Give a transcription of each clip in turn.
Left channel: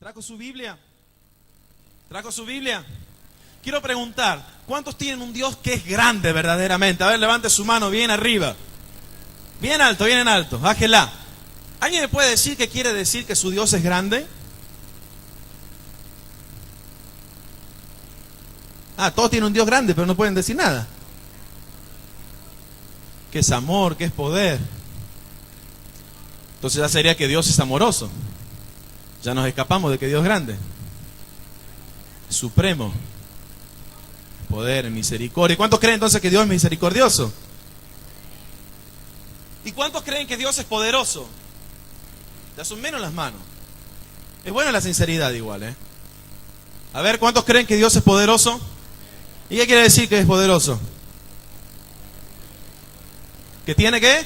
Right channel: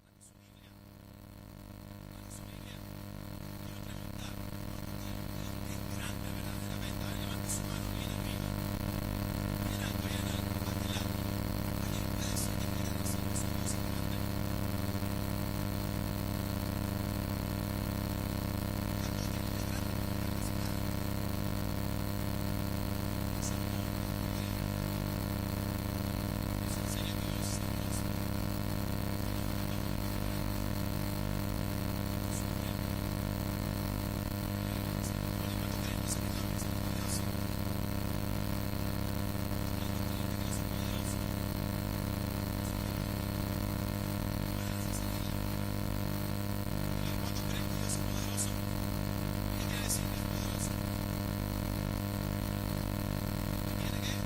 ¿Trajo su Biblia? ¿Trajo su Biblia? Quiero preguntar, ¿cuántos tienen un Dios que es grande verdaderamente? A ver, levante su mano bien arriba. Bien en alto, bájela. ¿Alguien me puede decir qué quiere decir que su Dios es grande? Todos tienen un Dios grande, pero no pueden decir nada. Que es amor, que es poder. Entonces ya sería que Dios es amoroso. Ya nos escapamos de que Dios es grande. Supremo. Poder, misericordia. ¿Y cuántos creen entonces que Dios es misericordioso? ¿Y cuántos creen que Dios es poderoso? Ya son menos las manos. Es buena la sinceridad igual, ¿eh? A ver, ¿cuántos creen que Dios es poderoso? ¿Y qué quiere decir que es poderoso? ¿Que tiene qué?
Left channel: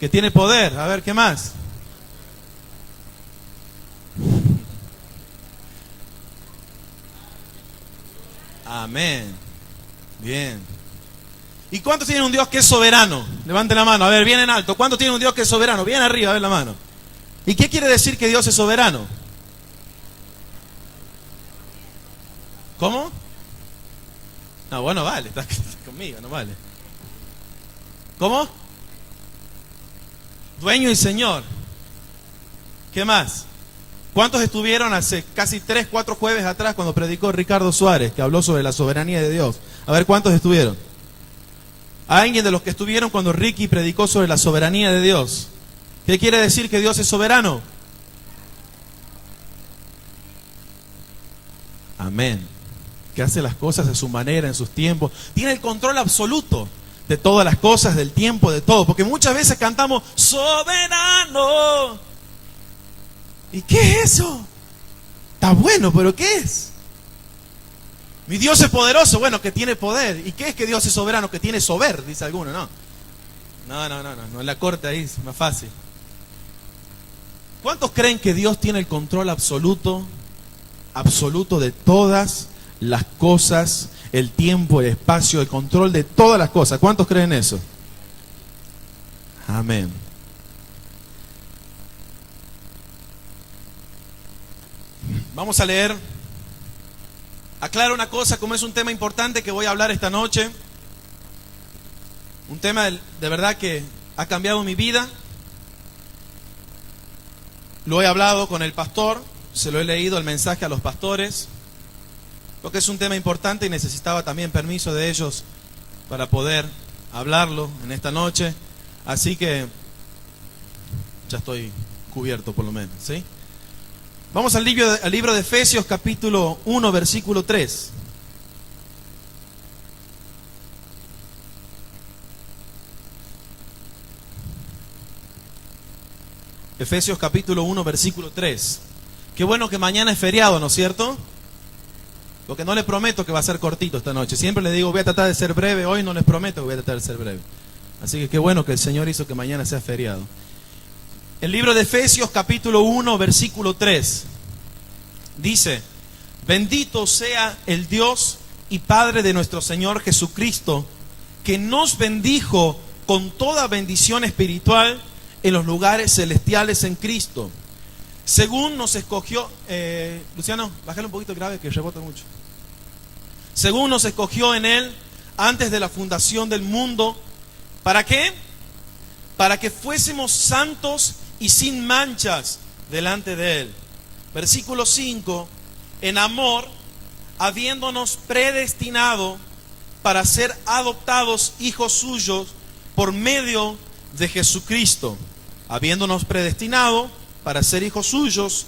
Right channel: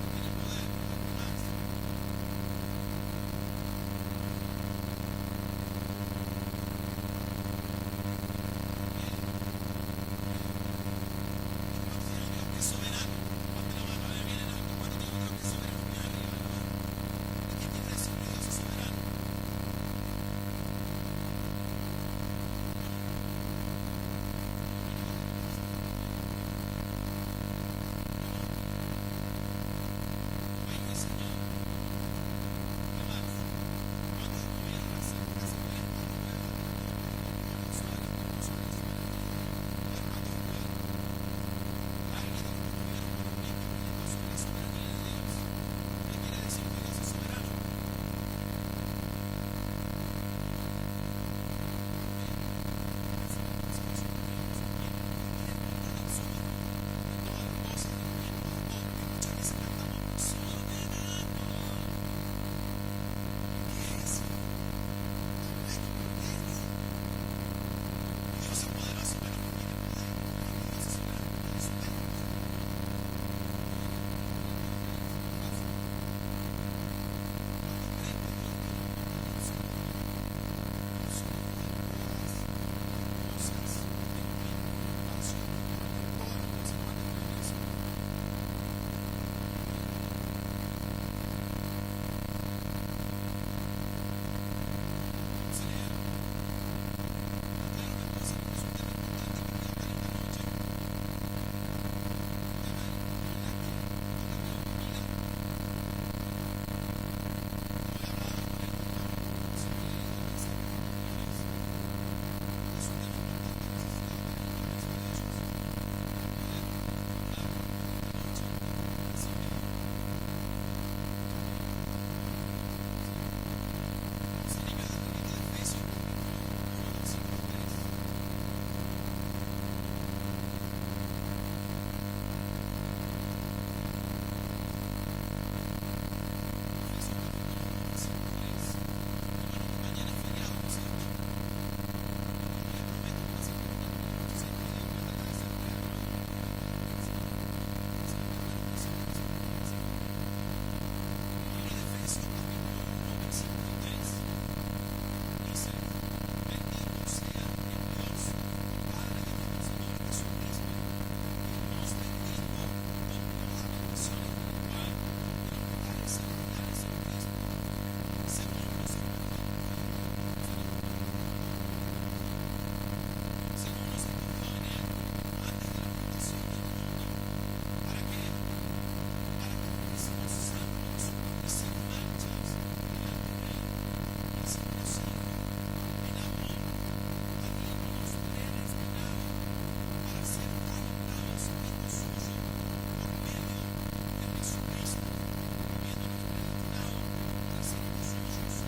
Que tiene poder. A ver, ¿qué más? Amén. Bien. ¿Y cuántos tienen un Dios que es soberano? Levanten la mano, a ver, bien en alto. ¿Cuántos tienen un Dios que es soberano? Bien arriba, a ver la mano. ¿Y qué quiere decir que Dios es soberano? ¿Cómo? No, bueno, vale, estás conmigo, no vale. ¿Cómo? Dueño y Señor. ¿Qué más? ¿Cuántos estuvieron hace casi 3, 4 jueves atrás cuando predicó Ricardo Suárez, que habló sobre la soberanía de Dios? A ver, ¿cuántos estuvieron? ¿Alguien de los que estuvieron cuando Ricky predicó sobre la soberanía de Dios? ¿Qué quiere decir que Dios es soberano? Amén. Que hace las cosas a su manera, en sus tiempos. Tiene el control absoluto de todas las cosas, del tiempo, de todo. Porque muchas veces cantamos soberano. ¿Y qué es eso? Está bueno, pero ¿qué es? Mi Dios es poderoso, bueno, que tiene poder. ¿Y qué es que Dios es soberano? Que tiene sober, dice alguno, ¿no? No, en la corte ahí es más fácil. ¿Cuántos creen que Dios tiene el control absoluto de todas las cosas, el tiempo, el espacio, el control de todas las cosas? ¿Cuántos creen eso? Amén. Vamos a leer. Aclaro una cosa, como es un tema importante que voy a hablar esta noche. Un tema de verdad que ha cambiado mi vida. Lo he hablado con el pastor, se lo he leído el mensaje a los pastores, porque es un tema importante y necesitaba también permiso de ellos para poder hablarlo en esta noche. Así que ya estoy cubierto por lo menos, ¿sí? Vamos al libro de Efesios capítulo 1 versículo 3. Efesios capítulo 1 versículo 3. Qué bueno que mañana es feriado, ¿no es cierto? Lo que no les prometo que va a ser cortito esta noche. Siempre les digo voy a tratar de ser breve. Hoy no les prometo que voy a tratar de ser breve. Así que qué bueno que el Señor hizo que mañana sea feriado. El libro de Efesios capítulo 1 versículo 3 dice: bendito sea el Dios y Padre de nuestro Señor Jesucristo, que nos bendijo con toda bendición espiritual en los lugares celestiales en Cristo, según nos escogió. Luciano, bájale un poquito grave que rebota mucho. Según nos escogió en Él antes de la fundación del mundo. ¿Para qué? Para que fuésemos santos y sin manchas delante de Él. Versículo 5. En amor, habiéndonos predestinado para ser adoptados hijos suyos por medio de Jesucristo. Habiéndonos predestinado para ser hijos suyos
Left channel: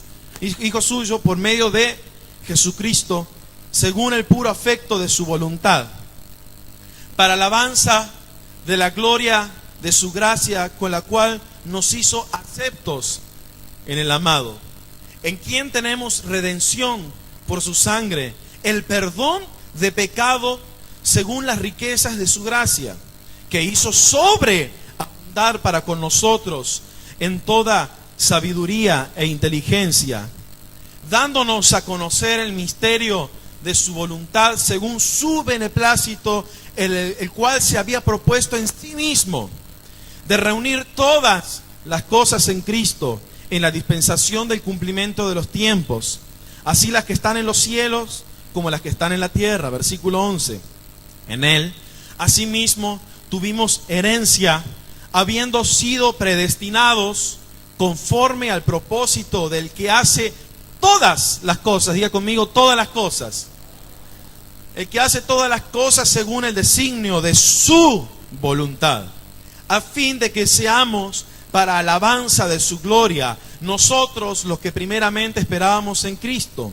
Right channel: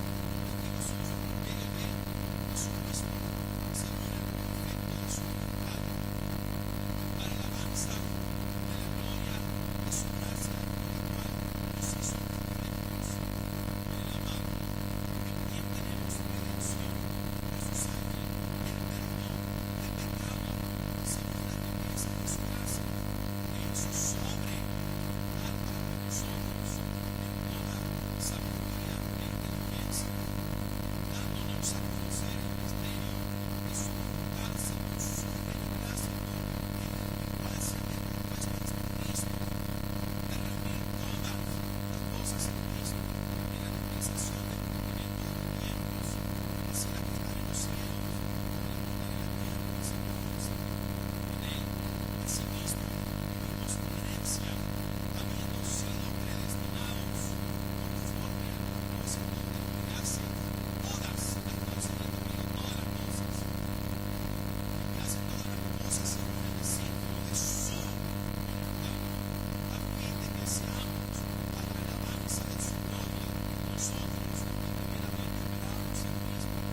por medio de Jesucristo, según el puro afecto de su voluntad, para alabanza de la gloria de su gracia, con la cual nos hizo aceptos en el amado, en quien tenemos redención por su sangre, el perdón de pecado según las riquezas de su gracia, que hizo sobreabundar para con nosotros en toda sabiduría e inteligencia, dándonos a conocer el misterio de su voluntad según su beneplácito, el cual se había propuesto en sí mismo, de reunir todas las cosas en Cristo, en la dispensación del cumplimiento de los tiempos, así las que están en los cielos como las que están en la tierra. Versículo 11. En él, asimismo, tuvimos herencia, habiendo sido predestinados conforme al propósito del que hace todas las cosas. Diga conmigo, todas las cosas. El que hace todas las cosas según el designio de su voluntad, a fin de que seamos para alabanza de su gloria, nosotros los que primeramente esperábamos en Cristo.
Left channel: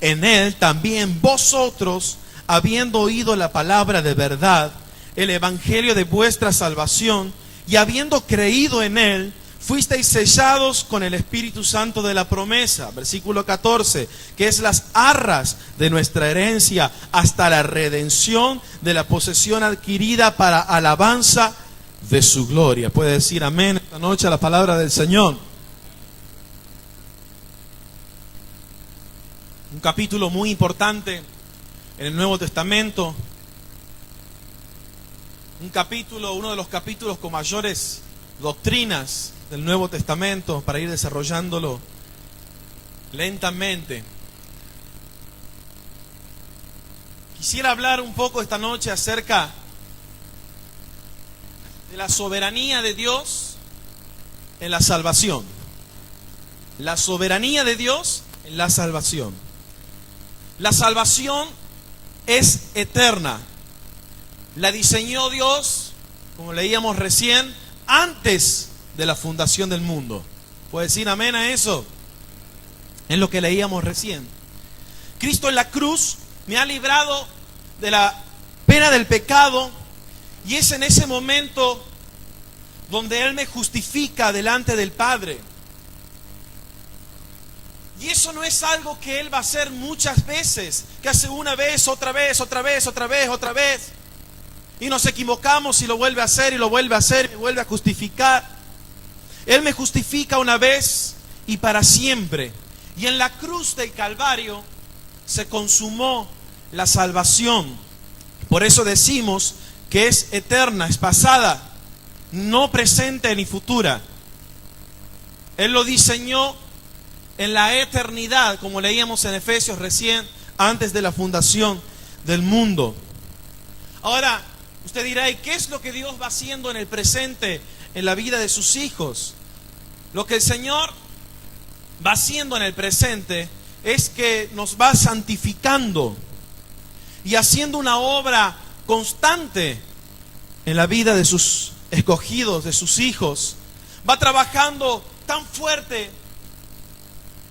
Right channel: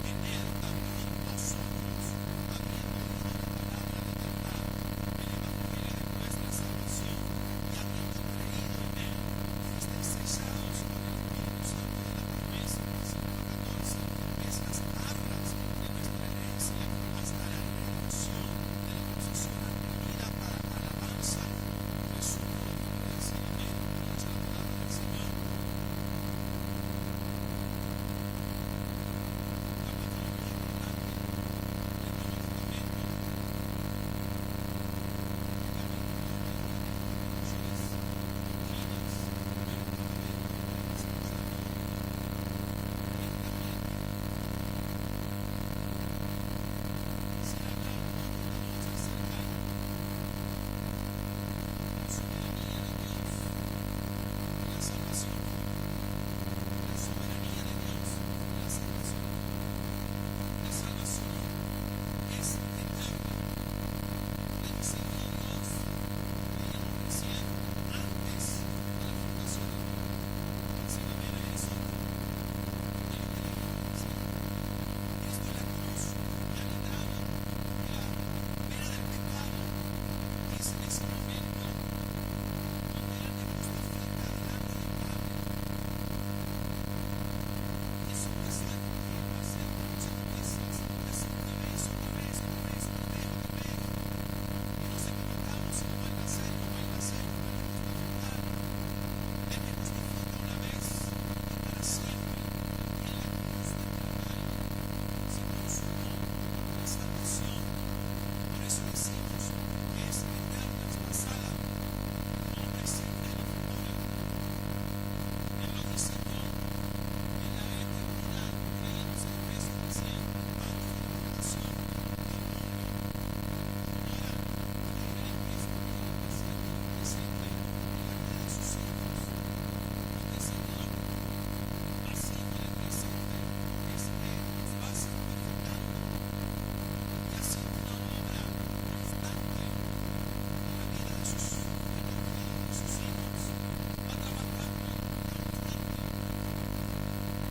En él también vosotros, habiendo oído la palabra de verdad, el evangelio de vuestra salvación, y habiendo creído en él, fuisteis sellados con el Espíritu Santo de la promesa. Versículo 14, que es las arras de nuestra herencia hasta la redención de la posesión adquirida para alabanza de su gloria. Puede decir amén esta noche a la palabra del Señor. Un capítulo muy importante en el Nuevo Testamento. Uno de los capítulos con mayores doctrinas del Nuevo Testamento, para ir desarrollándolo lentamente. Quisiera hablar un poco esta noche acerca de la soberanía de Dios en la salvación. La soberanía de Dios en la salvación. La salvación es eterna. La diseñó Dios, como leíamos recién, antes de la fundación del mundo. ¿Puede decir amén a eso? Es lo que leíamos recién. Cristo en la cruz me ha librado de la pena del pecado, y es en ese momento donde Él me justifica delante del Padre. Y eso no es algo que Él va a hacer muchas veces, que hace una vez, otra vez, otra vez, otra vez, otra vez. Y nos equivocamos y lo vuelve a hacer y lo vuelve a hacer y me vuelve a justificar. Él me justifica una vez y para siempre. Y en la cruz del Calvario se consumó la salvación. Por eso decimos que es eterna, es pasada, no presente ni futura. Él lo diseñó en la eternidad, como leíamos en Efesios recién, antes de la fundación del mundo. Ahora, usted dirá, ¿y qué es lo que Dios va haciendo en el presente en la vida de sus hijos? Lo que el Señor va haciendo en el presente es que nos va santificando y haciendo una obra constante en la vida de sus escogidos, de sus hijos. Va trabajando tan fuerte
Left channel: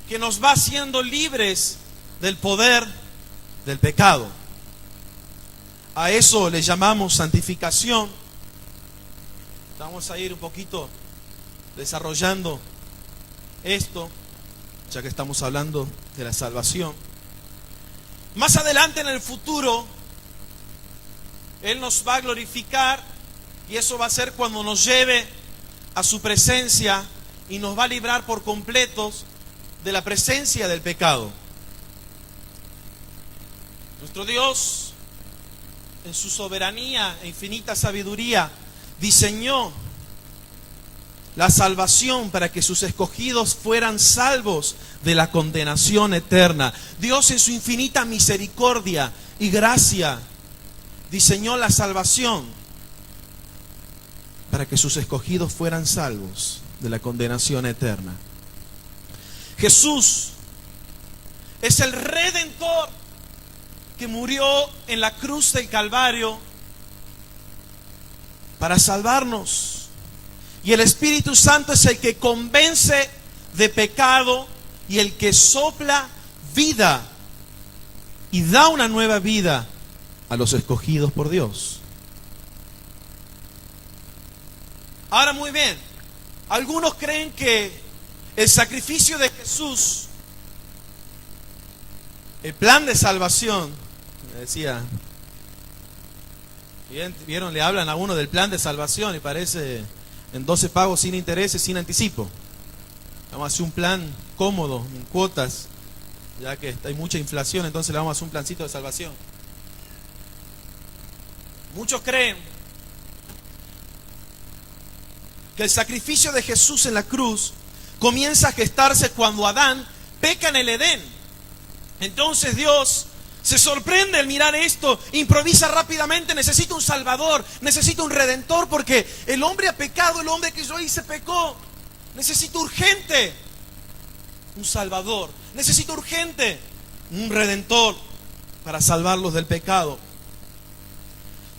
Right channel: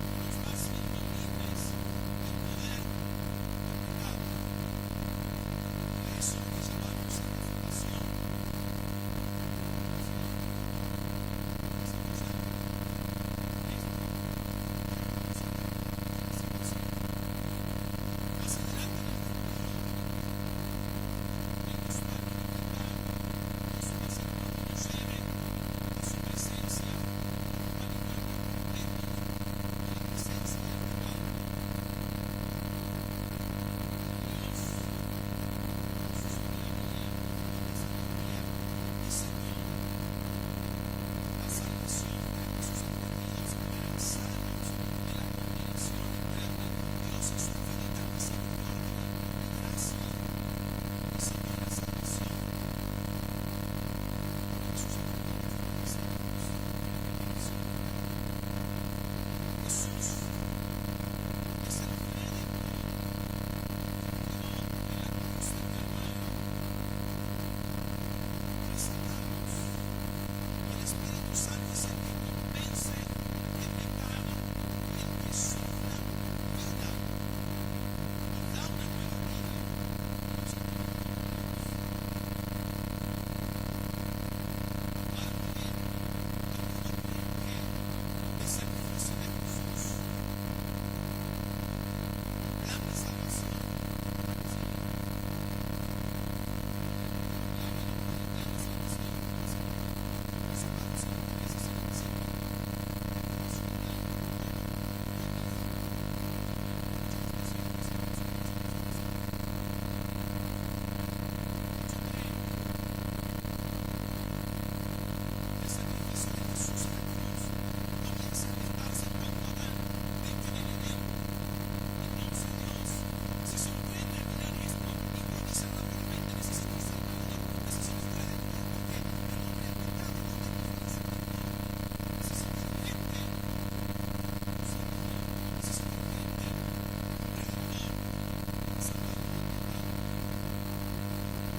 que nos va haciendo libres del poder del pecado. A eso le llamamos santificación. Vamos a ir un poquito desarrollando esto, ya que estamos hablando de la salvación. Más adelante en el futuro, Él nos va a glorificar, y eso va a ser cuando nos lleve a su presencia y nos va a librar por completos de la presencia del pecado. Nuestro Dios, en su soberanía e infinita sabiduría, diseñó la salvación para que sus escogidos fueran salvos de la condenación eterna. Dios, en su infinita misericordia y gracia, diseñó la salvación para que sus escogidos fueran salvos de la condenación eterna. Jesús es el Redentor que murió en la cruz del Calvario para salvarnos. Y el Espíritu Santo es el que convence de pecado y el que sopla vida y da una nueva vida a los escogidos por Dios. Ahora, muy bien, algunos creen que el sacrificio de Jesús, el plan de salvación, decía, vieron, le hablan a uno del plan de salvación y parece en 12 pagos sin intereses, sin anticipo. Vamos a hacer un plan cómodo, en cuotas, ya que hay mucha inflación, entonces le vamos a hacer un plancito de salvación. Muchos creen que el sacrificio de Jesús en la cruz comienza a gestarse cuando Adán peca en el Edén. Entonces Dios se sorprende al mirar esto, improvisa rápidamente: necesito un salvador, necesito un redentor, porque el hombre ha pecado, el hombre que yo hice pecó. Necesito urgente un salvador, necesito urgente un redentor para salvarlos del pecado.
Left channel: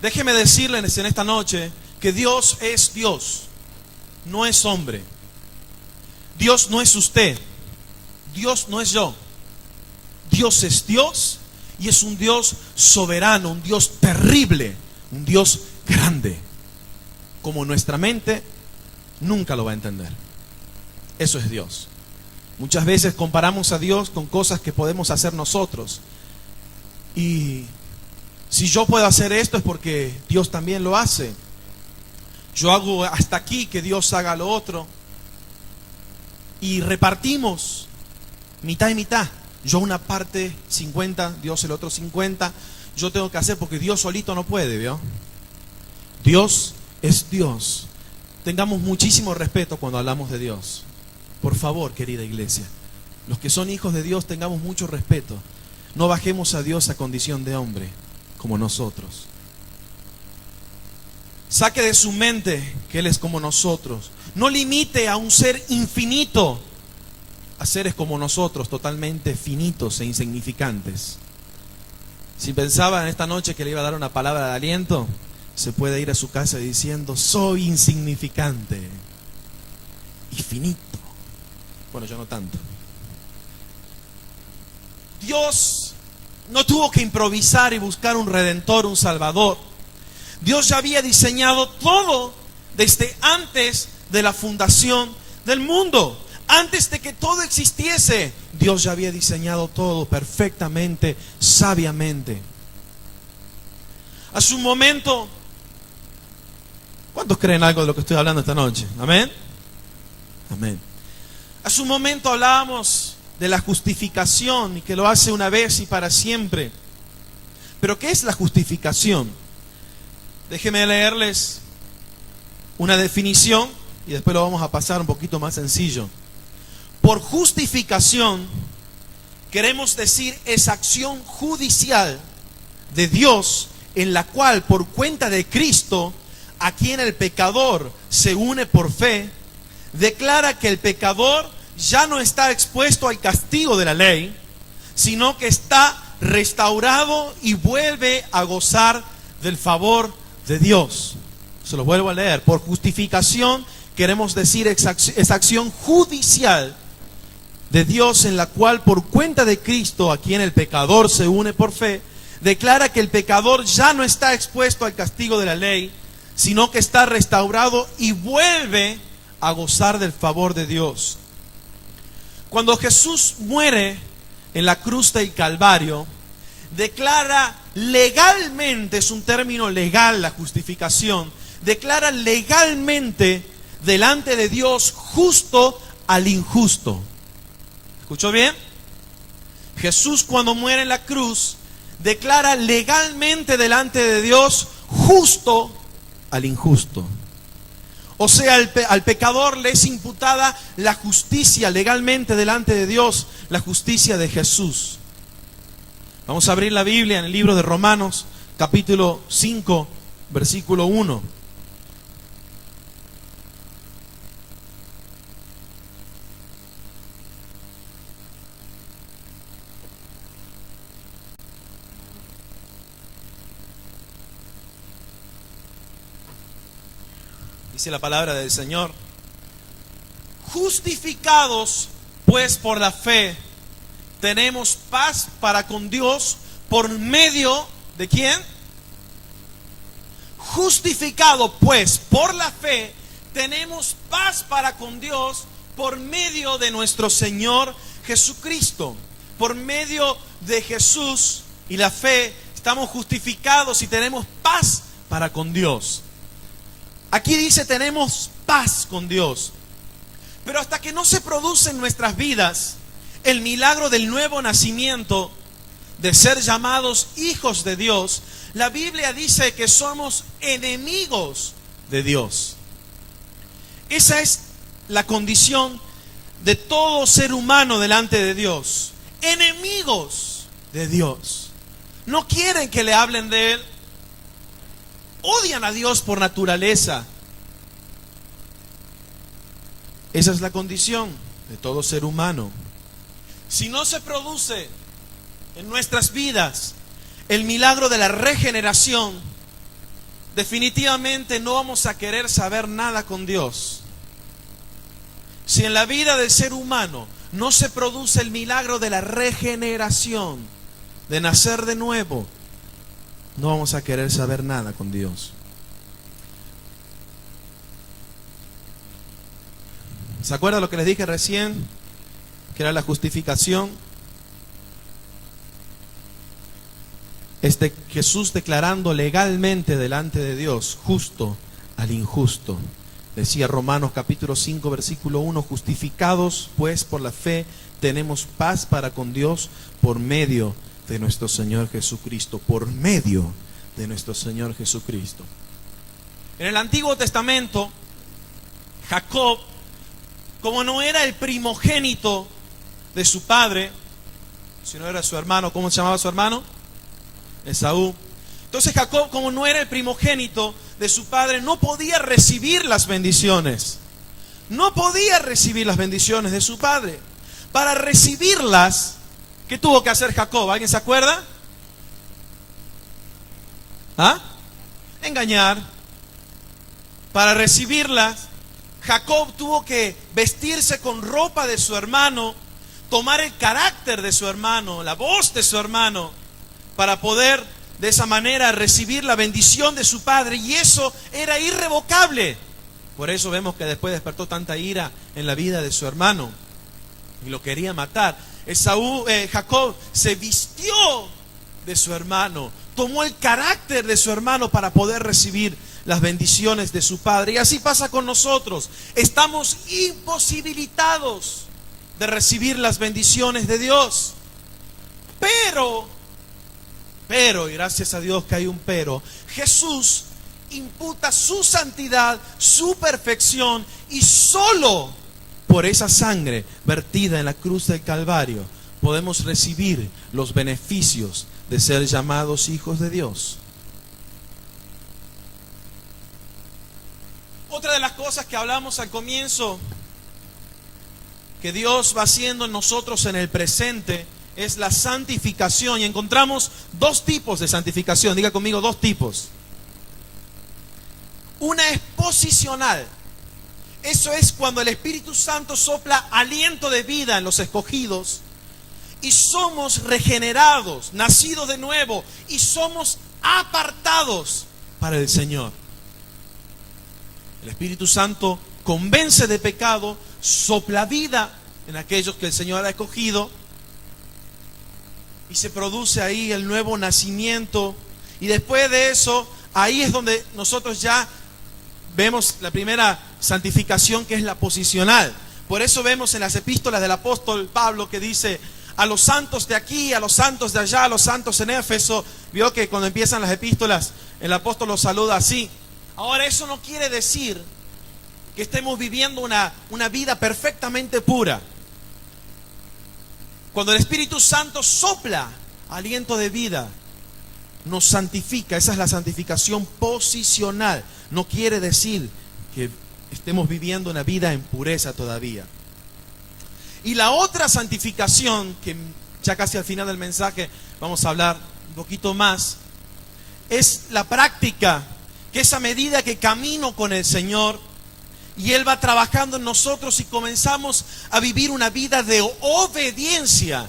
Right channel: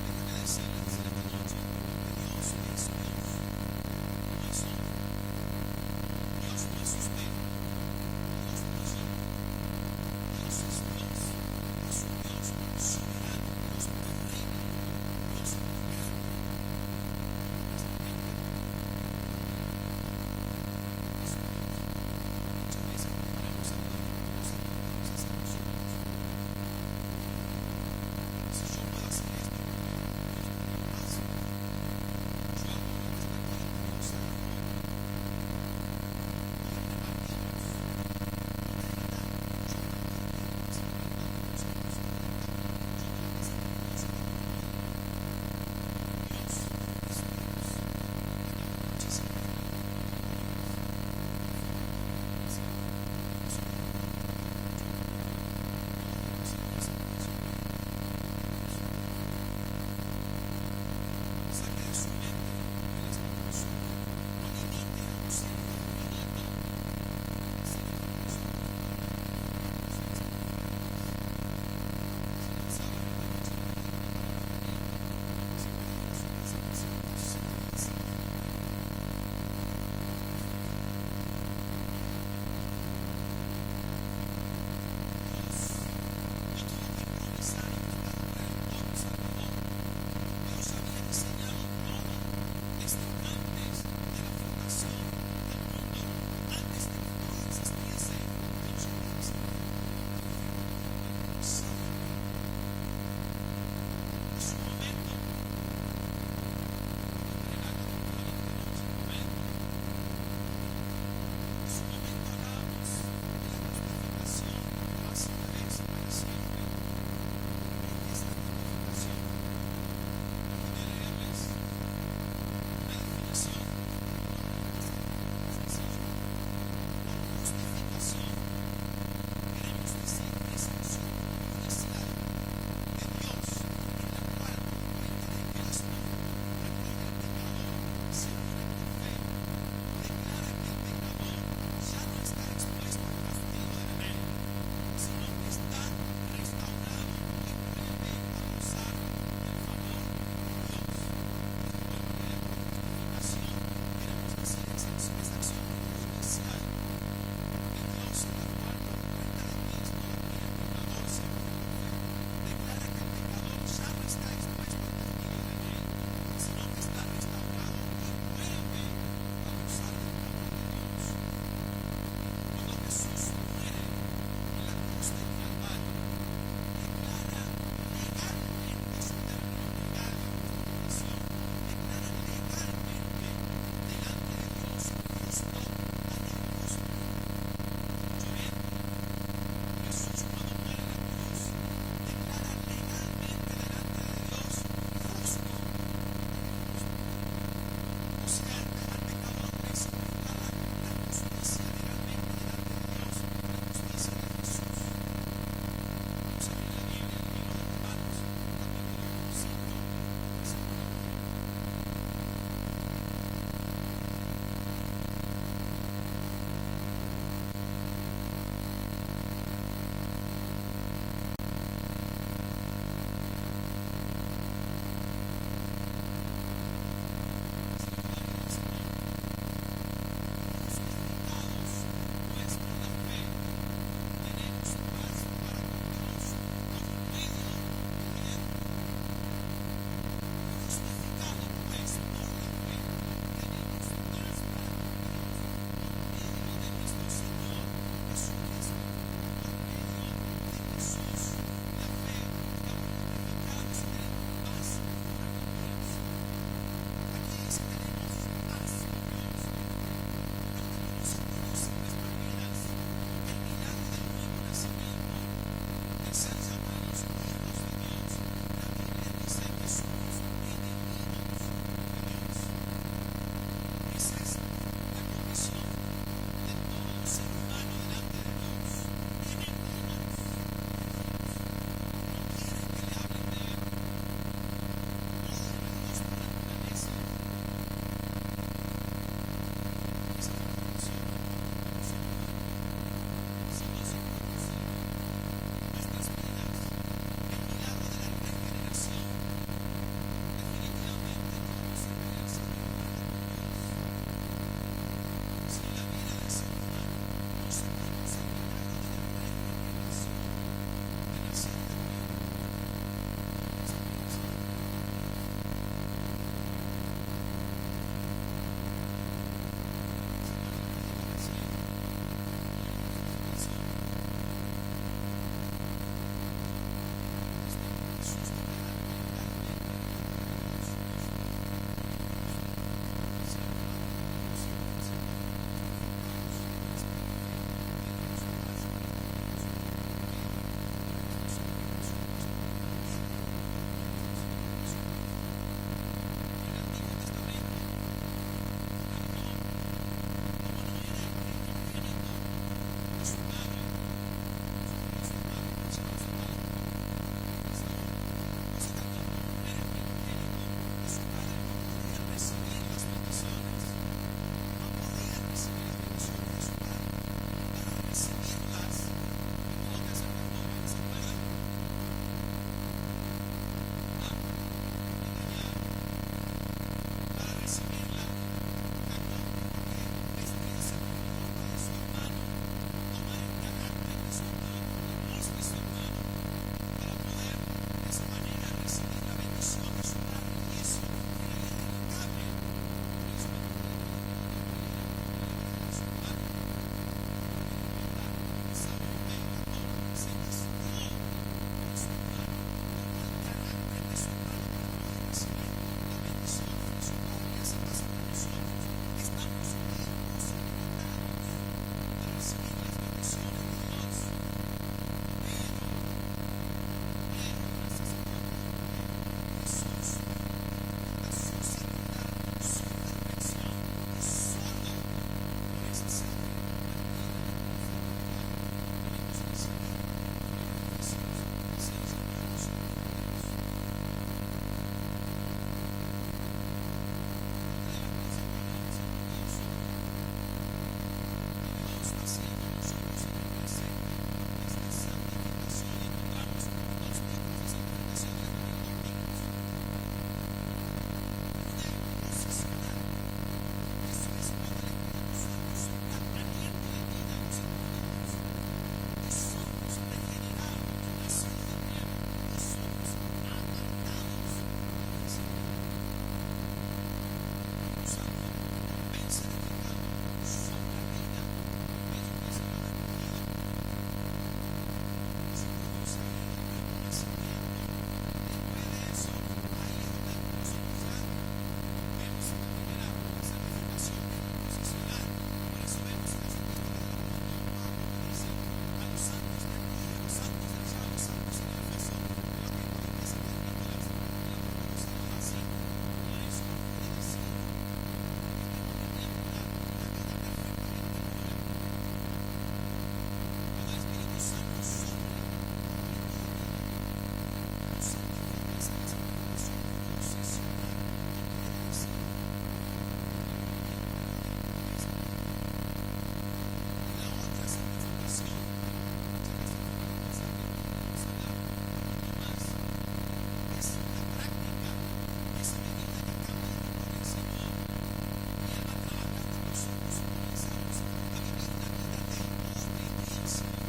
Déjeme decirles en esta noche que Dios es Dios, no es hombre. Dios no es usted, Dios no es yo. Dios es Dios, y es un Dios soberano, un Dios terrible, un Dios grande, como nuestra mente nunca lo va a entender. Eso es Dios. Muchas veces comparamos a Dios con cosas que podemos hacer nosotros. Y si yo puedo hacer esto es porque Dios también lo hace. Yo hago hasta aquí, que Dios haga lo otro. Y repartimos mitad y mitad. Yo una parte 50, Dios el otro 50. Yo tengo que hacer porque Dios solito no puede, ¿vio? Dios es Dios. Tengamos muchísimo respeto cuando hablamos de Dios. Por favor, querida iglesia, los que son hijos de Dios, tengamos mucho respeto. No bajemos a Dios a condición de hombre, como nosotros. Saque de su mente que Él es como nosotros. No limite a un ser infinito a seres como nosotros, totalmente finitos e insignificantes. Si pensaba en esta noche que le iba a dar una palabra de aliento, se puede ir a su casa diciendo: soy insignificante y finito. Bueno, yo no tanto. Dios no tuvo que improvisar y buscar un redentor, un salvador. Dios ya había diseñado todo desde antes de la fundación del mundo. Antes de que todo existiese, Dios ya había diseñado todo perfectamente, sabiamente. A su momento, ¿cuántos creen algo de lo que estoy hablando esta noche? Amén. Amén. A su momento hablábamos de la justificación y que lo hace una vez y para siempre. Pero ¿qué es la justificación? Déjenme leerles una definición y después lo vamos a pasar un poquito más sencillo. Por justificación queremos decir esa acción judicial de Dios en la cual, por cuenta de Cristo, a quien el pecador se une por fe, declara que el pecador ya no está expuesto al castigo de la ley, sino que está restaurado y vuelve a gozar del favor de Dios. Se lo vuelvo a leer. Por justificación queremos decir esa acción judicial de Dios en la cual, por cuenta de Cristo, a quien el pecador se une por fe, declara que el pecador ya no está expuesto al castigo de la ley, sino que está restaurado y vuelve a gozar del favor de Dios. Cuando Jesús muere en la cruz del Calvario, declara legalmente, es un término legal la justificación, declara legalmente delante de Dios justo al injusto. ¿Escuchó bien? Jesús, cuando muere en la cruz, declara legalmente delante de Dios justo al injusto. O sea, al pecador le es imputada la justicia legalmente delante de Dios, la justicia de Jesús. Vamos a abrir la Biblia en el libro de Romanos, capítulo 5, versículo 1. Dice la palabra del Señor: justificados pues por la fe, tenemos paz para con Dios por medio de ¿quién? Justificado pues por la fe, tenemos paz para con Dios por medio de nuestro Señor Jesucristo. Por medio de Jesús y la fe estamos justificados y tenemos paz para con Dios. Aquí dice: tenemos paz con Dios. Pero hasta que no se produce en nuestras vidas el milagro del nuevo nacimiento, de ser llamados hijos de Dios, la Biblia dice que somos enemigos de Dios. Esa es la condición de todo ser humano delante de Dios, enemigos de Dios. No quieren que le hablen de Él. Odian a Dios por naturaleza. Esa es la condición de todo ser humano. Si no se produce en nuestras vidas el milagro de la regeneración, definitivamente no vamos a querer saber nada con Dios. Si en la vida del ser humano no se produce el milagro de la regeneración, de nacer de nuevo, no vamos a querer saber nada con Dios. ¿Se acuerdan lo que les dije recién? Que era la justificación. Jesús declarando legalmente delante de Dios, justo al injusto. Decía Romanos capítulo 5 versículo 1, justificados pues por la fe tenemos paz para con Dios por medio de nuestro Señor Jesucristo, por medio de nuestro Señor Jesucristo. En el Antiguo Testamento, Jacob, como no era el primogénito de su padre, sino era su hermano, ¿cómo se llamaba su hermano? Esaú. Entonces Jacob, como no era el primogénito de su padre, no podía recibir las bendiciones. No podía recibir las bendiciones de su padre. Para recibirlas, ¿qué tuvo que hacer Jacob? ¿Alguien se acuerda? ¿Ah? Engañar. Para recibirlas, Jacob tuvo que vestirse con ropa de su hermano, tomar el carácter de su hermano, la voz de su hermano, para poder de esa manera recibir la bendición de su padre, y eso era irrevocable. Por eso vemos que después despertó tanta ira en la vida de su hermano y lo quería matar. Jacob se vistió de su hermano, tomó el carácter de su hermano para poder recibir las bendiciones de su padre. Y así pasa con nosotros. Estamos imposibilitados de recibir las bendiciones de Dios. Pero, y gracias a Dios que hay un pero, Jesús imputa su santidad, su perfección, y solo por esa sangre vertida en la cruz del Calvario podemos recibir los beneficios de ser llamados hijos de Dios. Otra de las cosas que hablamos al comienzo, que Dios va haciendo en nosotros en el presente, es la santificación. Y encontramos dos tipos de santificación. Diga conmigo, dos tipos. Una es posicional. Eso es cuando el Espíritu Santo sopla aliento de vida en los escogidos y somos regenerados, nacidos de nuevo, y somos apartados para el Señor. El Espíritu Santo convence de pecado, sopla vida en aquellos que el Señor ha escogido, y se produce ahí el nuevo nacimiento. Y después de eso, ahí es donde nosotros ya vemos la primera santificación, que es la posicional. Por eso vemos en las epístolas del apóstol Pablo que dice: a los santos de aquí, a los santos de allá, a los santos en Éfeso. Vio que cuando empiezan las epístolas el apóstol los saluda así. Ahora, eso no quiere decir que estemos viviendo una vida perfectamente pura. Cuando el Espíritu Santo sopla aliento de vida, nos santifica. Esa es la santificación posicional. No quiere decir que estemos viviendo una vida en pureza todavía. Y la otra santificación, que ya casi al final del mensaje vamos a hablar un poquito más, es la práctica, que es a medida que camino con el Señor y Él va trabajando en nosotros y comenzamos a vivir una vida de obediencia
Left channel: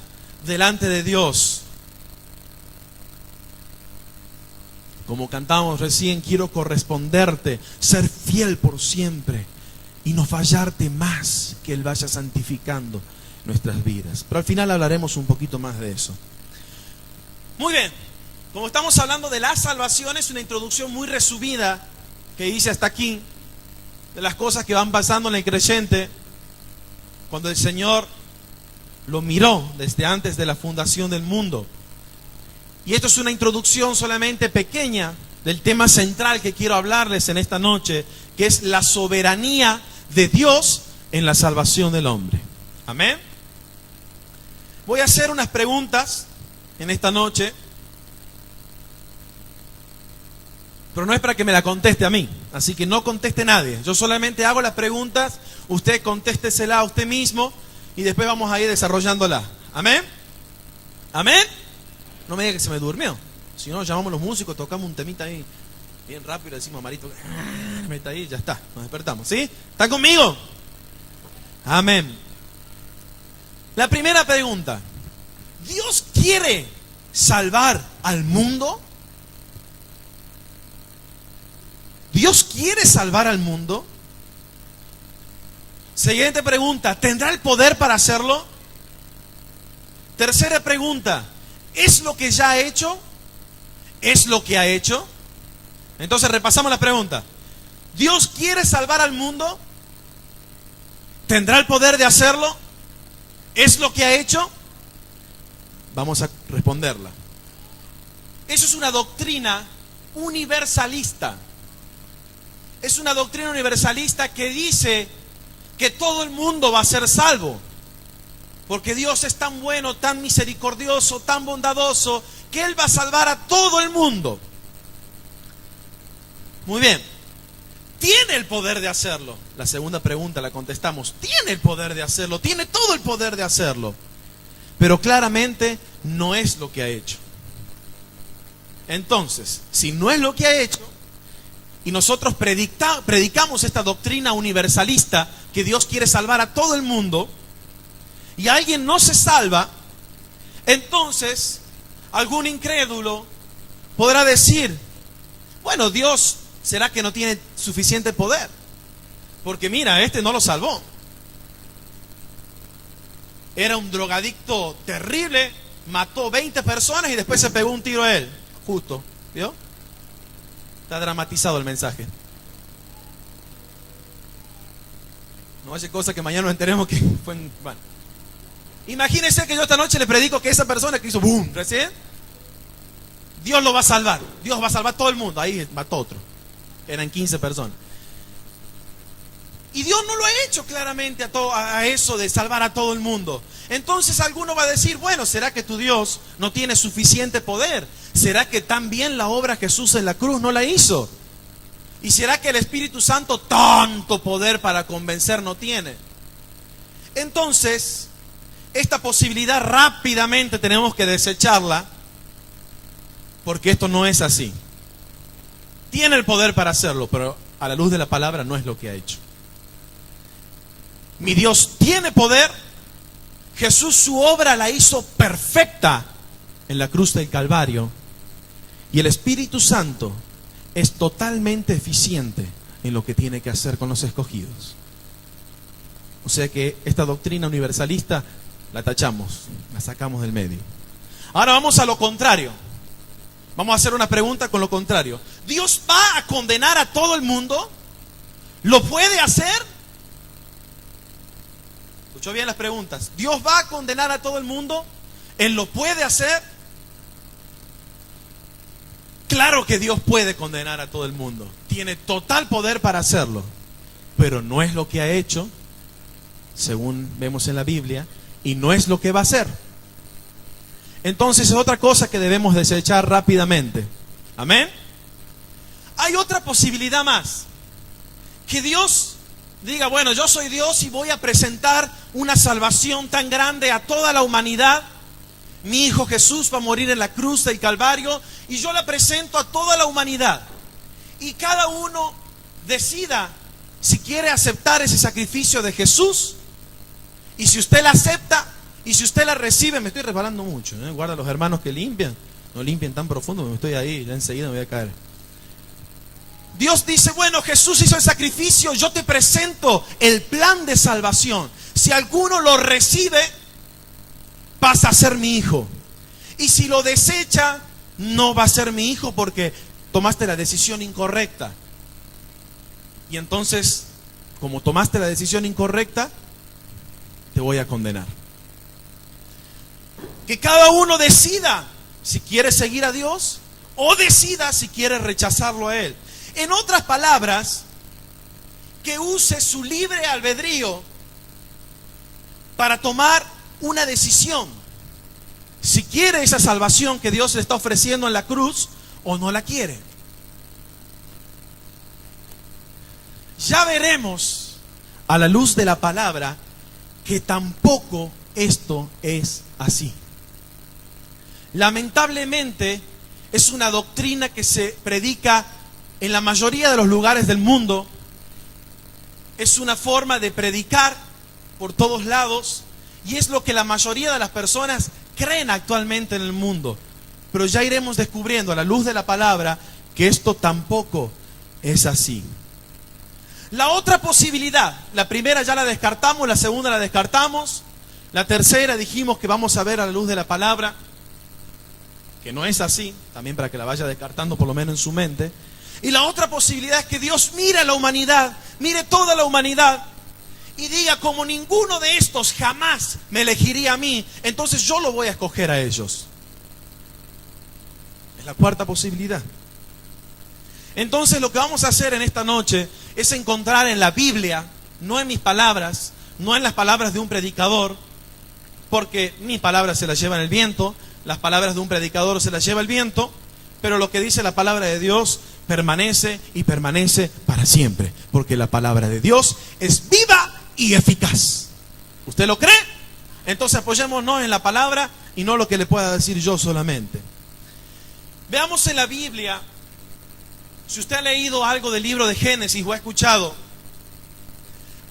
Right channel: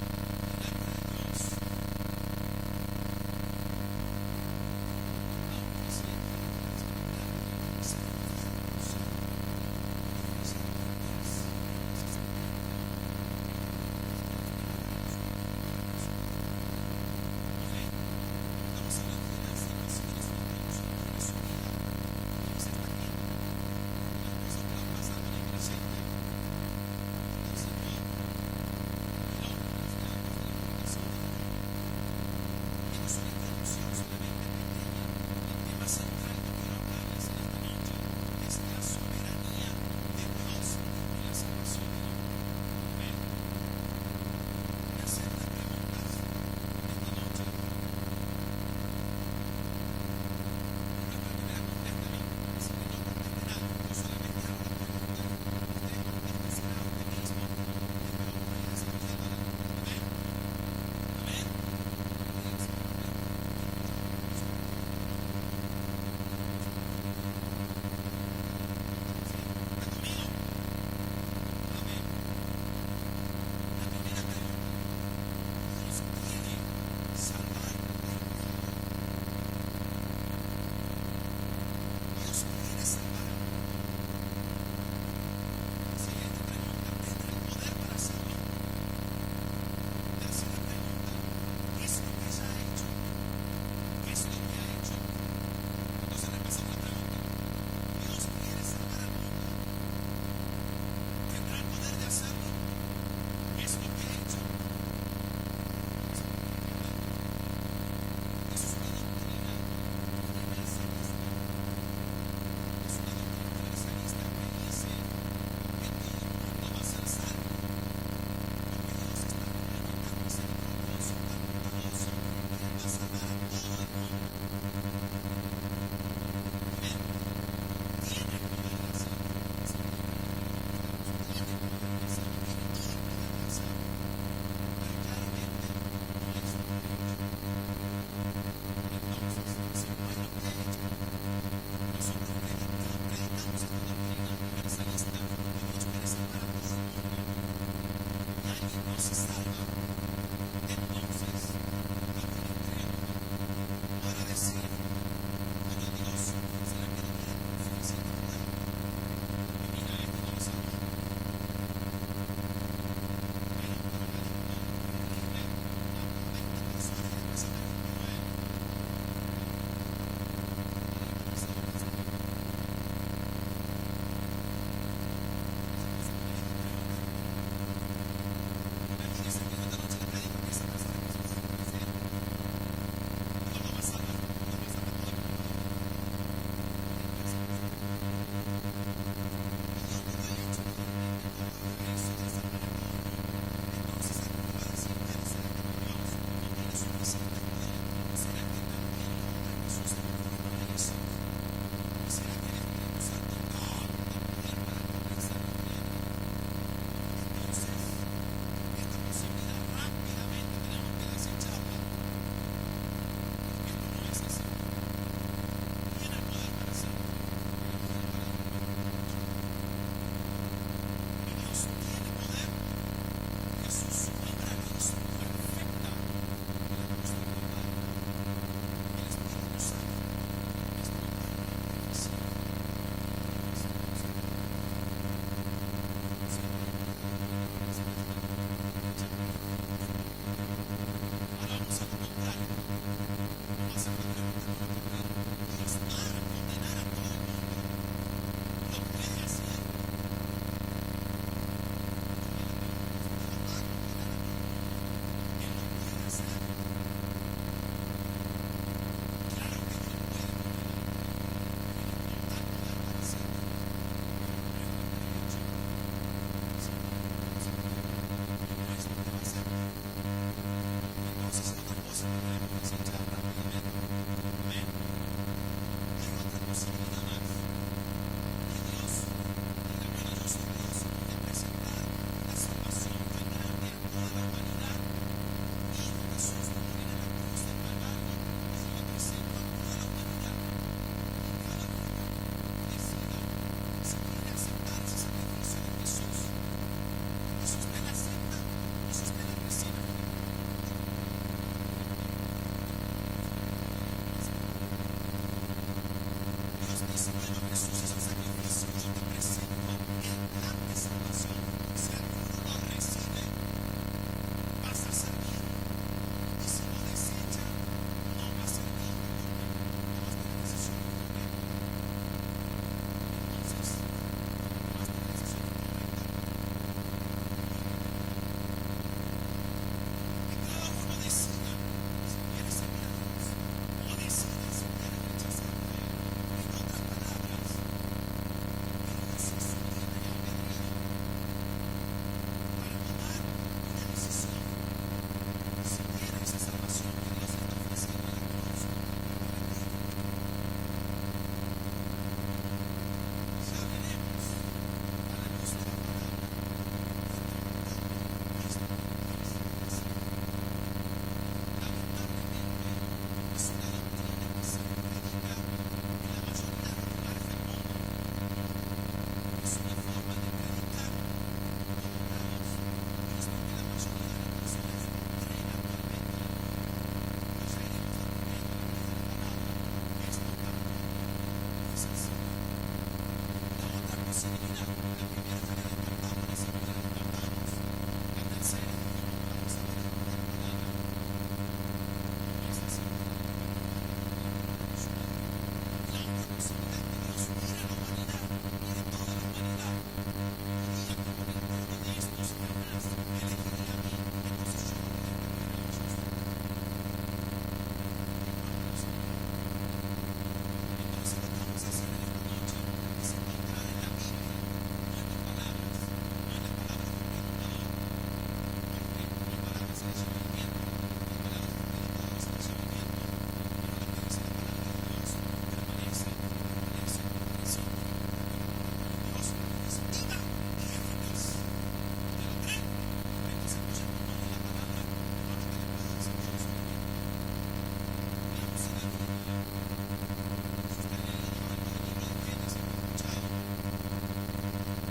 delante de Dios. Como cantamos recién, quiero corresponderte, ser fiel por siempre y no fallarte más, que Él vaya santificando nuestras vidas. Pero al final hablaremos un poquito más de eso. Muy bien, como estamos hablando de la salvación, es una introducción muy resumida que hice hasta aquí, de las cosas que van pasando en el creyente cuando el Señor lo miró desde antes de la fundación del mundo. Y esto es una introducción solamente pequeña del tema central que quiero hablarles en esta noche, que es la soberanía de Dios en la salvación del hombre. Amén. Voy a hacer unas preguntas en esta noche, pero no es para que me la conteste a mí, así que no conteste nadie. Yo solamente hago las preguntas, usted contéstesela a usted mismo y después vamos a ir desarrollándola. Amén. Amén. No me diga que se me durmió. Si no, llamamos a los músicos, tocamos un temita ahí bien rápido, le decimos a Marito, meta ahí, ya está, nos despertamos. ¿Sí? ¿Están conmigo? Amén. La primera pregunta: ¿Dios quiere salvar al mundo? ¿Dios quiere salvar al mundo? Siguiente pregunta: ¿tendrá el poder para hacerlo? Tercera pregunta: ¿es lo que ya ha hecho? ¿Es lo que ha hecho? Entonces repasamos la pregunta. ¿Dios quiere salvar al mundo? ¿Tendrá el poder de hacerlo? ¿Es lo que ha hecho? Vamos a responderla. Eso es una doctrina universalista. Es una doctrina universalista que dice que todo el mundo va a ser salvo, porque Dios es tan bueno, tan misericordioso, tan bondadoso, que Él va a salvar a todo el mundo. Muy bien. ¿Tiene el poder de hacerlo? La segunda pregunta la contestamos. Tiene el poder de hacerlo, tiene todo el poder de hacerlo, pero claramente no es lo que ha hecho. Entonces, si no es lo que ha hecho, y nosotros predicamos esta doctrina universalista, que Dios quiere salvar a todo el mundo, y alguien no se salva, entonces algún incrédulo podrá decir: bueno, Dios, ¿será que no tiene suficiente poder? Porque mira, este no lo salvó. Era un drogadicto terrible, mató 20 personas y después se pegó un tiro a él. Justo, ¿vio? Está dramatizado el mensaje. No hace cosa que mañana nos enteremos que fue bueno. Imagínense que yo esta noche le predico que esa persona que hizo boom recién, Dios lo va a salvar. Dios va a salvar a todo el mundo. Ahí mató otro. Eran 15 personas. Y Dios no lo ha hecho claramente a eso de salvar a todo el mundo. Entonces alguno va a decir: bueno, ¿será que tu Dios no tiene suficiente poder? ¿Será que también la obra Jesús en la cruz no la hizo? ¿Y será que el Espíritu Santo tanto poder para convencer no tiene? Entonces, esta posibilidad rápidamente tenemos que desecharla, porque esto no es así. Tiene el poder para hacerlo, pero a la luz de la palabra no es lo que ha hecho. Mi Dios tiene poder. Jesús su obra la hizo perfecta en la cruz del Calvario, y el Espíritu Santo es totalmente eficiente en lo que tiene que hacer con los escogidos. O sea que esta doctrina universalista la tachamos, la sacamos del medio. Ahora vamos a lo contrario. Vamos a hacer una pregunta con lo contrario. ¿Dios va a condenar a todo el mundo? ¿Lo puede hacer? Escuchó bien las preguntas. ¿Dios va a condenar a todo el mundo? ¿Él lo puede hacer? Claro que Dios puede condenar a todo el mundo. Tiene total poder para hacerlo. Pero no es lo que ha hecho, según vemos en la Biblia, y no es lo que va a hacer. Entonces es otra cosa que debemos desechar rápidamente. Amén. Hay otra posibilidad más. Que Dios diga: bueno, yo soy Dios y voy a presentar una salvación tan grande a toda la humanidad. Mi Hijo Jesús va a morir en la cruz del Calvario y yo la presento a toda la humanidad. Y cada uno decida si quiere aceptar ese sacrificio de Jesús. Y si usted la acepta y si usted la recibe, me estoy resbalando mucho, ¿eh? Guarda a los hermanos que limpian, no limpien tan profundo, me estoy ahí, ya enseguida me voy a caer. Dios dice: bueno, Jesús hizo el sacrificio, yo te presento el plan de salvación. Si alguno lo recibe, vas a ser mi hijo. Y si lo desecha, no va a ser mi hijo, porque tomaste la decisión incorrecta. Y entonces, como tomaste la decisión incorrecta, te voy a condenar. Que cada uno decida si quiere seguir a Dios o decida si quiere rechazarlo a Él. En otras palabras, que use su libre albedrío para tomar una decisión. Si quiere esa salvación que Dios le está ofreciendo en la cruz o no la quiere. Ya veremos a la luz de la palabra que tampoco esto es así. Lamentablemente es una doctrina que se predica en la mayoría de los lugares del mundo. Es una forma de predicar por todos lados y es lo que la mayoría de las personas creen actualmente en el mundo. Pero ya iremos descubriendo a la luz de la palabra que esto tampoco es así. La otra posibilidad, la primera ya la descartamos, la segunda la descartamos, la tercera dijimos que vamos a ver a la luz de la palabra que no es así, también para que la vaya descartando por lo menos en su mente. Y la otra posibilidad es que Dios mire a la humanidad, mire toda la humanidad y diga, como ninguno de estos jamás me elegiría a mí, entonces yo lo voy a escoger a ellos. Es la cuarta posibilidad. Entonces lo que vamos a hacer en esta noche es encontrar en la Biblia, no en mis palabras, no en las palabras de un predicador, porque mis palabras se las llevan el viento, las palabras de un predicador se las lleva el viento, pero lo que dice la palabra de Dios permanece y permanece para siempre, porque la palabra de Dios es viva y eficaz. ¿Usted lo cree? Entonces apoyémonos en la palabra y no lo que le pueda decir yo solamente. Veamos en la Biblia, si usted ha leído algo del libro de Génesis o ha escuchado,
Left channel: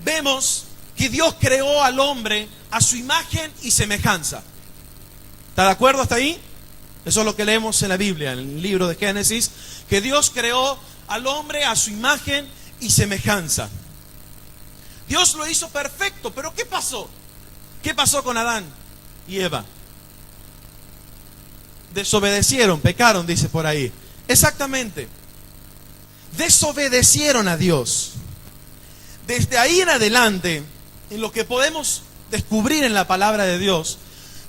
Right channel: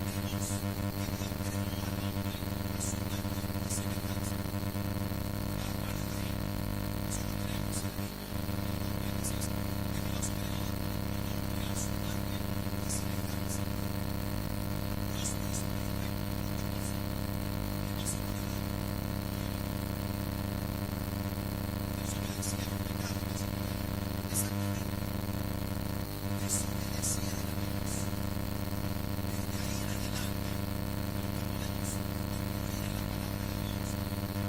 vemos que Dios creó al hombre a su imagen y semejanza. ¿Está de acuerdo hasta ahí? Eso es lo que leemos en la Biblia, en el libro de Génesis, que Dios creó al hombre a su imagen y semejanza. Dios lo hizo perfecto, pero ¿qué pasó? ¿Qué pasó con Adán y Eva? Desobedecieron, pecaron, dice por ahí. Exactamente. Desobedecieron a Dios. Desde ahí en adelante, en lo que podemos descubrir en la palabra de Dios,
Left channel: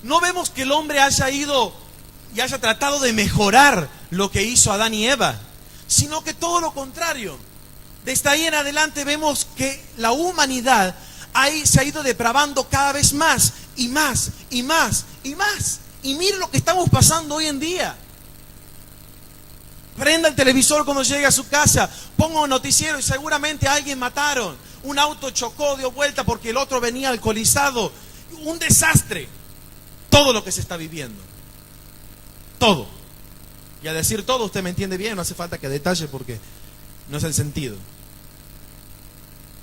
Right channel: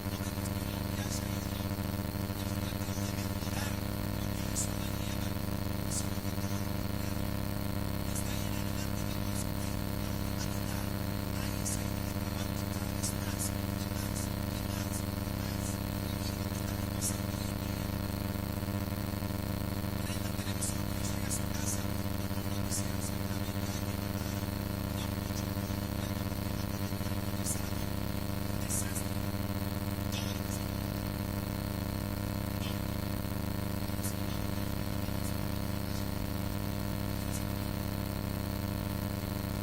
no vemos que el hombre haya ido y haya tratado de mejorar lo que hizo Adán y Eva, sino que todo lo contrario. Desde ahí en adelante vemos que la humanidad ahí se ha ido depravando cada vez más y más y más y más. Y mire lo que estamos pasando hoy en día. Prenda el televisor cuando llegue a su casa, ponga un noticiero y seguramente a alguien mataron. Un auto chocó, dio vuelta porque el otro venía alcoholizado. Un desastre. Todo lo que se está viviendo. Todo. Y a decir todo, usted me entiende bien, no hace falta que detalle porque no es el sentido.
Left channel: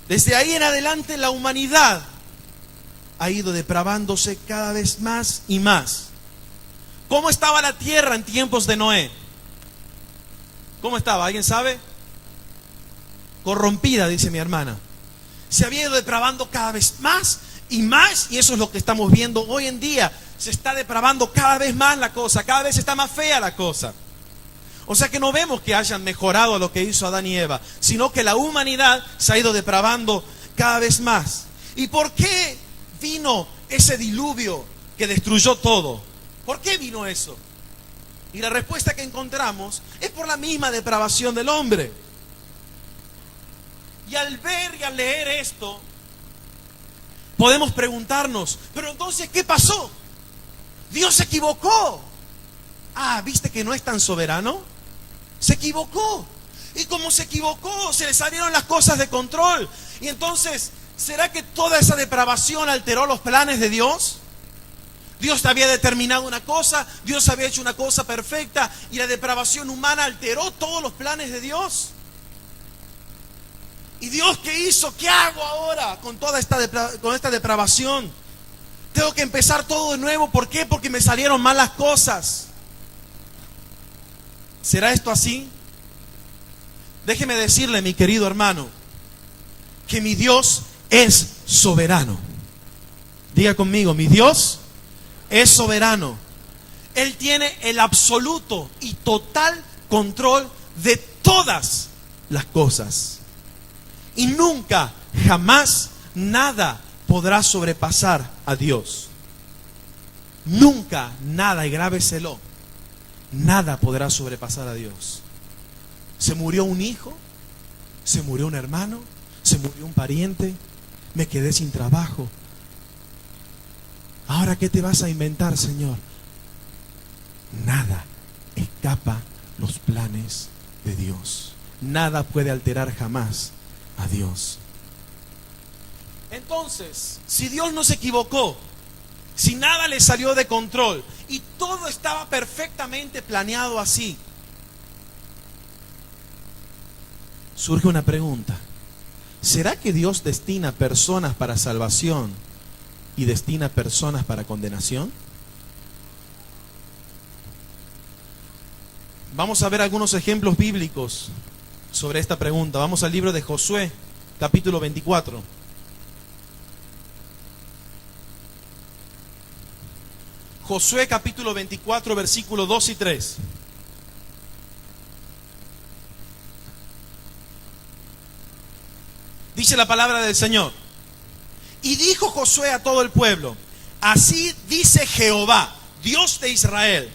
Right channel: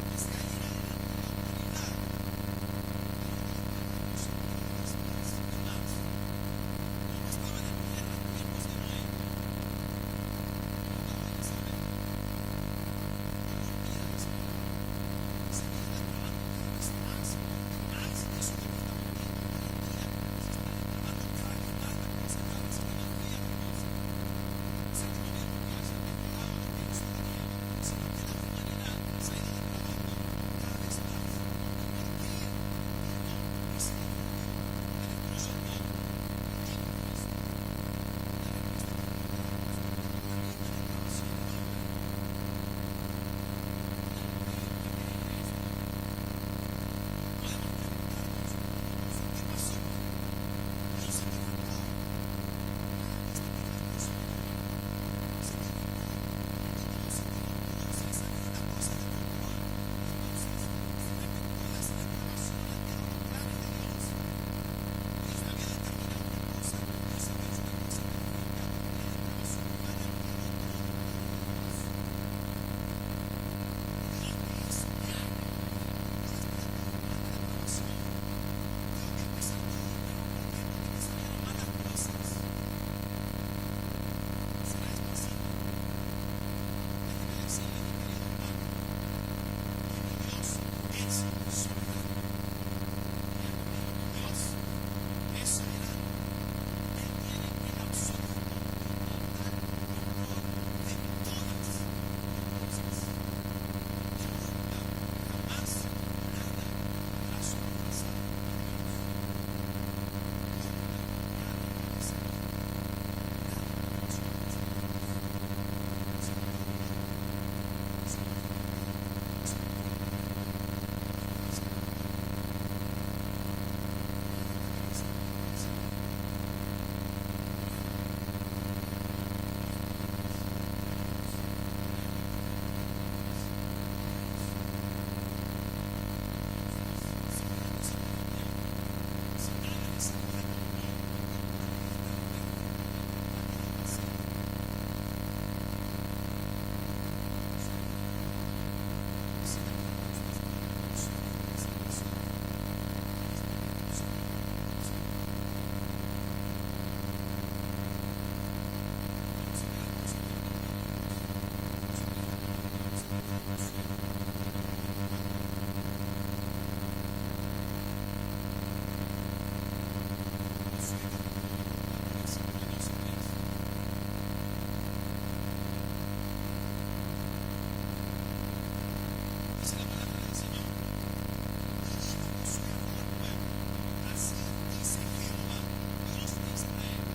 Desde ahí en adelante la humanidad ha ido depravándose cada vez más y más. ¿Cómo estaba la tierra en tiempos de Noé? ¿Cómo estaba? ¿Alguien sabe? Corrompida, dice mi hermana. Se había ido depravando cada vez más y más, y eso es lo que estamos viendo hoy en día. Se está depravando cada vez más la cosa, cada vez está más fea la cosa. O sea que no vemos que hayan mejorado lo que hizo Adán y Eva, sino que la humanidad se ha ido depravando cada vez más. ¿Y por qué vino ese diluvio que destruyó todo? ¿Por qué vino eso? Y la respuesta que encontramos es por la misma depravación del hombre. Y al ver y al leer esto, podemos preguntarnos, pero entonces, ¿qué pasó? Dios se equivocó. Ah, ¿viste que no es tan soberano? Se equivocó. Y como se equivocó, se le salieron las cosas de control. Y entonces, ¿será que toda esa depravación alteró los planes de Dios? Dios había determinado una cosa, Dios había hecho una cosa perfecta y la depravación humana alteró todos los planes de Dios. ¿Y Dios qué hizo? ¿Qué hago ahora con toda esta depravación? Tengo que empezar todo de nuevo. ¿Por qué? Porque me salieron mal las cosas. ¿Será esto así? Déjeme decirle, mi querido hermano, que mi Dios es soberano. Diga conmigo, mi Dios es soberano. Él tiene el absoluto y total control de todas las cosas. Y nunca, jamás, nada podrá sobrepasar a Dios. Nunca, nada, y grábeselo, nada podrá sobrepasar a Dios. Se murió un hijo, se murió un hermano, se murió un pariente, me quedé sin trabajo. Ahora, ¿qué te vas a inventar, Señor? Nada escapa los planes de Dios. Nada puede alterar jamás a Dios. Entonces, si Dios no se equivocó, si nada le salió de control y todo estaba perfectamente planeado así, surge una pregunta. ¿Será que Dios destina personas para salvación y destina personas para condenación? Vamos a ver algunos ejemplos bíblicos sobre esta pregunta. Vamos al libro de Josué, capítulo 24. Josué capítulo 24, versículos 2 y 3. Dice la palabra del Señor. Y dijo Josué a todo el pueblo: así dice Jehová, Dios de Israel:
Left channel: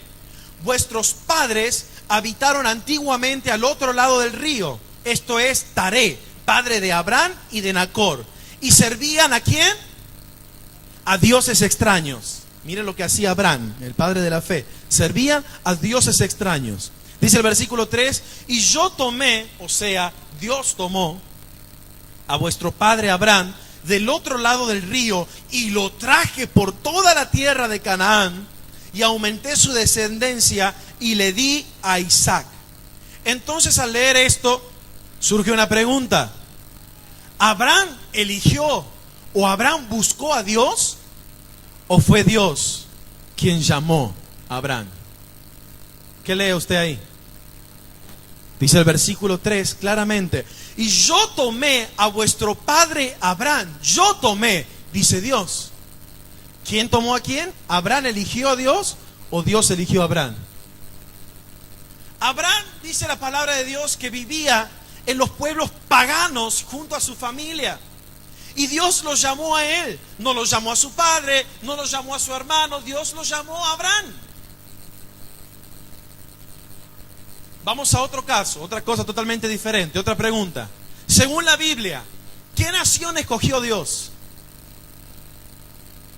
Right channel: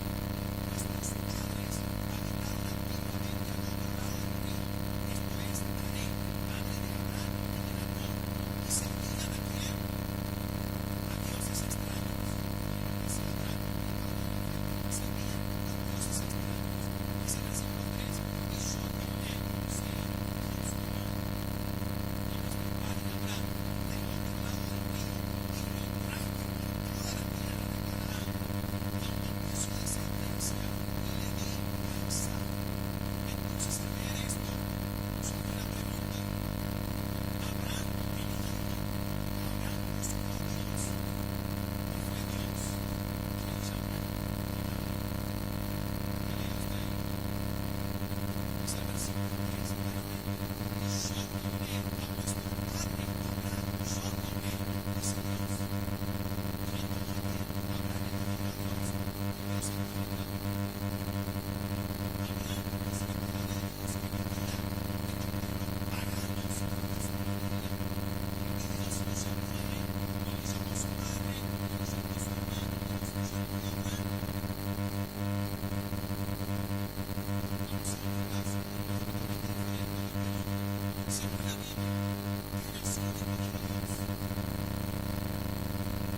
vuestros padres habitaron antiguamente al otro lado del río, esto es Taré, padre de Abraham y de Nacor, y servían ¿a quién? A dioses extraños. Miren lo que hacía Abraham, el padre de la fe. Servían a dioses extraños. Dice el versículo 3: y yo tomé, o sea, Dios tomó a vuestro padre Abraham del otro lado del río y lo traje por toda la tierra de Canaán, y aumenté su descendencia y le di a Isaac. Entonces, al leer esto, surge una pregunta: ¿Abraham eligió o Abraham buscó a Dios, o fue Dios quien llamó a Abraham? ¿Qué lee usted ahí? Dice el versículo 3 claramente: y yo tomé a vuestro padre Abraham. Yo tomé, dice Dios. ¿Quién tomó a quién? ¿Abraham eligió a Dios o Dios eligió a Abraham? Abraham, dice la palabra de Dios, que vivía en los pueblos paganos junto a su familia. Y Dios lo llamó a él. No lo llamó a su padre, no lo llamó a su hermano. Dios lo llamó a Abraham. Vamos a otro caso, otra cosa totalmente diferente, otra pregunta. Según la Biblia, ¿qué nación escogió Dios?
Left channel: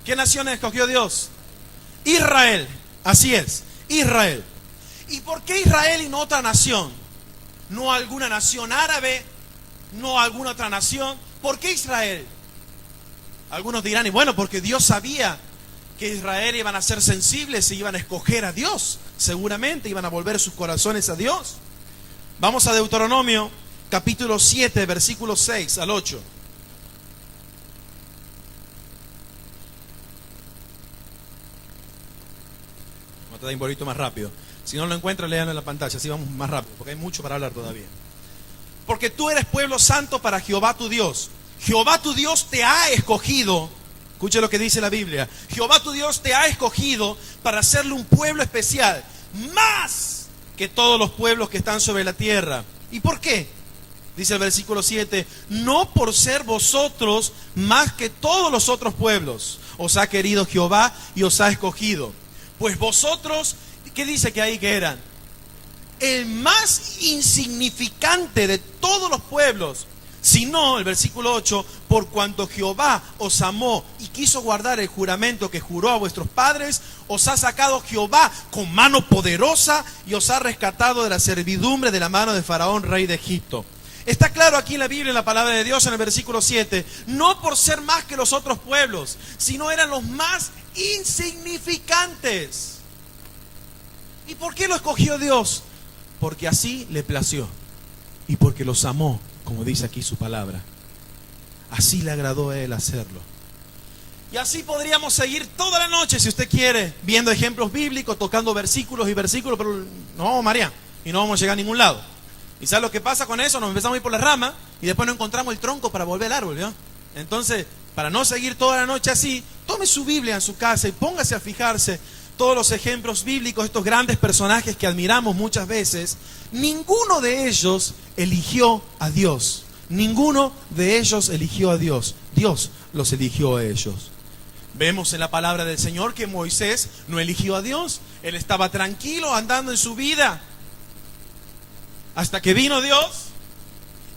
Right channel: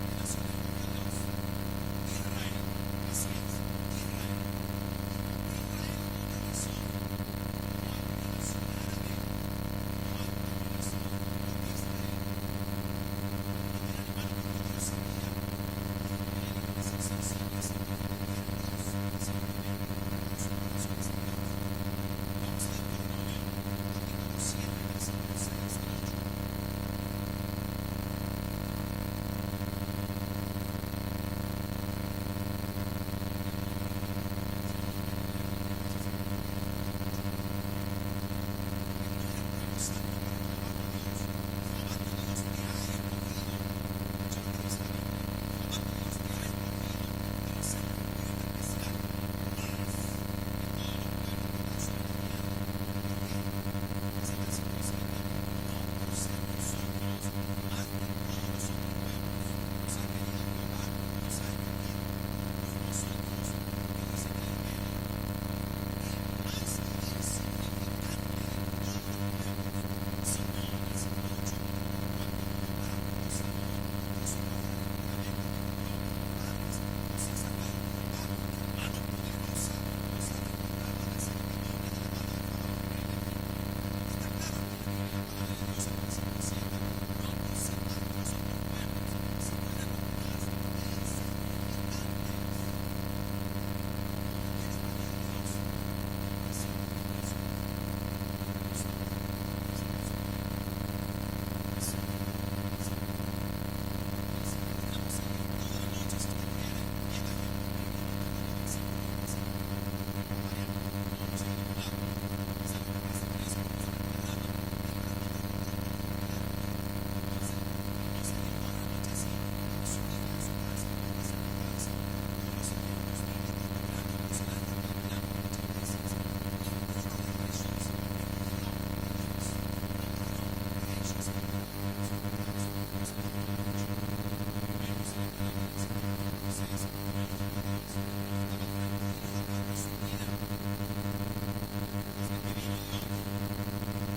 ¿Qué nación escogió Dios? Israel. Así es, Israel. ¿Y por qué Israel y no otra nación? No alguna nación árabe, no alguna otra nación. ¿Por qué Israel? Algunos dirán, y bueno, porque Dios sabía que Israel iban a ser sensibles e iban a escoger a Dios. Seguramente iban a volver sus corazones a Dios. Vamos a Deuteronomio capítulo 7, versículos 6 al 8. Voy a dar un poquito más rápido. Si no lo encuentran, léanlo en la pantalla, así vamos más rápido, porque hay mucho para hablar todavía. Porque tú eres pueblo santo para Jehová tu Dios. Jehová tu Dios te ha escogido. Escuche lo que dice la Biblia. Jehová tu Dios te ha escogido para hacerle un pueblo especial, más que todos los pueblos que están sobre la tierra. ¿Y por qué? Dice el versículo 7: no por ser vosotros más que todos los otros pueblos os ha querido Jehová y os ha escogido. Pues vosotros, ¿qué dice que ahí que eran? El más insignificante de todos los pueblos. Sino, el versículo 8: por cuanto Jehová os amó y quiso guardar el juramento que juró a vuestros padres, os ha sacado Jehová con mano poderosa y os ha rescatado de la servidumbre de la mano de Faraón, rey de Egipto. Está claro aquí en la Biblia, en la palabra de Dios, en el versículo 7, no por ser más que los otros pueblos, sino eran los más insignificantes. ¿Y por qué lo escogió Dios? Porque así le plació y porque los amó, como dice aquí su palabra. Así le agradó a él hacerlo. Y así podríamos seguir toda la noche, si usted quiere, viendo ejemplos bíblicos, tocando versículos y versículos, pero no vamos, María, y no vamos a llegar a ningún lado. ¿Y sabes lo que pasa con eso? Nos empezamos a ir por la rama y después no encontramos el tronco para volver al árbol, ¿no? Entonces, para no seguir toda la noche así, tome su Biblia en su casa y póngase a fijarse todos los ejemplos bíblicos, estos grandes personajes que admiramos muchas veces. Ninguno de ellos eligió a Dios. Ninguno de ellos eligió a Dios. Dios los eligió a ellos. Vemos en la palabra del Señor que Moisés no eligió a Dios. Él estaba tranquilo andando en su vida, hasta que vino Dios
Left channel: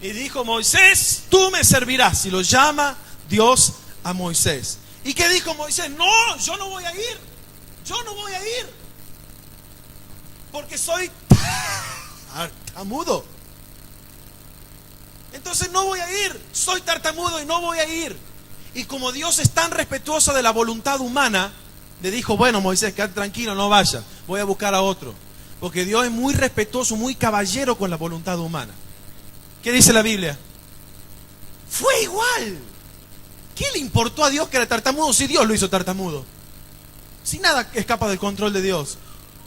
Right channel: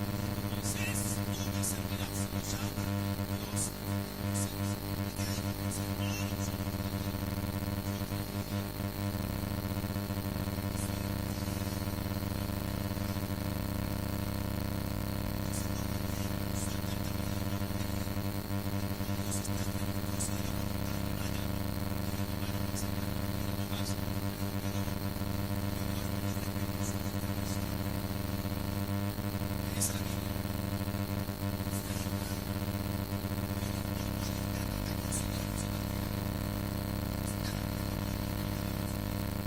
y dijo: Moisés, tú me servirás. Y lo llama Dios a Moisés. ¿Y qué dijo Moisés? No, yo no voy a ir. Yo no voy a ir. Porque soy tartamudo. Entonces no voy a ir. Soy tartamudo y no voy a ir. Y como Dios es tan respetuoso de la voluntad humana, le dijo, bueno, Moisés, quédate tranquilo, no vaya. Voy a buscar a otro. Porque Dios es muy respetuoso, muy caballero con la voluntad humana. ¿Qué dice la Biblia? Fue igual. ¿Qué le importó a Dios que era tartamudo si Dios lo hizo tartamudo? Si nada escapa del control de Dios.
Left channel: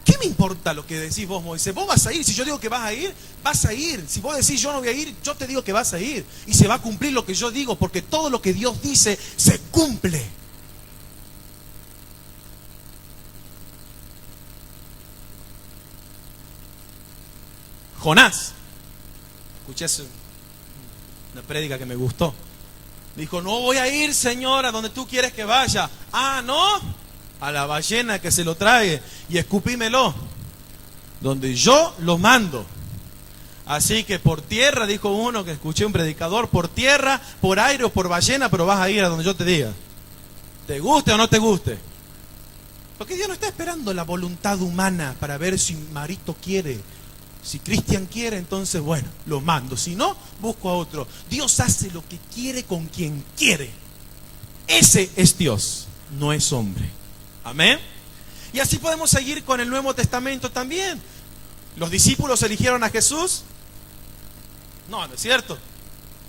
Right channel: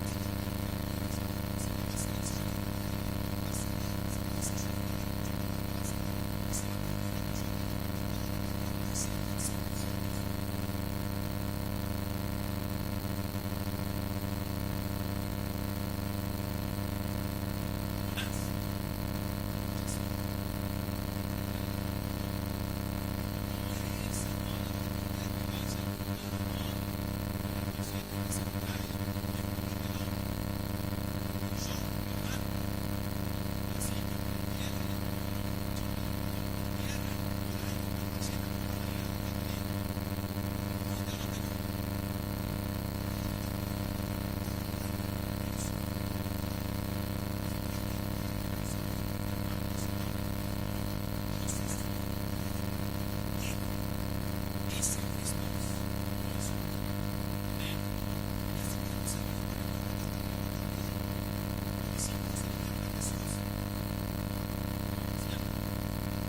¿Qué me importa lo que decís vos, Moisés? Vos vas a ir. Si yo digo que vas a ir, vas a ir. Si vos decís yo no voy a ir, yo te digo que vas a ir. Y se va a cumplir lo que yo digo, porque todo lo que Dios dice se cumple. Jonás. Escuché una prédica que me gustó. Dijo, no voy a ir, Señor, a donde tú quieres que vaya. Ah, ¿no? A la ballena que se lo trague y escupímelo. Donde yo lo mando. Así que por tierra, dijo uno que escuché un predicador, por tierra, por aire o por ballena, pero vas a ir a donde yo te diga. ¿Te guste o no te guste? Porque Dios no está esperando la voluntad humana para ver si Marito quiere. Si Cristian quiere, entonces bueno, lo mando. Si no, busco a otro. Dios hace lo que quiere con quien quiere. Ese es Dios, no es hombre. Amén. Y así podemos seguir con el Nuevo Testamento también. ¿Los discípulos eligieron a Jesús? No, no es cierto.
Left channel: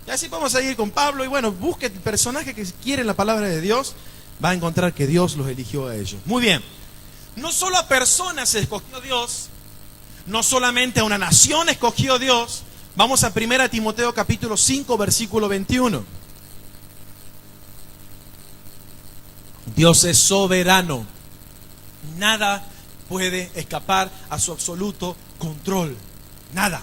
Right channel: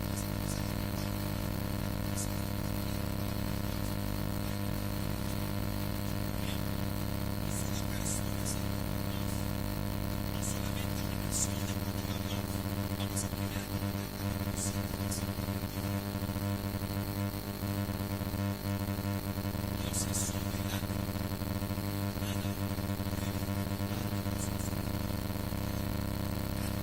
Y así podemos seguir con Pablo. Y bueno, busque personajes que quieren la palabra de Dios. Va a encontrar que Dios los eligió a ellos. Muy bien. No solo a personas escogió Dios. No solamente a una nación escogió Dios. Vamos a 1 Timoteo capítulo 5 versículo 21. Dios es soberano. Nada puede escapar a su absoluto control. Nada.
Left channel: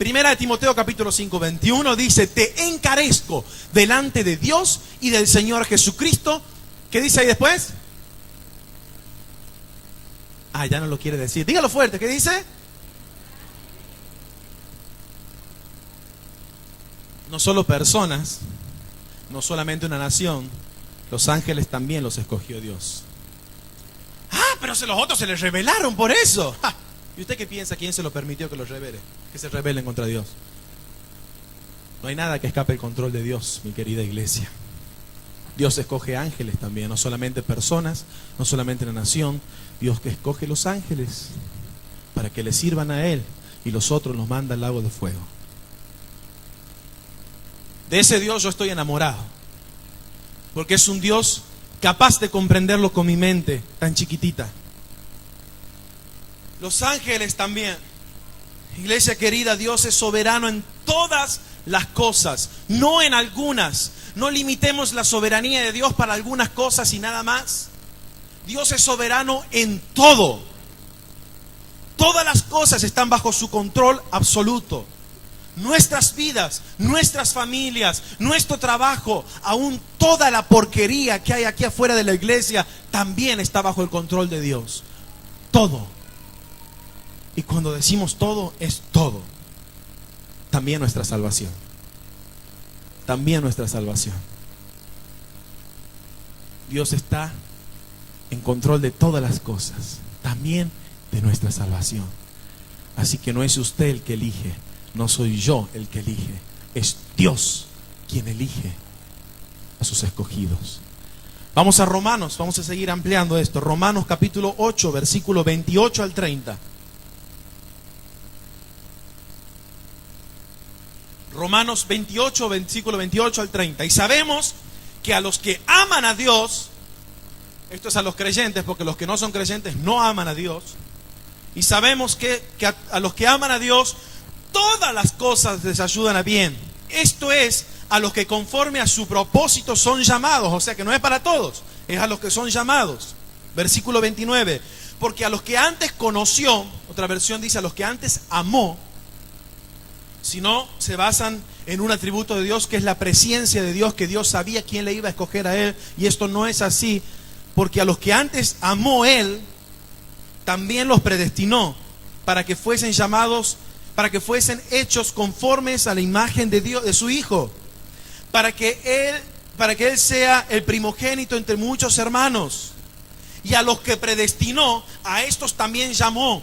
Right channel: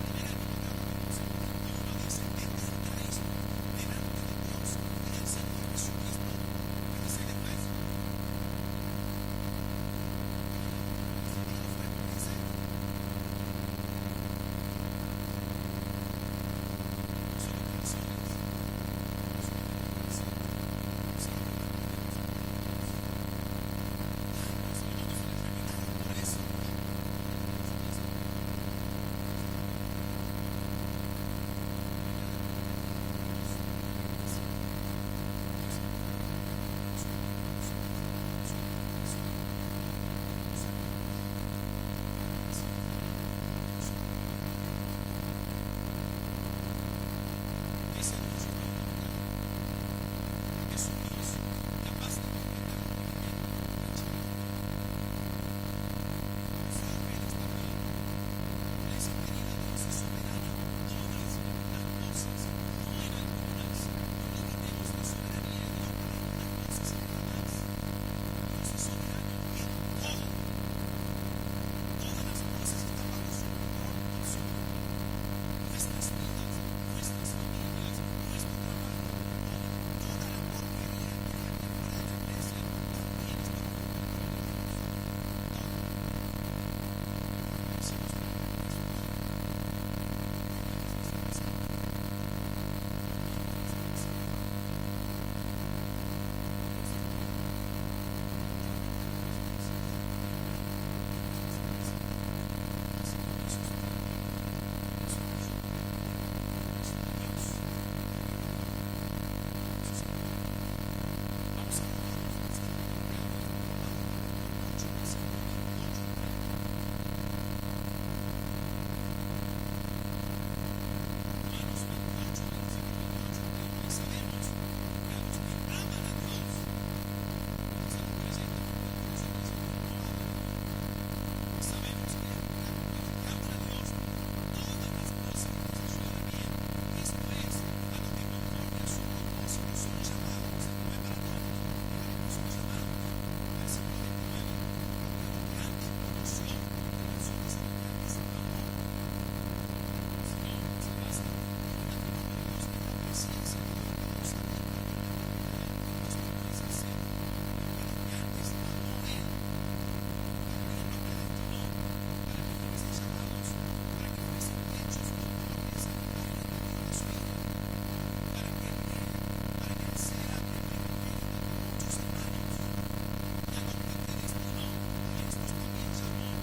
1 Timoteo capítulo 5 21 dice, te encarezco delante de Dios y del Señor Jesucristo. ¿Qué dice ahí después? Ah, ya no lo quiere decir. Dígalo fuerte, ¿qué dice? No solo personas, no solamente una nación, los ángeles también los escogió Dios. Ah, pero los otros se les rebelaron por eso. Ah, ¿y usted qué piensa? ¿Quién se lo permitió que los rebelen? Que se rebelen contra Dios. No hay nada que escape el control de Dios, mi querida iglesia. Dios escoge ángeles también, no solamente personas, no solamente una nación. Dios que escoge los ángeles para que le sirvan a Él y los otros los manda al lago de fuego. De ese Dios yo estoy enamorado, porque es un Dios capaz de comprenderlo con mi mente tan chiquitita. Los ángeles también. Iglesia querida, Dios es soberano en todas las cosas, no en algunas. No limitemos la soberanía de Dios para algunas cosas y nada más. Dios es soberano en todo. Todas las cosas están bajo su control absoluto. Nuestras vidas, nuestras familias, nuestro trabajo, aún toda la porquería que hay aquí afuera de la iglesia, también está bajo el control de Dios. Todo. Y cuando decimos todo, es todo. También nuestra salvación. También nuestra salvación. Dios está en control de todas las cosas, también de nuestra salvación. Así que no es usted el que elige, no soy yo el que elige, es Dios quien elige a sus escogidos. Vamos a Romanos, vamos a seguir ampliando esto. Romanos capítulo 8, versículo 28 al 30. Romanos 28, versículo 28 al 30. Y sabemos que a los que aman a Dios, esto es a los creyentes, porque los que no son creyentes no aman a Dios. Y sabemos que a los que aman a Dios, todas las cosas les ayudan a bien. Esto es a los que conforme a su propósito son llamados. O sea que no es para todos, es a los que son llamados. Versículo 29. Porque a los que antes conoció, otra versión dice a los que antes amó, si no se basan en un atributo de Dios que es la presencia de Dios, que Dios sabía quién le iba a escoger a él. Y esto no es así. Porque a los que antes amó Él, también los predestinó para que fuesen llamados, para que fuesen hechos conformes a la imagen de Dios, de su Hijo, para que Él para que Él sea el primogénito entre muchos hermanos. Y a los que predestinó, a estos también llamó.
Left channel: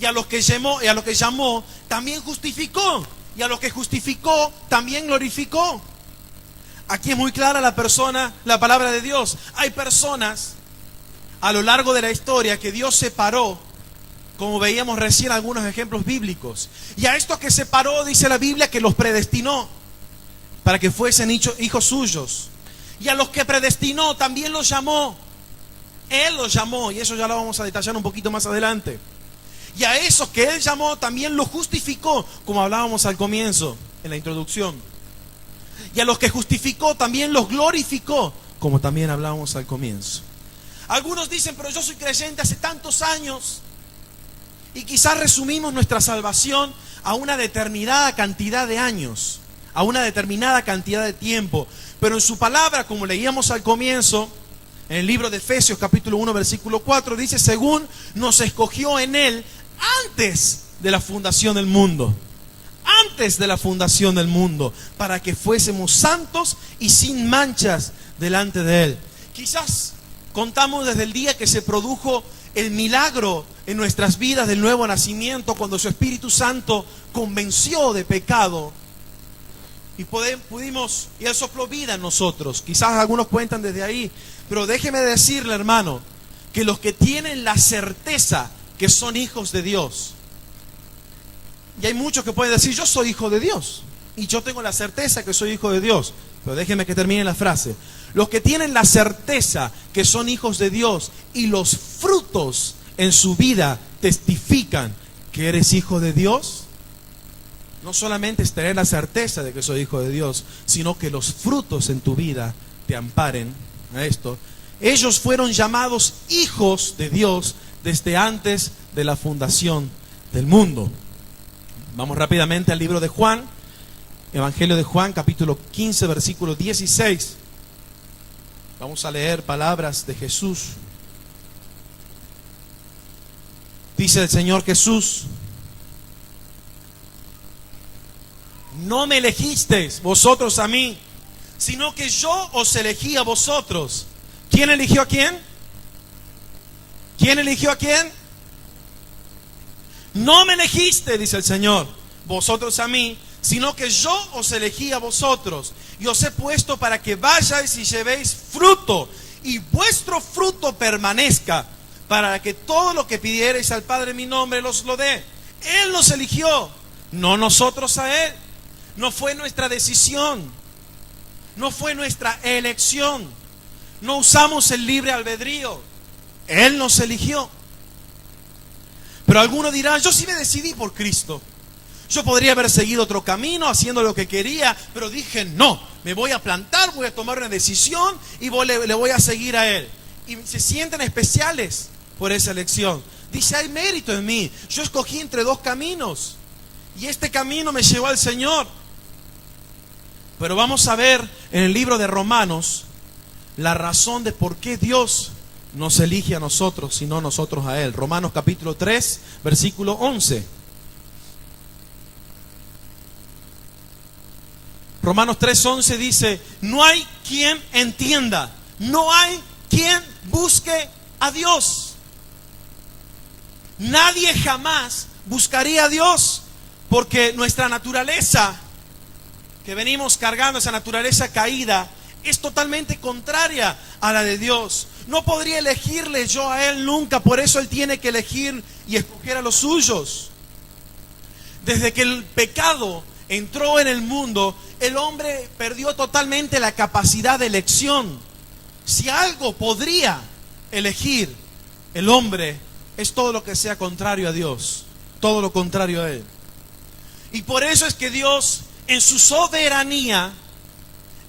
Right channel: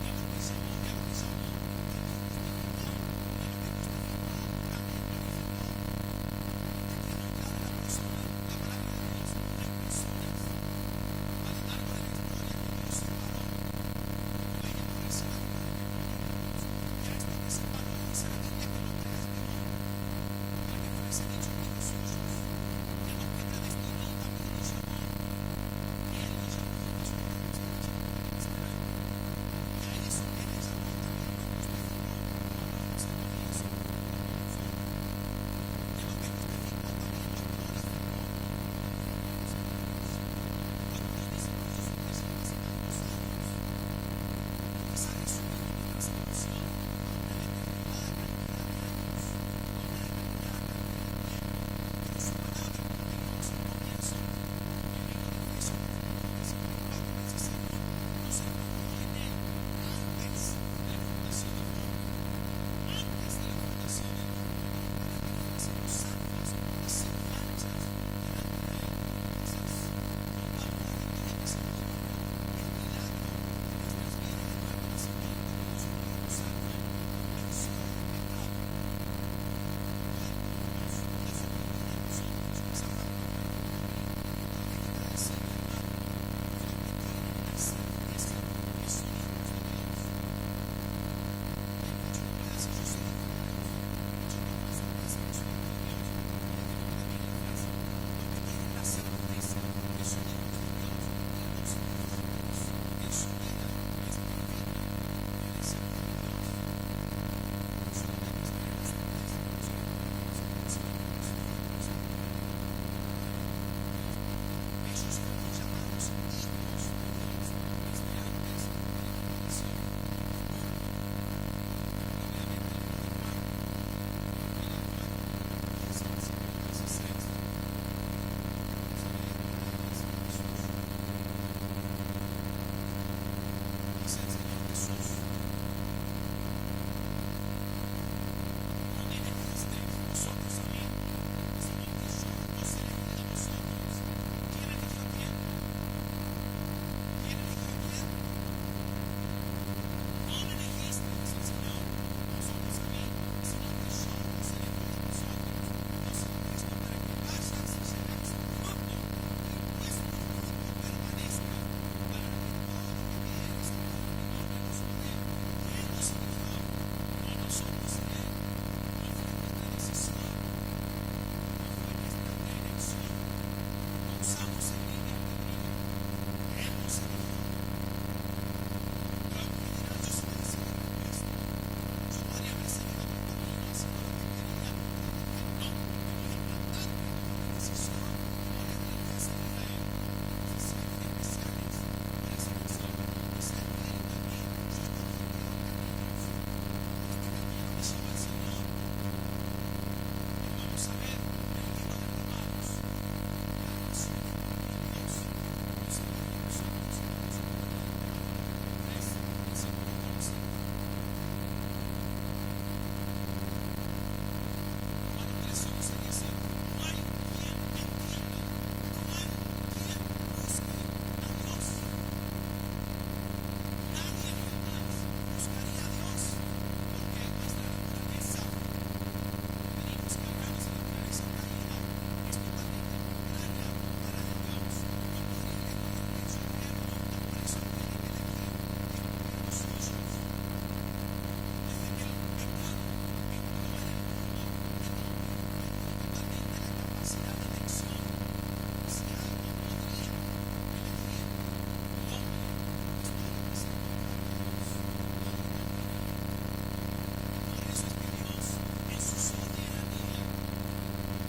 Y a los que llamó, también justificó. Y a los que justificó, también glorificó. Aquí es muy clara la palabra de Dios. Hay personas a lo largo de la historia que Dios separó, como veíamos recién algunos ejemplos bíblicos. Y a estos que separó, dice la Biblia, que los predestinó para que fuesen hijos suyos. Y a los que predestinó, también los llamó. Él los llamó, y eso ya lo vamos a detallar un poquito más adelante. Y a esos que Él llamó, también los justificó, como hablábamos al comienzo, en la introducción. Y a los que justificó, también los glorificó, como también hablábamos al comienzo. Algunos dicen, pero yo soy creyente hace tantos años. Y quizás resumimos nuestra salvación a una determinada cantidad de años, a una determinada cantidad de tiempo. Pero en su palabra, como leíamos al comienzo, en el libro de Efesios capítulo 1 versículo 4, dice: según nos escogió en Él antes de la fundación del mundo. Antes de la fundación del mundo, para que fuésemos santos y sin manchas delante de Él. Quizás contamos desde el día que se produjo el milagro en nuestras vidas del nuevo nacimiento, cuando su Espíritu Santo convenció de pecado y pudimos, y Él sopló vida en nosotros. Quizás algunos cuentan desde ahí, pero déjeme decirle, hermano, que los que tienen la certeza que son hijos de Dios, y hay muchos que pueden decir: yo soy hijo de Dios, y yo tengo la certeza que soy hijo de Dios, pero déjeme que termine la frase. Los que tienen la certeza que son hijos de Dios y los frutos en su vida testifican que eres hijo de Dios, no solamente es tener la certeza de que soy hijo de Dios, sino que los frutos en tu vida te amparen a esto. Ellos fueron llamados hijos de Dios desde antes de la fundación del mundo. Vamos rápidamente al libro de Juan, Evangelio de Juan, capítulo 15, versículo 16. Vamos a leer palabras de Jesús. Dice el Señor Jesús: no me elegisteis vosotros a mí, sino que yo os elegí a vosotros. ¿Quién eligió a quién? ¿Quién eligió a quién? No me elegiste, dice el Señor, vosotros a mí, sino que yo os elegí a vosotros, y os he puesto para que vayáis y llevéis fruto, y vuestro fruto permanezca, para que todo lo que pidiereis al Padre en mi nombre os lo dé. Él nos eligió, no nosotros a Él. No fue nuestra decisión, no fue nuestra elección, no usamos el libre albedrío. Él nos eligió. Pero algunos dirán: yo sí me decidí por Cristo. Yo podría haber seguido otro camino, haciendo lo que quería, pero dije: no, me voy a plantar, voy a tomar una decisión y le voy a seguir a Él. Y se sienten especiales por esa elección. Dice: hay mérito en mí. Yo escogí entre dos caminos y este camino me llevó al Señor. Pero vamos a ver en el libro de Romanos la razón de por qué Dios nos elige a nosotros y no nosotros a Él. Romanos capítulo 3, versículo 11. Romanos 3:11 dice: no hay quien entienda, no hay quien busque a Dios. Nadie jamás buscaría a Dios, porque nuestra naturaleza que venimos cargando, esa naturaleza caída, es totalmente contraria a la de Dios. No podría elegirle yo a Él nunca, por eso Él tiene que elegir y escoger a los suyos. Desde que el pecado entró en el mundo, el hombre perdió totalmente la capacidad de elección. Si algo podría elegir el hombre, es todo lo que sea contrario a Dios, todo lo contrario a Él. Y por eso es que Dios, en su soberanía,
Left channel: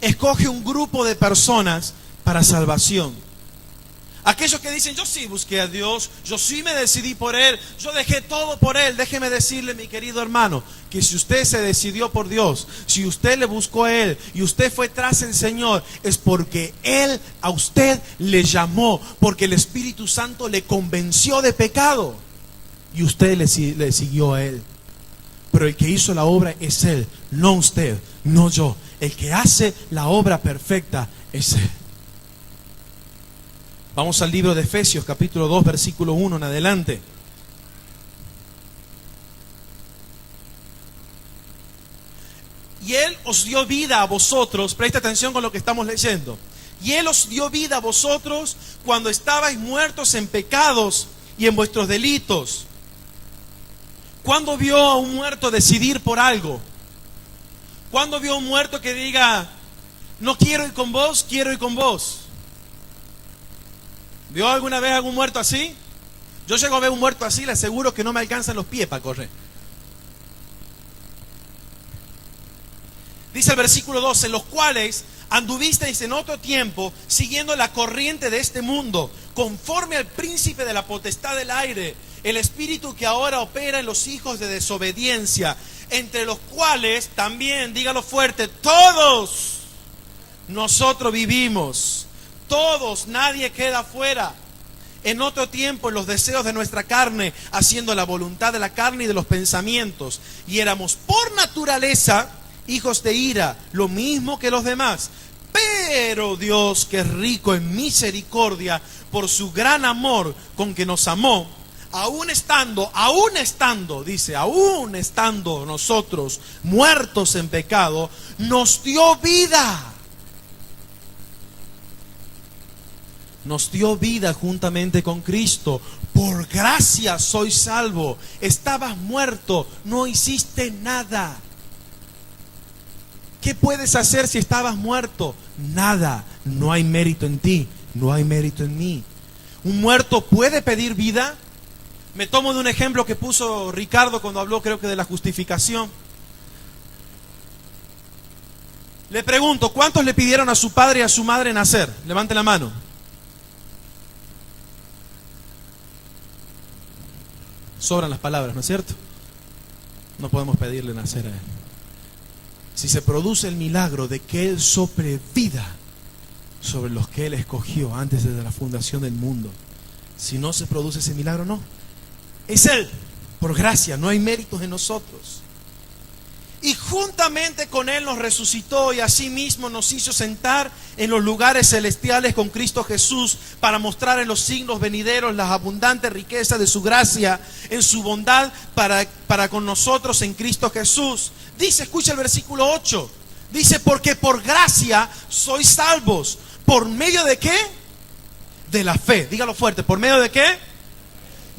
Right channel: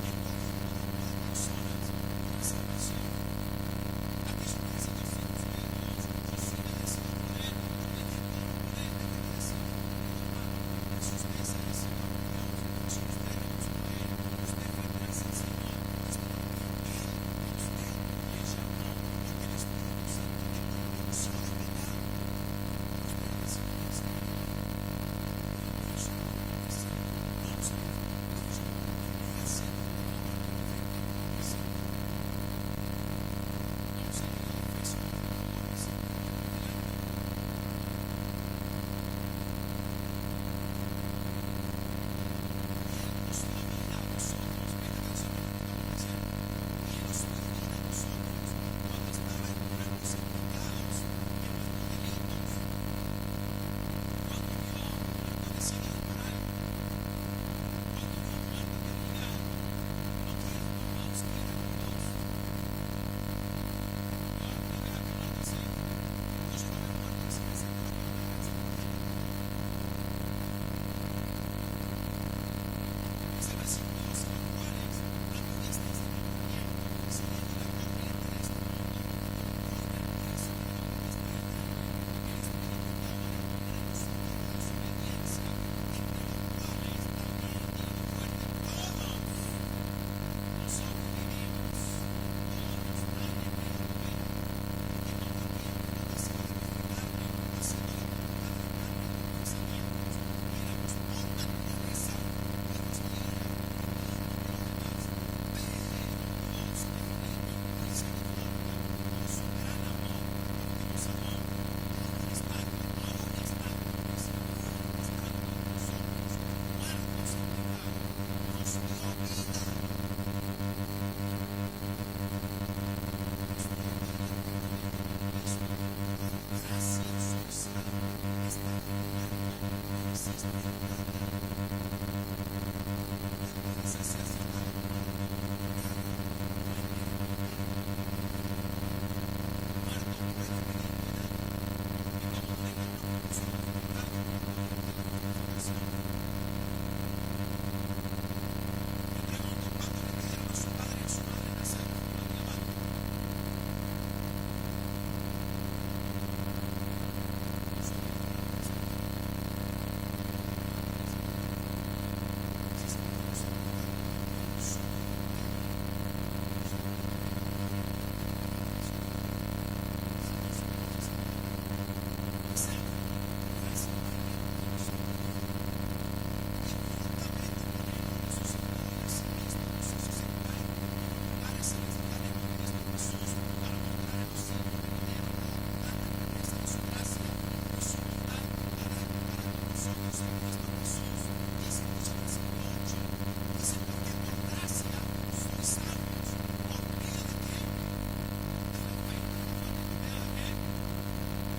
escoge un grupo de personas para salvación. Aquellos que dicen: yo sí busqué a Dios, yo sí me decidí por Él, yo dejé todo por Él. Déjeme decirle, mi querido hermano, que si usted se decidió por Dios, si usted le buscó a Él y usted fue tras el Señor, es porque Él a usted le llamó, porque el Espíritu Santo le convenció de pecado y usted le siguió a Él. Pero el que hizo la obra es Él, no usted, no yo. El que hace la obra perfecta Dice, vamos al libro de Efesios, capítulo 2, versículo 1 en adelante. Y Él os dio vida a vosotros, presta atención con lo que estamos leyendo. Y Él os dio vida a vosotros cuando estabais muertos en pecados y en vuestros delitos. ¿Cuándo vio a un muerto decidir por algo? ¿Cuándo vio a un muerto que diga, no quiero ir con vos, quiero ir con vos? ¿Vio alguna vez algún muerto así? Yo llego a ver un muerto así, le aseguro que no me alcanzan los pies para correr. Dice el versículo 12, en los cuales anduvisteis en otro tiempo, siguiendo la corriente de este mundo, conforme al príncipe de la potestad del aire, el espíritu que ahora opera en los hijos de desobediencia, entre los cuales también, dígalo fuerte, todos nosotros vivimos, todos, nadie queda fuera. En otro tiempo, en los deseos de nuestra carne, haciendo la voluntad de la carne y de los pensamientos, y éramos por naturaleza hijos de ira, lo mismo que los demás. Pero Dios, que es rico en misericordia, por su gran amor con que nos amó, aún estando nosotros muertos en pecado, nos dio vida. Nos dio vida juntamente con Cristo. Por gracia sois salvo. Estabas muerto, no hiciste nada. ¿Qué puedes hacer si estabas muerto? Nada. No hay mérito en ti, no hay mérito en mí. ¿Un muerto puede pedir vida? Me tomo de un ejemplo que puso Ricardo cuando habló, creo que de la justificación. Le pregunto, ¿cuántos le pidieron a su padre y a su madre nacer? Levante la mano. Sobran las palabras, ¿no es cierto? No podemos pedirle nacer a él. Si se produce el milagro de que Él sople vida sobre los que Él escogió antes de la fundación del mundo, si no se produce ese milagro, no. Es Él, por gracia, no hay méritos en nosotros. Y juntamente con Él nos resucitó y asimismo nos hizo sentar en los lugares celestiales con Cristo Jesús, para mostrar en los siglos venideros las abundantes riquezas de su gracia en su bondad para con nosotros en Cristo Jesús. Dice, escucha el versículo 8, dice, porque por gracia sois salvos. ¿Por medio de qué? De la fe. Dígalo fuerte, ¿por medio de qué?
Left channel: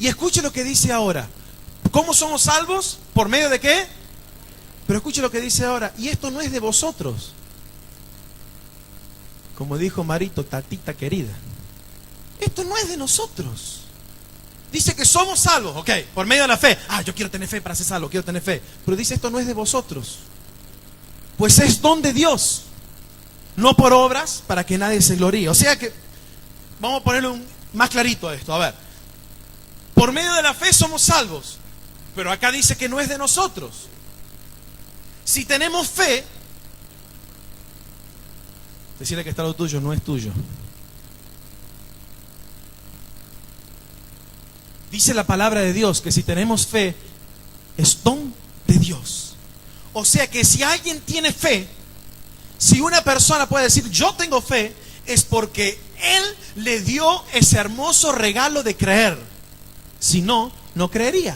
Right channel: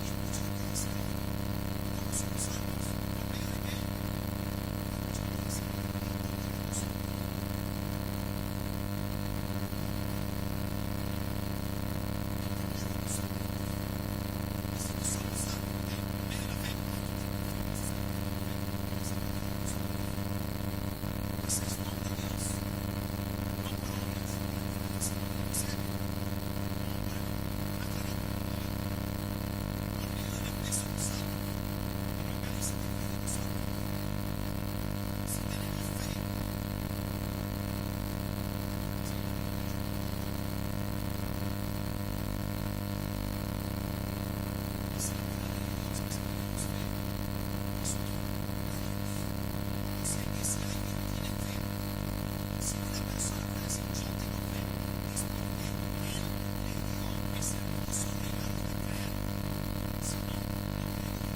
Y escuche lo que dice ahora. ¿Cómo somos salvos? ¿Por medio de qué? Pero escuche lo que dice ahora. Y esto no es de vosotros. Como dijo Marito, tatita querida, esto no es de nosotros. Dice que somos salvos, ok, por medio de la fe. Yo quiero tener fe para ser salvo, quiero tener fe. Pero dice, esto no es de vosotros, pues es don de Dios, no por obras, para que nadie se gloríe. O sea que, vamos a ponerlo más clarito a esto. A ver, por medio de la fe somos salvos, pero acá dice que no es de nosotros. Si tenemos fe, decirle que está lo tuyo, no es tuyo. Dice la palabra de Dios que si tenemos fe, es don de Dios. O sea que si alguien tiene fe, si una persona puede decir yo tengo fe, es porque Él le dio ese hermoso regalo de creer. Si no, no creería.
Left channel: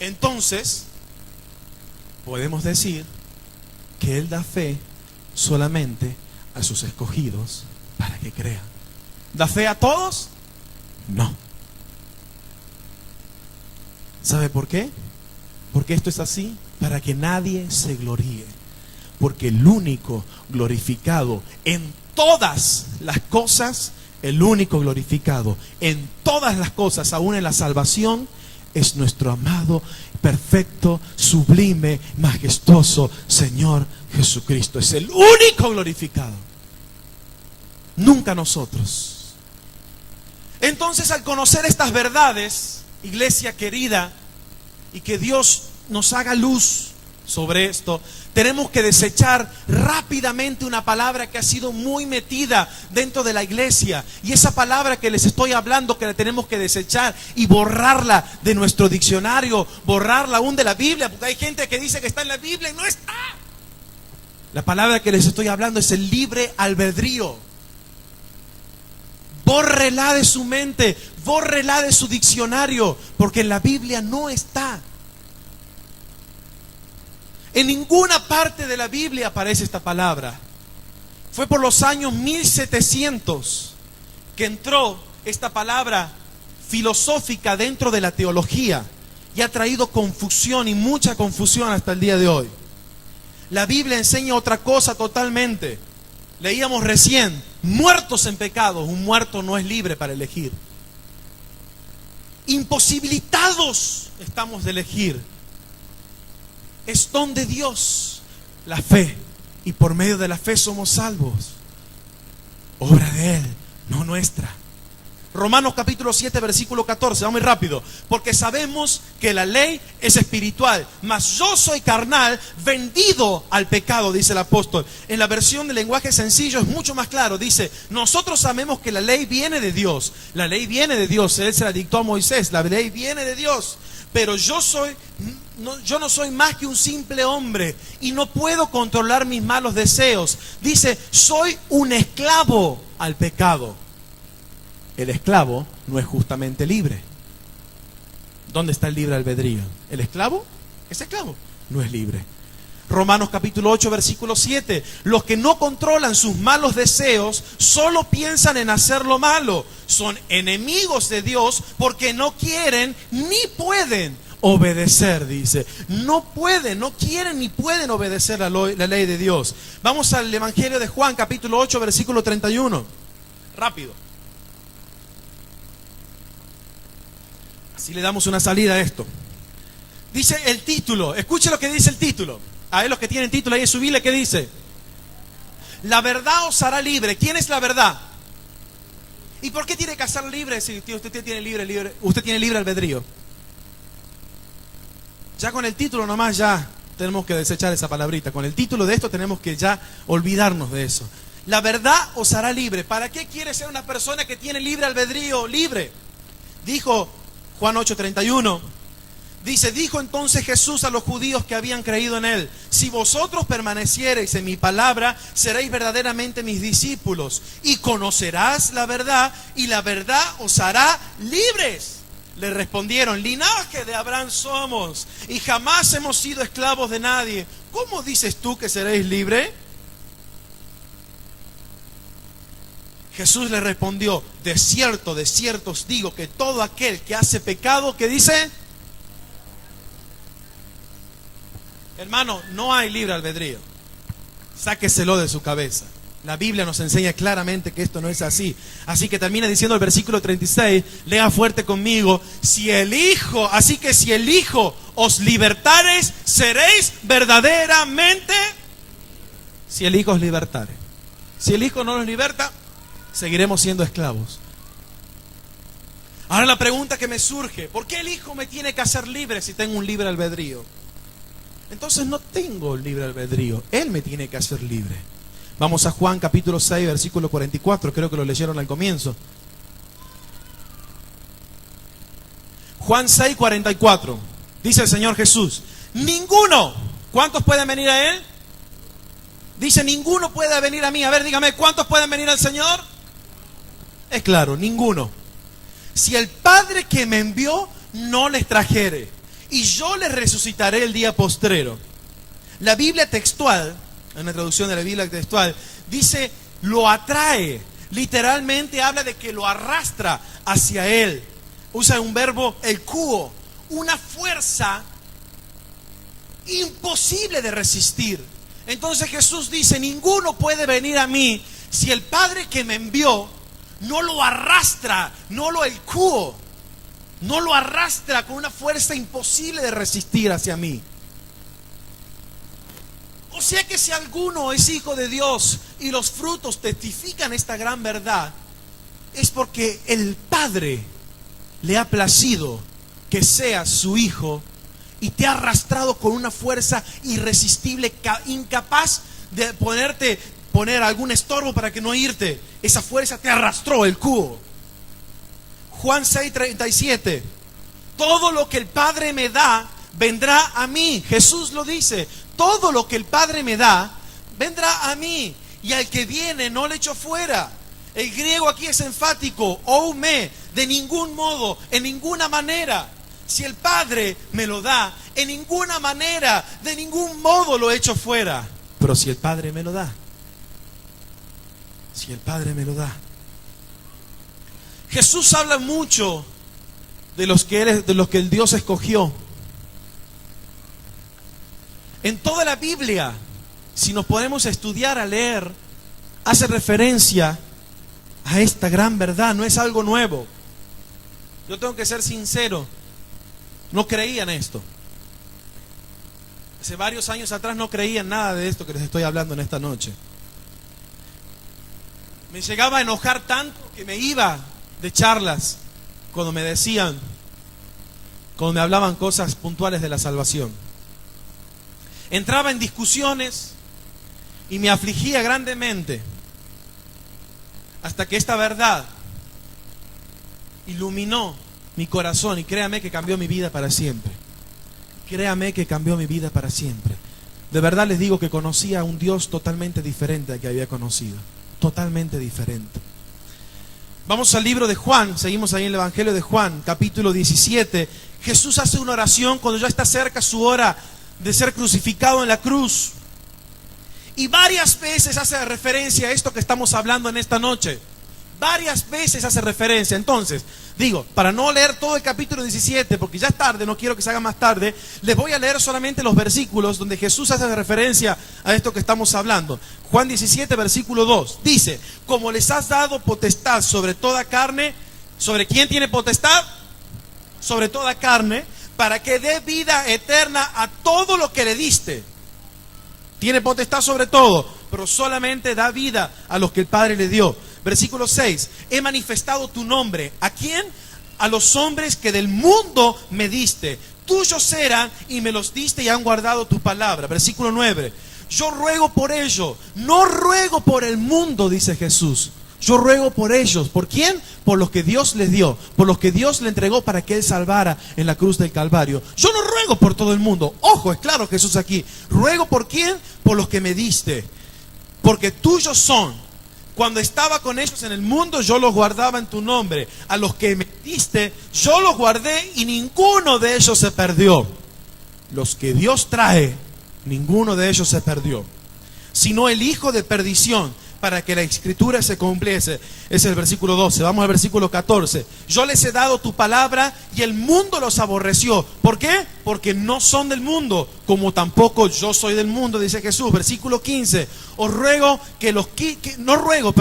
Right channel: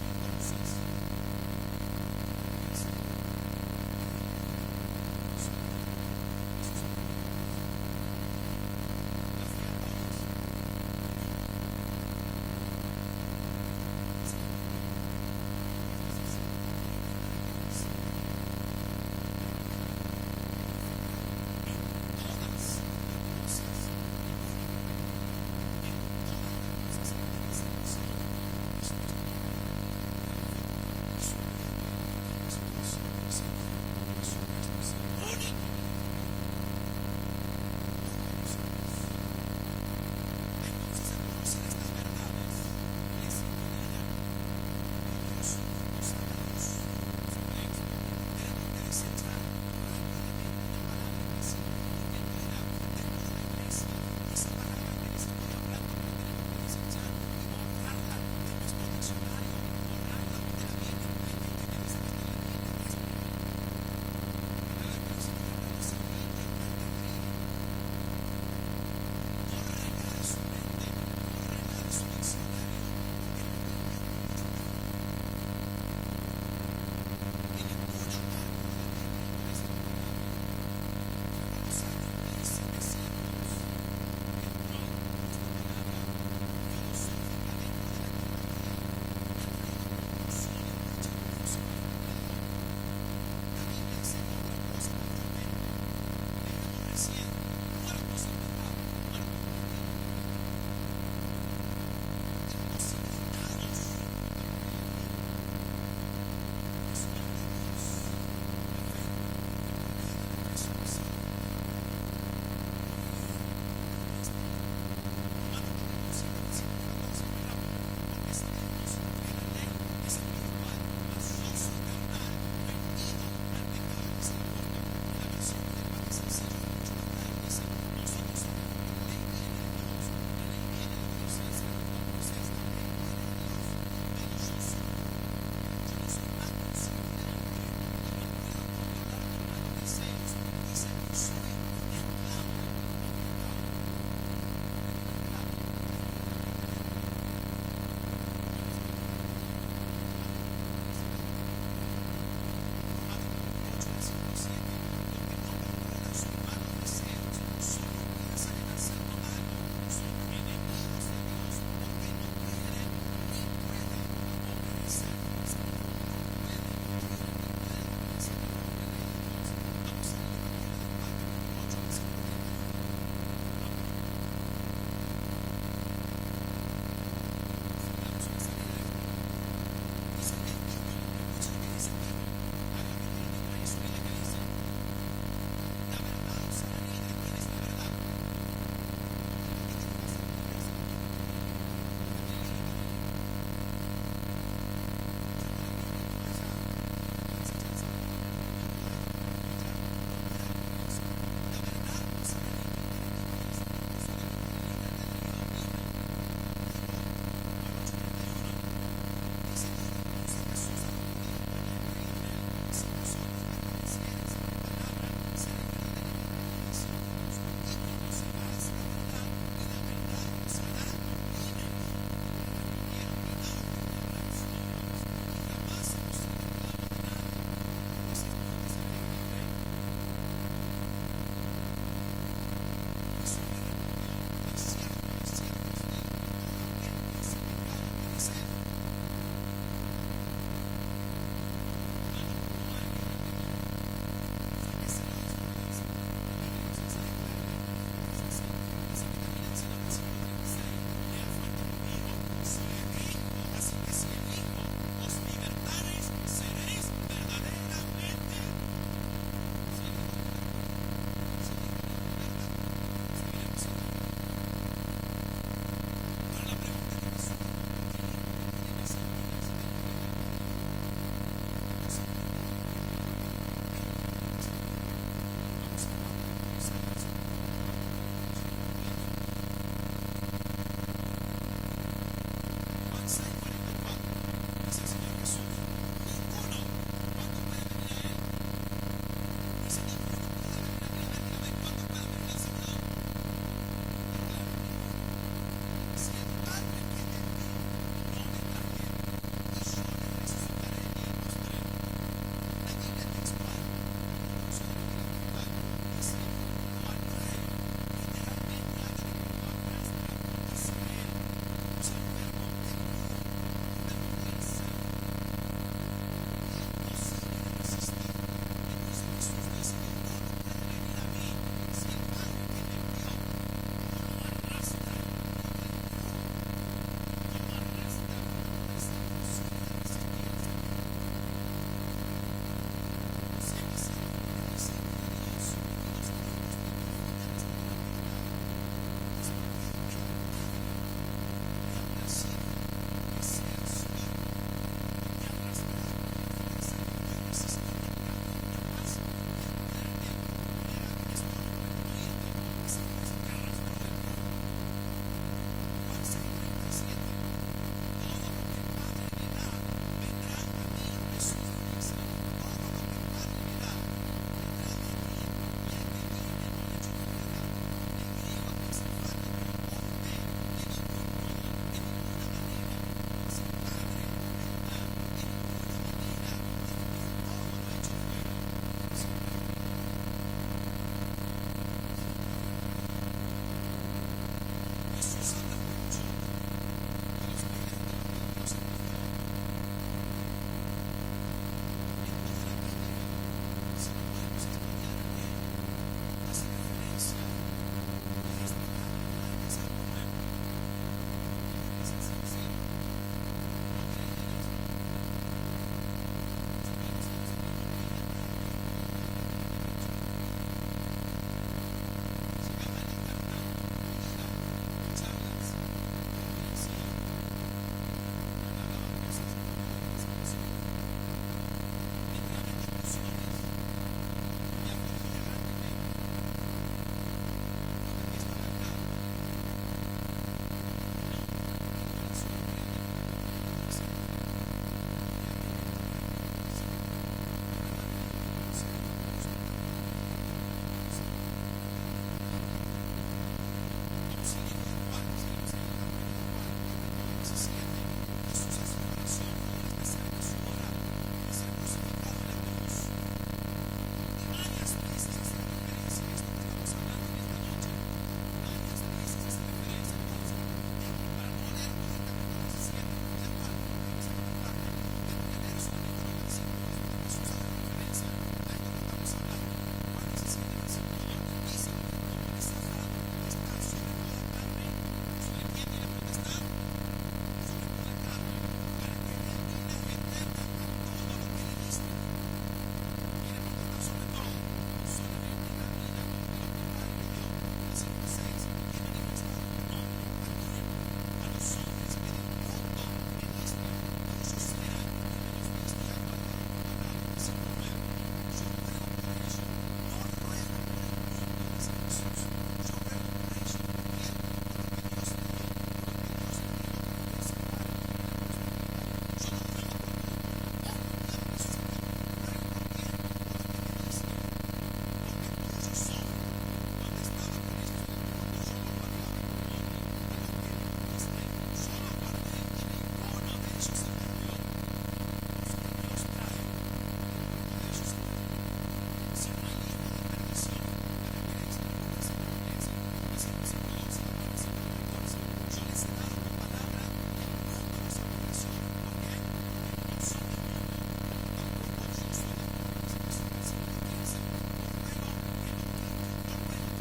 Entonces, podemos decir que Él da fe solamente a sus escogidos para que crean. ¿Da fe a todos? No. ¿Sabe por qué? Porque esto es así para que nadie se gloríe. Porque el único glorificado en todas las cosas, el único glorificado en todas las cosas, aún en la salvación, es nuestro amado, perfecto, sublime, majestuoso Señor Jesucristo. Es el único glorificado, nunca nosotros. Entonces, al conocer estas verdades, iglesia querida, y que Dios nos haga luz sobre esto, tenemos que desechar rápidamente una palabra que ha sido muy metida dentro de la iglesia. Y esa palabra que les estoy hablando, que la tenemos que desechar y borrarla de nuestro diccionario, borrarla aún de la Biblia, porque hay gente que dice que está en la Biblia y no está. La palabra que les estoy hablando es el libre albedrío. Bórrela de su mente, bórrela de su diccionario, porque en la Biblia no está. En ninguna parte de la Biblia aparece esta palabra. Fue por los años 1700 que entró esta palabra filosófica dentro de la teología y ha traído confusión y mucha confusión hasta el día de hoy. La Biblia enseña otra cosa totalmente. Leíamos recién, muertos en pecados. Un muerto no es libre para elegir. Imposibilitados estamos de elegir. Es don de Dios la fe, y por medio de la fe somos salvos. Obra de Él, no nuestra. Romanos capítulo 7 versículo 14, vamos muy rápido. Porque sabemos que la ley es espiritual, mas yo soy carnal, vendido al pecado, dice el apóstol. En la versión de lenguaje sencillo es mucho más claro. Dice, nosotros sabemos que la ley viene de Dios. La ley viene de Dios, Él se la dictó a Moisés. La ley viene de Dios. Pero yo no soy más que un simple hombre y no puedo controlar mis malos deseos. Dice, soy un esclavo al pecado. El esclavo no es justamente libre. ¿Dónde está el libre albedrío? El esclavo es esclavo, no es libre. Romanos capítulo 8 versículo 7. Los que no controlan sus malos deseos solo piensan en hacer lo malo. Son enemigos de Dios porque no quieren ni pueden obedecer, dice. No pueden, no quieren ni pueden obedecer la ley de Dios. Vamos al Evangelio de Juan capítulo 8 versículo 31. Rápido. Así le damos una salida a esto. Dice el título, escuche lo que dice el título. A ver, los que tienen título ahí en su Biblia, ¿qué dice? La verdad os hará libre. ¿Quién es la verdad? ¿Y por qué tiene que ser libre si usted tiene libre albedrío? Ya con el título nomás ya tenemos que desechar esa palabrita. Con el título de esto tenemos que ya olvidarnos de eso. La verdad os hará libre. ¿Para qué quiere ser una persona que tiene libre albedrío libre? Dijo Juan 8:31. Dice, dijo entonces Jesús a los judíos que habían creído en Él: si vosotros permaneciereis en mi palabra, seréis verdaderamente mis discípulos, y conocerás la verdad, y la verdad os hará libres. Le respondieron: linaje de Abraham somos, y jamás hemos sido esclavos de nadie. ¿Cómo dices tú que seréis libres? Jesús le respondió: de cierto os digo que todo aquel que hace pecado, ¿qué dice? Hermano, no hay libre albedrío. Sáqueselo de su cabeza. La Biblia nos enseña claramente que esto no es así. Así que termina diciendo el versículo 36, lea fuerte conmigo: así que si el Hijo os libertares, seréis verdaderamente. Si el Hijo os libertare. Si el Hijo no nos liberta, seguiremos siendo esclavos. Ahora la pregunta que me surge: ¿por qué el Hijo me tiene que hacer libre si tengo un libre albedrío? Entonces no tengo libre albedrío, Él me tiene que hacer libre. Vamos a Juan capítulo 6 versículo 44, creo que lo leyeron al comienzo. Juan 6, 44. Dice el Señor Jesús: ninguno. ¿Cuántos pueden venir a Él? Dice: ninguno puede venir a mí. A ver, dígame, ¿cuántos pueden venir al Señor? Es claro, ninguno. Si el Padre que me envió no les trajere, y yo les resucitaré el día postrero. La Biblia textual, en la traducción de la Biblia textual, dice: lo atrae. Literalmente habla de que lo arrastra hacia Él. Usa un verbo, el kuo, una fuerza imposible de resistir. Entonces Jesús dice: ninguno puede venir a mí si el Padre que me envió no lo arrastra, no lo elcuo, no lo arrastra con una fuerza imposible de resistir hacia mí. O sea que si alguno es hijo de Dios y los frutos testifican esta gran verdad, es porque el Padre le ha placido que seas su hijo y te ha arrastrado con una fuerza irresistible, incapaz de poner algún estorbo para que no irte. Esa fuerza te arrastró, el cubo. Juan 6:37. Todo lo que el Padre me da vendrá a mí. Jesús lo dice: todo lo que el Padre me da vendrá a mí, y al que viene no le echo fuera. El griego aquí es enfático, oume, de ningún modo, en ninguna manera. Si el Padre me lo da, en ninguna manera, de ningún modo lo echo fuera. Pero si el Padre me lo da, si el Padre me lo da. Jesús habla mucho de los que el Dios escogió. En toda la Biblia, si nos podemos estudiar, a leer, hace referencia a esta gran verdad. No es algo nuevo. Yo tengo que ser sincero, no creía en esto. Hace varios años atrás no creía en nada de esto que les estoy hablando en esta noche. Me llegaba a enojar tanto que me iba de charlas cuando me decían, cuando me hablaban cosas puntuales de la salvación. Entraba en discusiones y me afligía grandemente, hasta que esta verdad iluminó mi corazón, y créame que cambió mi vida para siempre. Créame que cambió mi vida para siempre. De verdad les digo que conocía a un Dios totalmente diferente al que había conocido. Totalmente diferente. Vamos al libro de Juan, seguimos ahí en el Evangelio de Juan, capítulo 17. Jesús hace una oración cuando ya está cerca su hora de ser crucificado en la cruz. Y varias veces hace referencia a esto que estamos hablando en esta noche. Varias veces hace referencia. Entonces, digo, para no leer todo el capítulo 17, porque ya es tarde, no quiero que se haga más tarde, les voy a leer solamente los versículos donde Jesús hace referencia a esto que estamos hablando. Juan 17, versículo 2, dice: como les has dado potestad sobre toda carne. ¿Sobre quién tiene potestad? Sobre toda carne, para que dé vida eterna a todo lo que le diste. Tiene potestad sobre todo, pero solamente da vida a los que el Padre le dio. Versículo 6, he manifestado tu nombre. ¿A quién? A los hombres que del mundo me diste. Tuyos eran y me los diste y han guardado tu palabra. Versículo 9, yo ruego por ellos, no ruego por el mundo, dice Jesús. Yo ruego por ellos. ¿Por quién? Por los que Dios les dio, por los que Dios le entregó para que Él salvara en la cruz del Calvario. Yo no ruego por todo el mundo. Ojo, es claro Jesús aquí. Ruego por quién? Por los que me diste. Porque tuyos son. Cuando estaba con ellos en el mundo, yo los guardaba en tu nombre. A los que me diste, yo los guardé y ninguno de ellos se perdió. Los que Dios trae, ninguno de ellos se perdió, sino el hijo de perdición, para que la escritura se cumpliese. Es el versículo 12. Vamos al versículo 14. Yo les he dado tu palabra y el mundo los aborreció. ¿Por qué? Porque no son del mundo, como tampoco yo soy del mundo, dice Jesús. Versículo 15. Os ruego que los no ruego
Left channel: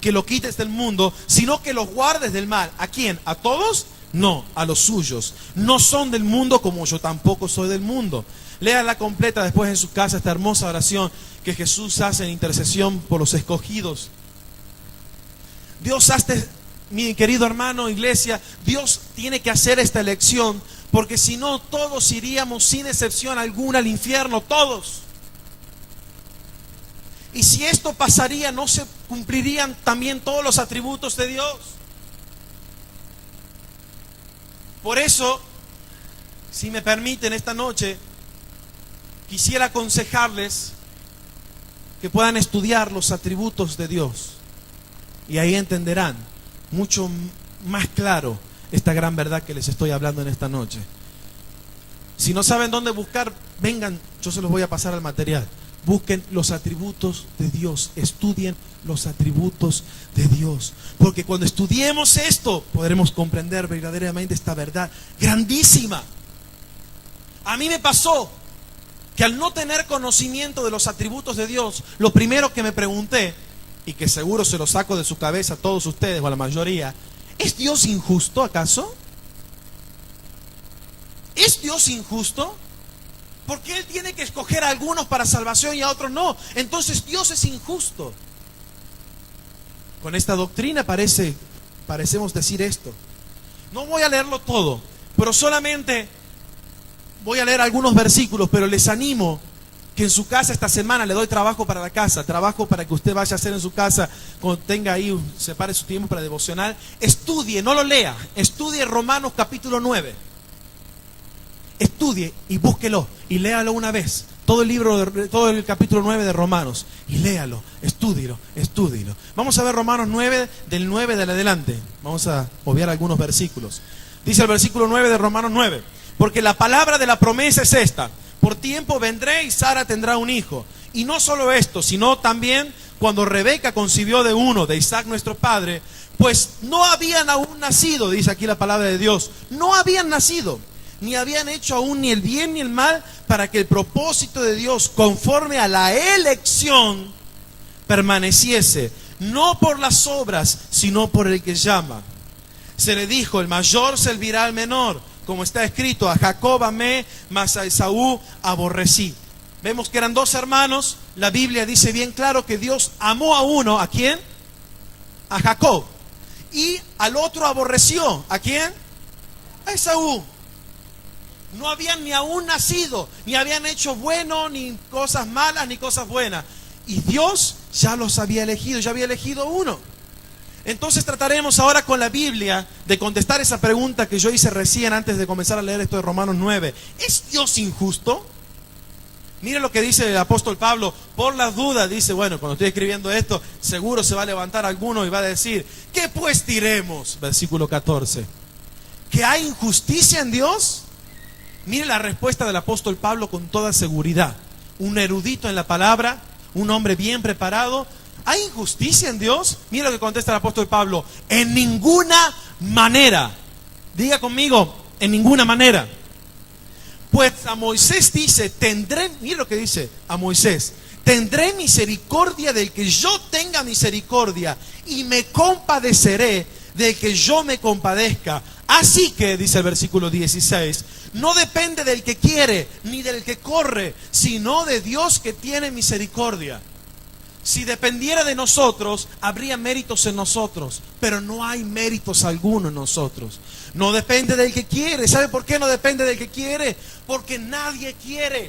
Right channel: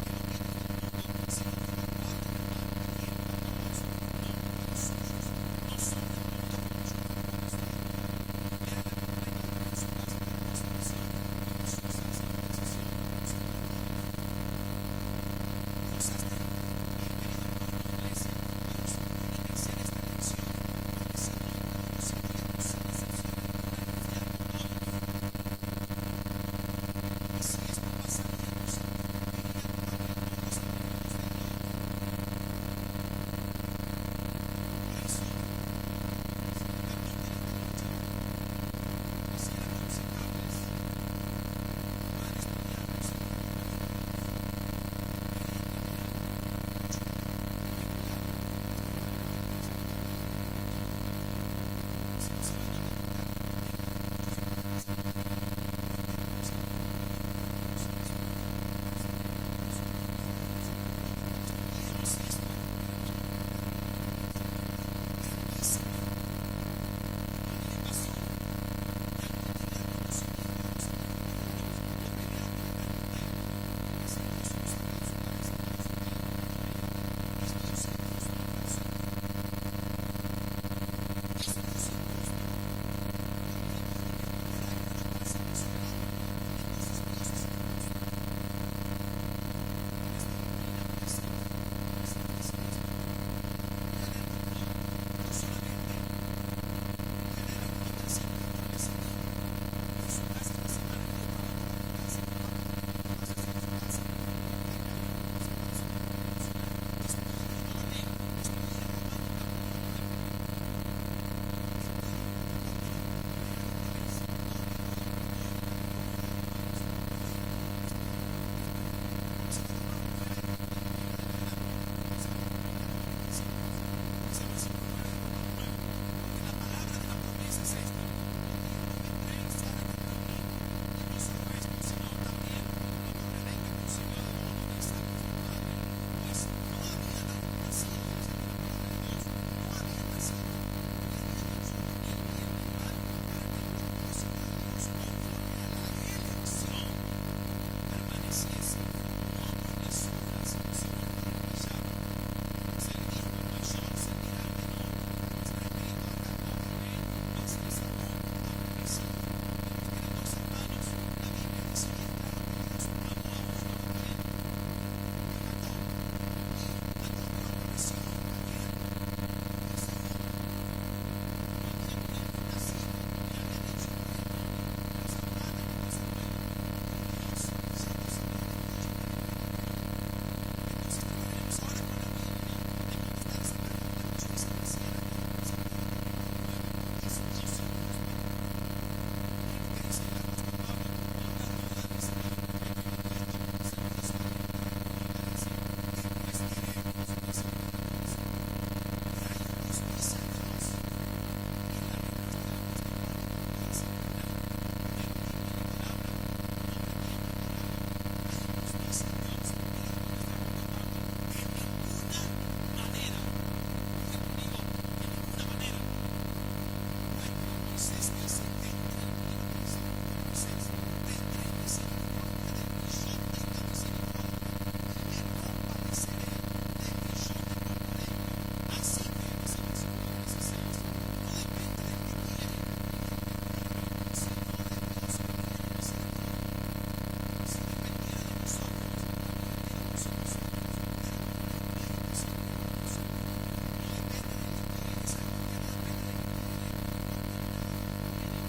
que lo quites del mundo, sino que los guardes del mal. ¿A quién? ¿A todos? No, a los suyos. No son del mundo, como yo tampoco soy del mundo. Léala completa después en su casa, esta hermosa oración que Jesús hace en intercesión por los escogidos. Dios hace, mi querido hermano, iglesia, Dios tiene que hacer esta elección, porque si no, todos iríamos sin excepción alguna al infierno, todos. Y si esto pasaría, no se cumplirían también todos los atributos de Dios. Por eso, si me permiten esta noche, quisiera aconsejarles que puedan estudiar los atributos de Dios, y ahí entenderán mucho más claro esta gran verdad que les estoy hablando en esta noche. Si no saben dónde buscar, vengan, yo se los voy a pasar al material. Busquen los atributos de Dios, estudien los atributos de Dios, porque cuando estudiemos esto podremos comprender verdaderamente esta verdad grandísima. A mí me pasó que al no tener conocimiento de los atributos de Dios, lo primero que me pregunté, y que seguro se lo saco de su cabeza a todos ustedes o a la mayoría, ¿es Dios injusto acaso? ¿Es Dios injusto? ¿Por qué Él tiene que escoger a algunos para salvación y a otros no? Entonces Dios es injusto. Con esta doctrina parecemos decir esto. No voy a leerlo todo, pero solamente voy a leer algunos versículos, pero les animo que en su casa esta semana, le doy trabajo para la casa, trabajo para que usted vaya a hacer en su casa, cuando tenga ahí, separe su tiempo para devocional, estudie, no lo lea, estudie Romanos capítulo 9. Estudie y búsquelo y léalo una vez. todo el libro, todo el capítulo 9 de Romanos, y léalo, estúdielo. Vamos a ver Romanos 9, del 9 de adelante. Vamos a obviar algunos versículos. Dice el versículo 9 de Romanos 9: porque la palabra de la promesa es esta: por tiempo vendré y Sara tendrá un hijo. Y no solo esto, sino también cuando Rebeca concibió de uno, de Isaac nuestro padre, pues no habían aún nacido, dice aquí la palabra de Dios, no habían nacido, ni habían hecho aún ni el bien ni el mal, para que el propósito de Dios, conforme a la elección, permaneciese, no por las obras, sino por el que llama. Se le dijo: el mayor servirá al menor, como está escrito: a Jacob amé, mas a Esaú aborrecí. Vemos que eran dos hermanos. La Biblia dice bien claro que Dios amó a uno. ¿A quién? A Jacob. Y al otro aborreció. ¿A quién? A Esaú. No habían ni aún nacido, ni habían hecho bueno, ni cosas malas, ni cosas buenas. Y Dios ya los había elegido, ya había elegido uno. Entonces trataremos ahora con la Biblia de contestar esa pregunta que yo hice recién antes de comenzar a leer esto de Romanos 9. ¿Es Dios injusto? Mire lo que dice el apóstol Pablo. Por las dudas dice, bueno, cuando estoy escribiendo esto, seguro se va a levantar alguno y va a decir: ¿qué pues diremos? Versículo 14. ¿Que hay injusticia en Dios? Mire la respuesta del apóstol Pablo con toda seguridad. Un erudito en la palabra, un hombre bien preparado. ¿Hay injusticia en Dios? Mira lo que contesta el apóstol Pablo: en ninguna manera. Diga conmigo: en ninguna manera. Pues a Moisés dice: mira lo que dice a Moisés: tendré misericordia del que yo tenga misericordia, y me compadeceré del que yo me compadezca. Así que, dice el versículo 16, no depende del que quiere, ni del que corre, sino de Dios que tiene misericordia. Si dependiera de nosotros, habría méritos en nosotros, pero no hay méritos alguno en nosotros. No depende del que quiere. ¿Sabe por qué no depende del que quiere? Porque nadie quiere.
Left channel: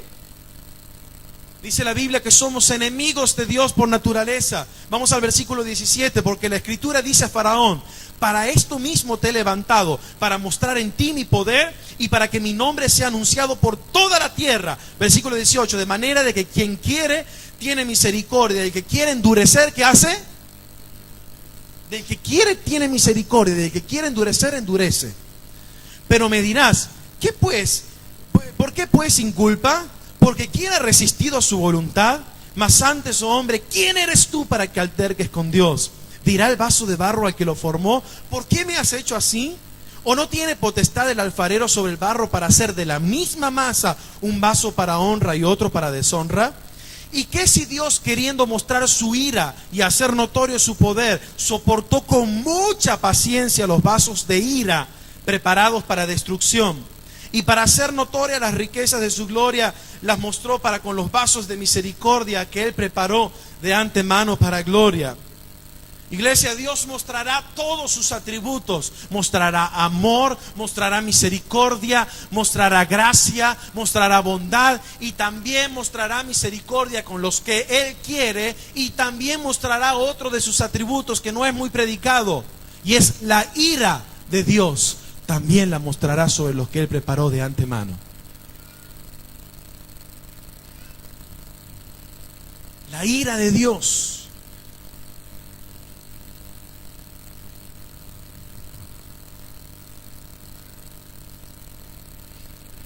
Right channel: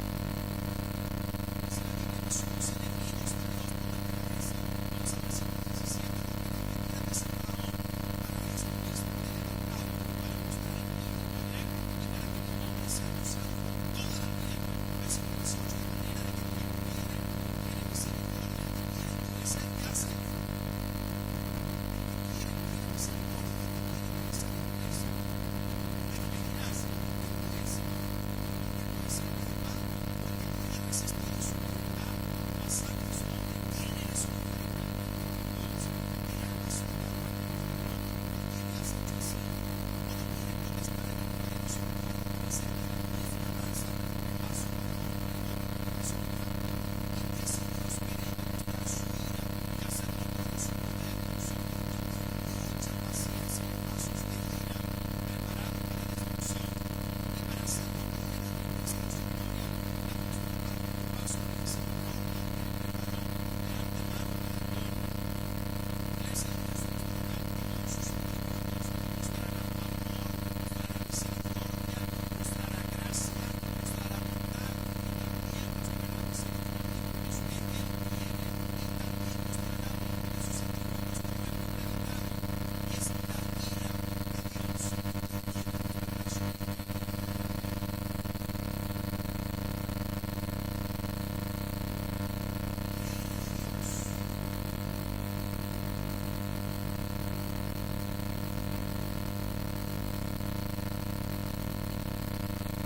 Dice la Biblia que somos enemigos de Dios por naturaleza. Vamos al versículo 17, porque la Escritura dice a Faraón: para esto mismo te he levantado, para mostrar en ti mi poder y para que mi nombre sea anunciado por toda la tierra. Versículo 18, de manera de que quien quiere tiene misericordia, del que quiere endurecer, ¿qué hace? Del que quiere tiene misericordia, del que quiere endurecer, endurece. Pero me dirás: ¿qué pues? ¿Por qué pues sin culpa? Porque ¿quién ha resistido a su voluntad? Mas antes, oh hombre, ¿quién eres tú para que alterques con Dios? Dirá el vaso de barro al que lo formó: ¿por qué me has hecho así? ¿O no tiene potestad el alfarero sobre el barro para hacer de la misma masa un vaso para honra y otro para deshonra? ¿Y qué si Dios, queriendo mostrar su ira y hacer notorio su poder, soportó con mucha paciencia los vasos de ira preparados para destrucción, y para hacer notorias las riquezas de su gloria las mostró para con los vasos de misericordia que Él preparó de antemano para gloria? Iglesia, Dios mostrará todos sus atributos. Mostrará amor, mostrará misericordia, mostrará gracia, mostrará bondad, y también mostrará misericordia con los que Él quiere, y también mostrará otro de sus atributos que no es muy predicado, y es la ira de Dios. También la mostrará sobre los que Él preparó de antemano. La ira de Dios.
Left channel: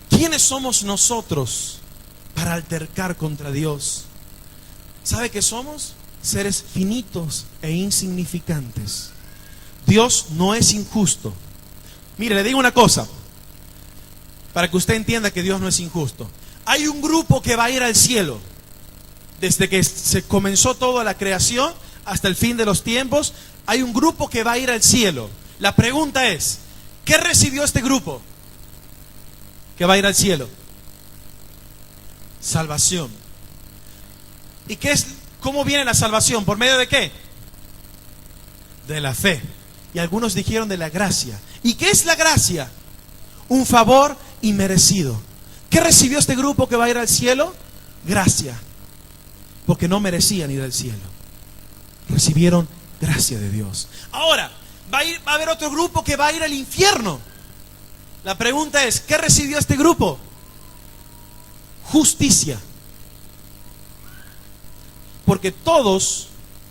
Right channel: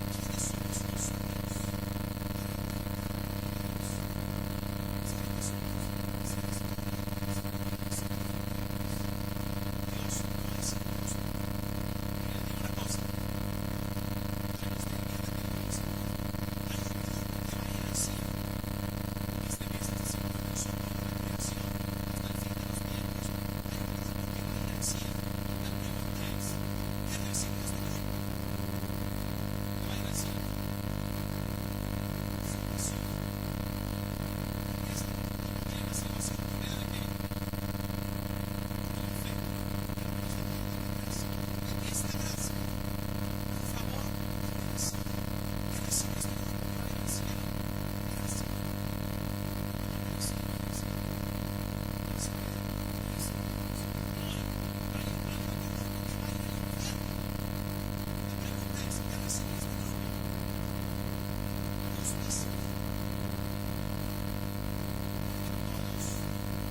¿Quiénes somos nosotros para altercar contra Dios? ¿Sabe qué somos? Seres finitos e insignificantes. Dios no es injusto. Mire, le digo una cosa, para que usted entienda que Dios no es injusto. Hay un grupo que va a ir al cielo. Desde que se comenzó toda la creación hasta el fin de los tiempos, hay un grupo que va a ir al cielo. La pregunta es: ¿qué recibió este grupo que va a ir al cielo? Salvación. ¿Y cómo viene la salvación? ¿Por medio de qué? De la fe. Y algunos dijeron de la gracia. ¿Y qué es la gracia? Un favor inmerecido. ¿Qué recibió este grupo que va a ir al cielo? Gracia. Porque no merecían ir al cielo. Recibieron gracia de Dios. Ahora, va a haber otro grupo que va a ir al infierno. La pregunta es: ¿qué recibió este grupo? Justicia. Porque todos,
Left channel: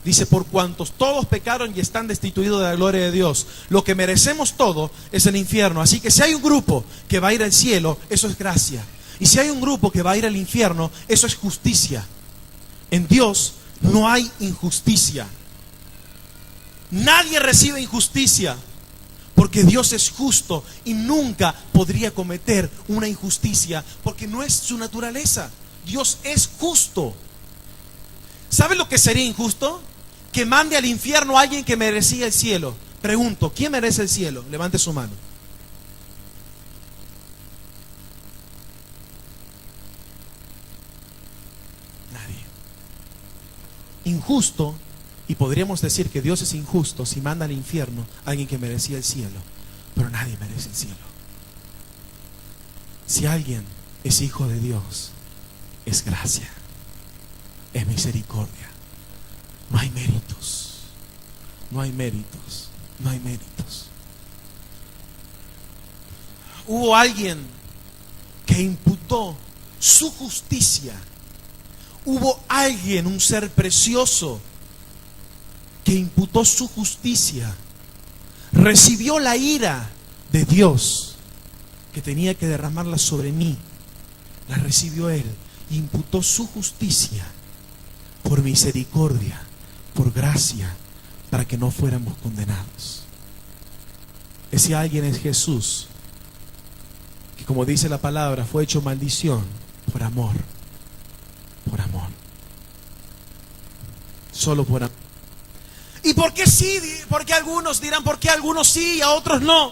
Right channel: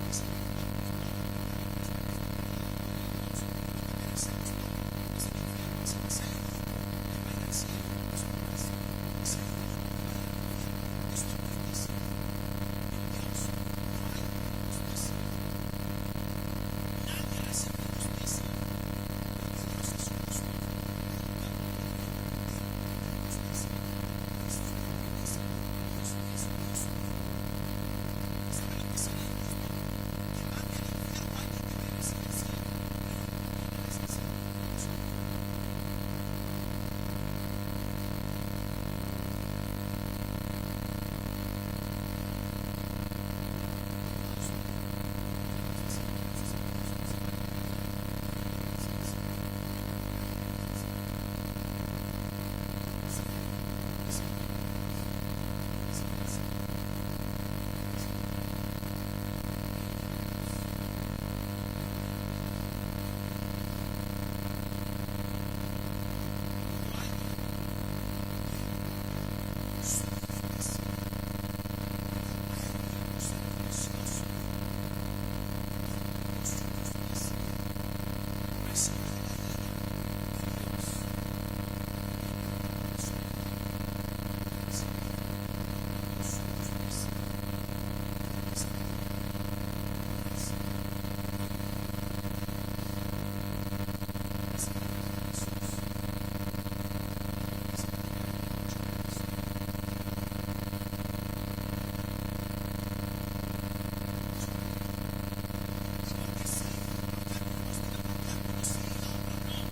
dice, por cuantos todos pecaron y están destituidos de la gloria de Dios, lo que merecemos todo es el infierno. Así que si hay un grupo que va a ir al cielo, eso es gracia. Y si hay un grupo que va a ir al infierno, eso es justicia. En Dios no hay injusticia. Nadie recibe injusticia, porque Dios es justo y nunca podría cometer una injusticia, porque no es su naturaleza. Dios es justo. ¿Sabe lo que sería injusto? Que mande al infierno a alguien que merecía el cielo. Pregunto, ¿quién merece el cielo? Levante su mano. Nadie. Injusto, y podríamos decir que Dios es injusto si manda al infierno a alguien que merecía el cielo. Pero nadie merece el cielo. Si alguien es hijo de Dios, es gracia, es misericordia. No hay méritos, no hay méritos, no hay méritos. Hubo alguien que imputó su justicia. Hubo alguien, un ser precioso, que imputó su justicia. Recibió la ira de Dios que tenía que derramarla sobre mí. La recibió Él. Imputó su justicia por misericordia, por gracia, para que no fuéramos condenados. Ese alguien es Jesús, que como dice la palabra, fue hecho maldición por amor. Por amor. Solo por amor. ¿Y por qué sí? Porque algunos dirán, ¿por qué algunos sí y a otros no?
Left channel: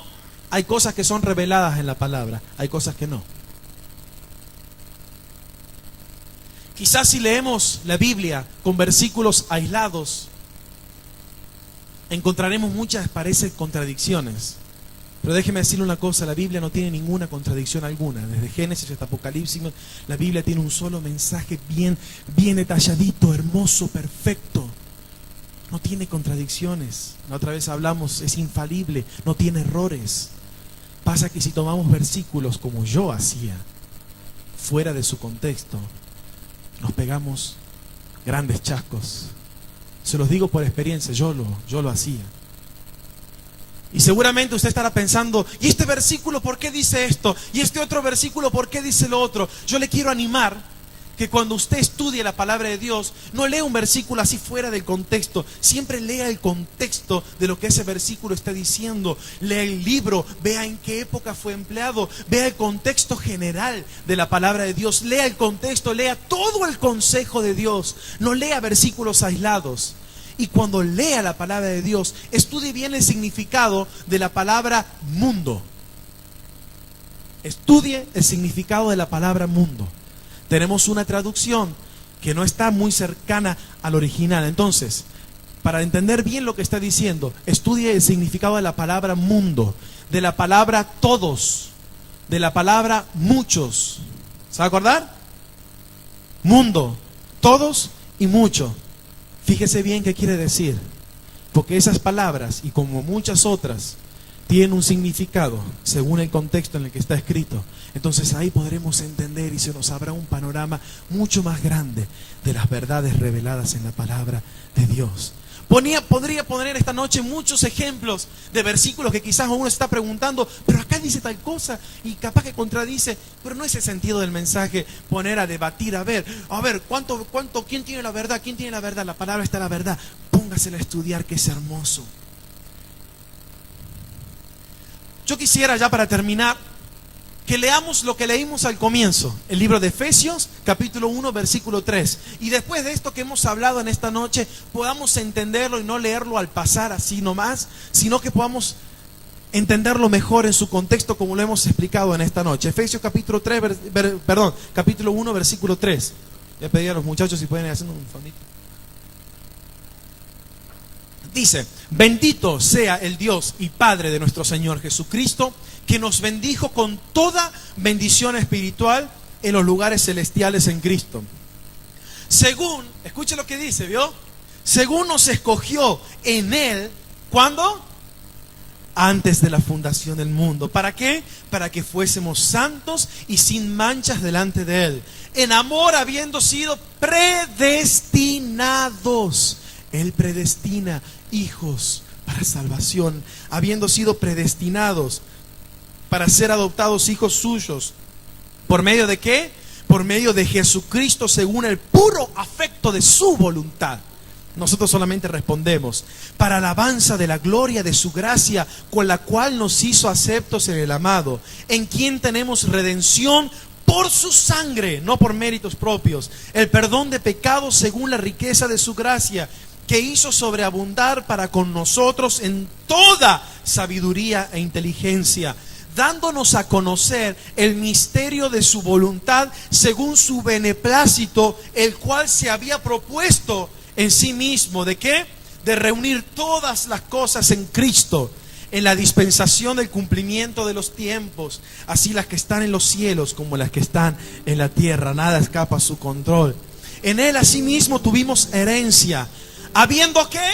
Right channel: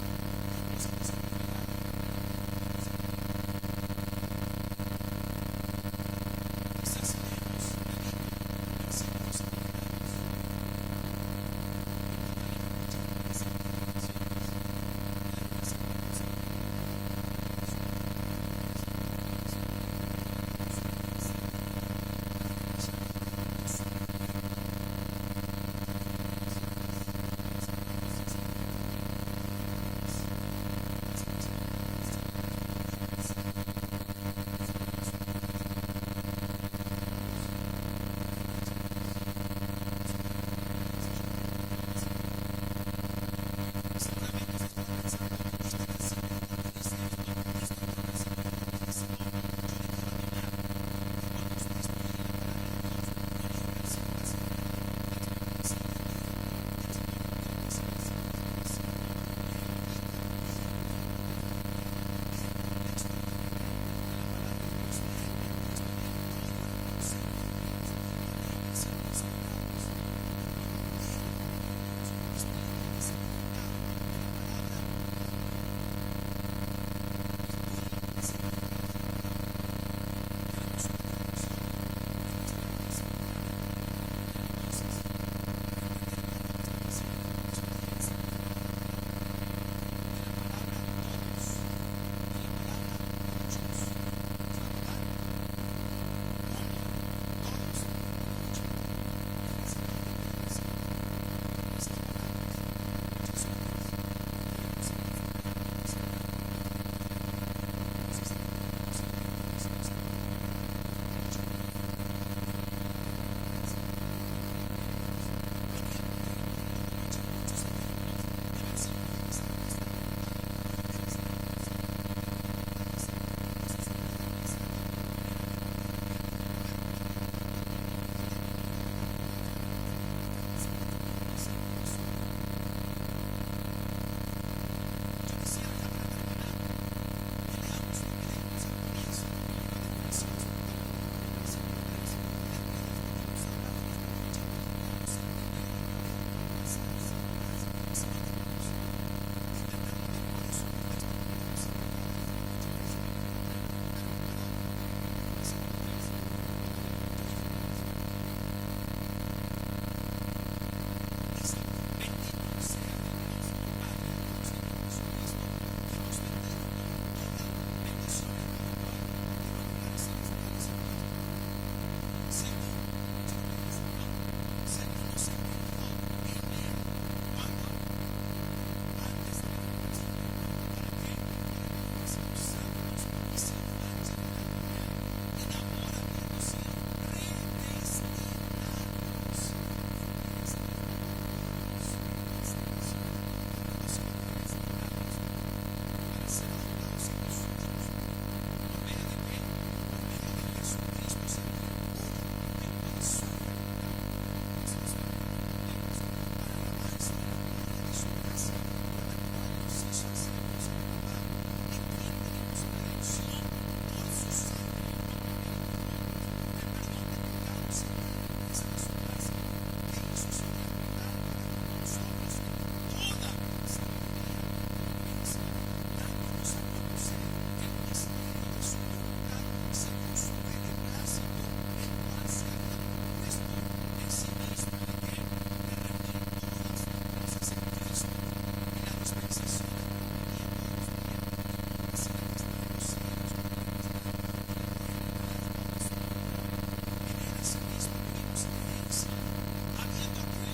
Hay cosas que son reveladas en la palabra, hay cosas que no. Quizás si leemos la Biblia con versículos aislados, encontraremos muchas, parece, contradicciones. Pero déjeme decirle una cosa, la Biblia no tiene ninguna contradicción alguna. Desde Génesis hasta Apocalipsis, la Biblia tiene un solo mensaje bien detalladito, hermoso, perfecto. No tiene contradicciones. Otra vez hablamos, es infalible, no tiene errores. Pasa que si tomamos versículos como yo hacía, fuera de su contexto, nos pegamos grandes chascos. Se los digo por experiencia, yo lo hacía. Y seguramente usted estará pensando, ¿y este versículo por qué dice esto? ¿Y este otro versículo por qué dice lo otro? Yo le quiero animar que cuando usted estudie la palabra de Dios, no lea un versículo así fuera del contexto. Siempre lea el contexto de lo que ese versículo está diciendo. Lea el libro, vea en qué época fue empleado, vea el contexto general de la palabra de Dios. Lea el contexto, lea todo el consejo de Dios. No lea versículos aislados. Y cuando lea la palabra de Dios, estudie bien el significado de la palabra mundo. Estudie el significado de la palabra mundo. Tenemos una traducción que no está muy cercana al original. Entonces, para entender bien lo que está diciendo, estudie el significado de la palabra mundo, de la palabra todos, de la palabra muchos. ¿Se va a acordar? Mundo, todos y mucho. Fíjese bien qué quiere decir, porque esas palabras, y como muchas otras, tienen un significado según el contexto en el que está escrito. Entonces ahí podremos entender y se nos abrirá un panorama mucho más grande de las verdades reveladas en la palabra de Dios. Podría poner esta noche muchos ejemplos de versículos que quizás uno está preguntando, pero acá dice tal cosa y capaz que contradice, pero no es el sentido del mensaje poner a debatir, a ver, ¿quién tiene la verdad? ¿Quién tiene la verdad? La palabra está la verdad. Póngasela a estudiar, que es hermoso. Yo quisiera ya para terminar que leamos lo que leímos al comienzo, el libro de Efesios, capítulo 1, versículo 3. Y después de esto que hemos hablado en esta noche, podamos entenderlo y no leerlo al pasar así nomás, sino que podamos entenderlo mejor en su contexto como lo hemos explicado en esta noche. Efesios capítulo 1, versículo 3. Le pedí a los muchachos si pueden ir haciendo con familia. Dice: bendito sea el Dios y Padre de nuestro Señor Jesucristo, que nos bendijo con toda bendición espiritual en los lugares celestiales en Cristo. Según, escuche lo que dice, ¿vio? Según nos escogió en Él, ¿cuándo? antes de la fundación del mundo. ¿Para qué? Para que fuésemos santos y sin manchas delante de Él, en amor habiendo sido predestinados. Él predestina hijos para salvación, habiendo sido predestinados para ser adoptados hijos suyos. ¿Por medio de qué? Por medio de Jesucristo, según el puro afecto de su voluntad. Nosotros solamente respondemos: para alabanza de la gloria de su gracia, con la cual nos hizo aceptos en el amado, en quien tenemos redención por su sangre, no por méritos propios, el perdón de pecados según la riqueza de su gracia, que hizo sobreabundar para con nosotros en toda sabiduría e inteligencia, dándonos a conocer el misterio de su voluntad según su beneplácito, el cual se había propuesto en sí mismo. ¿De qué? De reunir todas las cosas en Cristo, en la dispensación del cumplimiento de los tiempos, así las que están en los cielos como las que están en la tierra. Nada escapa a su control. En Él asimismo tuvimos herencia, habiendo ¿qué?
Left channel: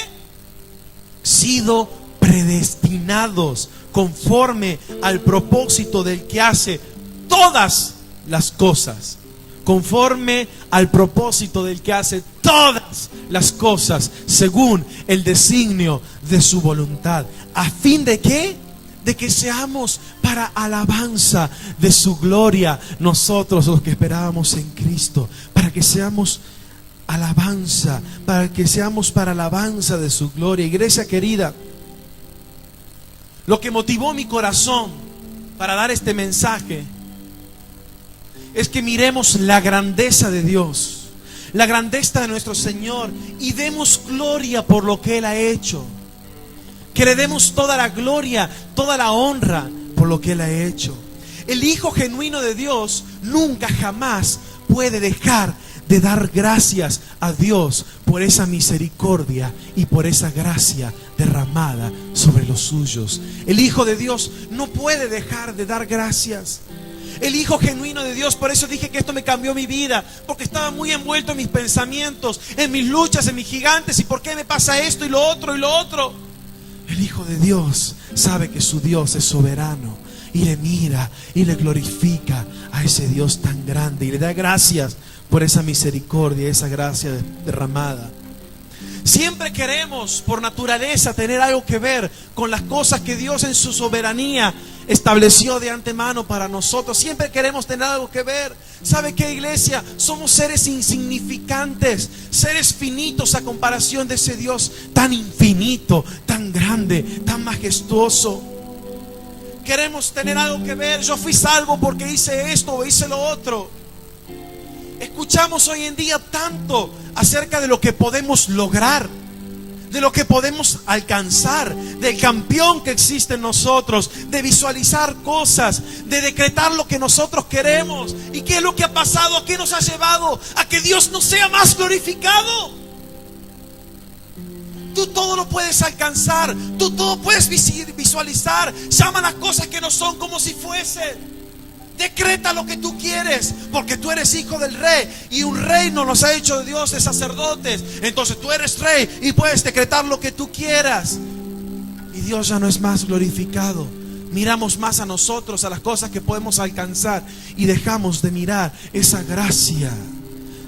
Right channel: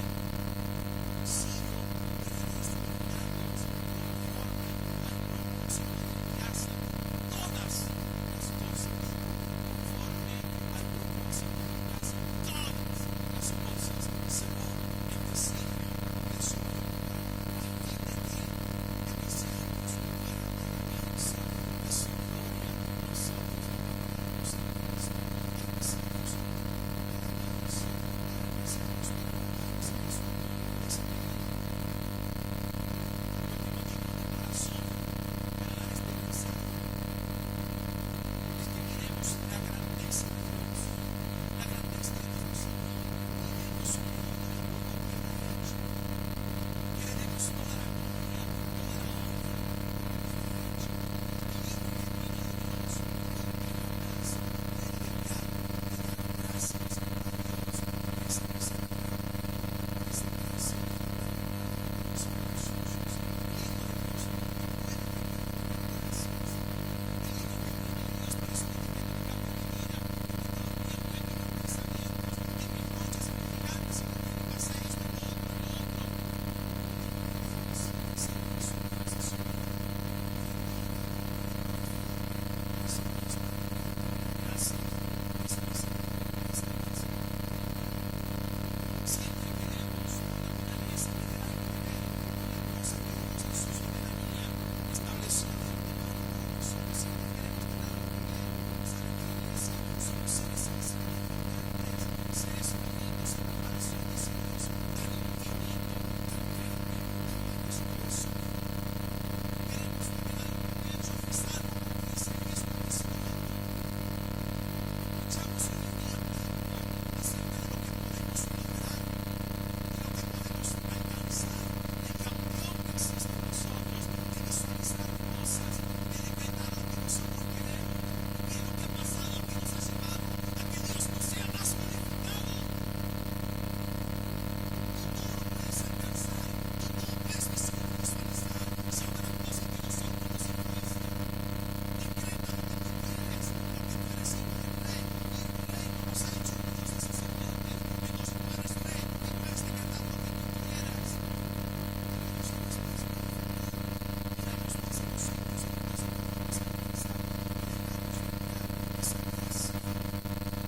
Sido predestinados conforme al propósito del que hace todas las cosas. Conforme al propósito del que hace todas las cosas, según el designio de su voluntad. ¿A fin de qué? De que seamos para alabanza de su gloria, nosotros los que esperábamos en Cristo, para que seamos alabanza, para que seamos para alabanza de su gloria. Iglesia querida, lo que motivó mi corazón para dar este mensaje es que miremos la grandeza de Dios, la grandeza de nuestro Señor, y demos gloria por lo que Él ha hecho. Que le demos toda la gloria, toda la honra por lo que Él ha hecho. El Hijo genuino de Dios nunca jamás puede dejar de dar gracias a Dios por esa misericordia y por esa gracia derramada sobre los suyos. El Hijo de Dios no puede dejar de dar gracias. El Hijo genuino de Dios, por eso dije que esto me cambió mi vida, porque estaba muy envuelto en mis pensamientos, en mis luchas, en mis gigantes, y por qué me pasa esto y lo otro y lo otro. El Hijo de Dios sabe que su Dios es soberano y le mira y le glorifica a ese Dios tan grande y le da gracias por esa misericordia, esa gracia derramada. Siempre queremos por naturaleza tener algo que ver con las cosas que Dios en su soberanía estableció de antemano para nosotros. Siempre queremos tener algo que ver. ¿Sabe qué, iglesia? Somos seres insignificantes, seres finitos a comparación de ese Dios tan infinito, tan grande, tan majestuoso. Queremos tener algo que ver. Yo fui salvo porque hice esto o hice lo otro. Escuchamos hoy en día tanto acerca de lo que podemos lograr, de lo que podemos alcanzar, del campeón que existe en nosotros, de visualizar cosas, de decretar lo que nosotros queremos. ¿Y qué es lo que ha pasado? ¿A qué nos ha llevado? A que Dios no sea más glorificado. Tú todo lo puedes alcanzar, tú todo puedes visualizar. Llama las cosas que no son como si fuesen. Decreta lo que tú quieres, porque tú eres hijo del rey, y un reino nos ha hecho Dios de sacerdotes. Entonces tú eres rey y puedes decretar lo que tú quieras, y Dios ya no es más glorificado. Miramos más a nosotros, a las cosas que podemos alcanzar, y dejamos de mirar esa gracia,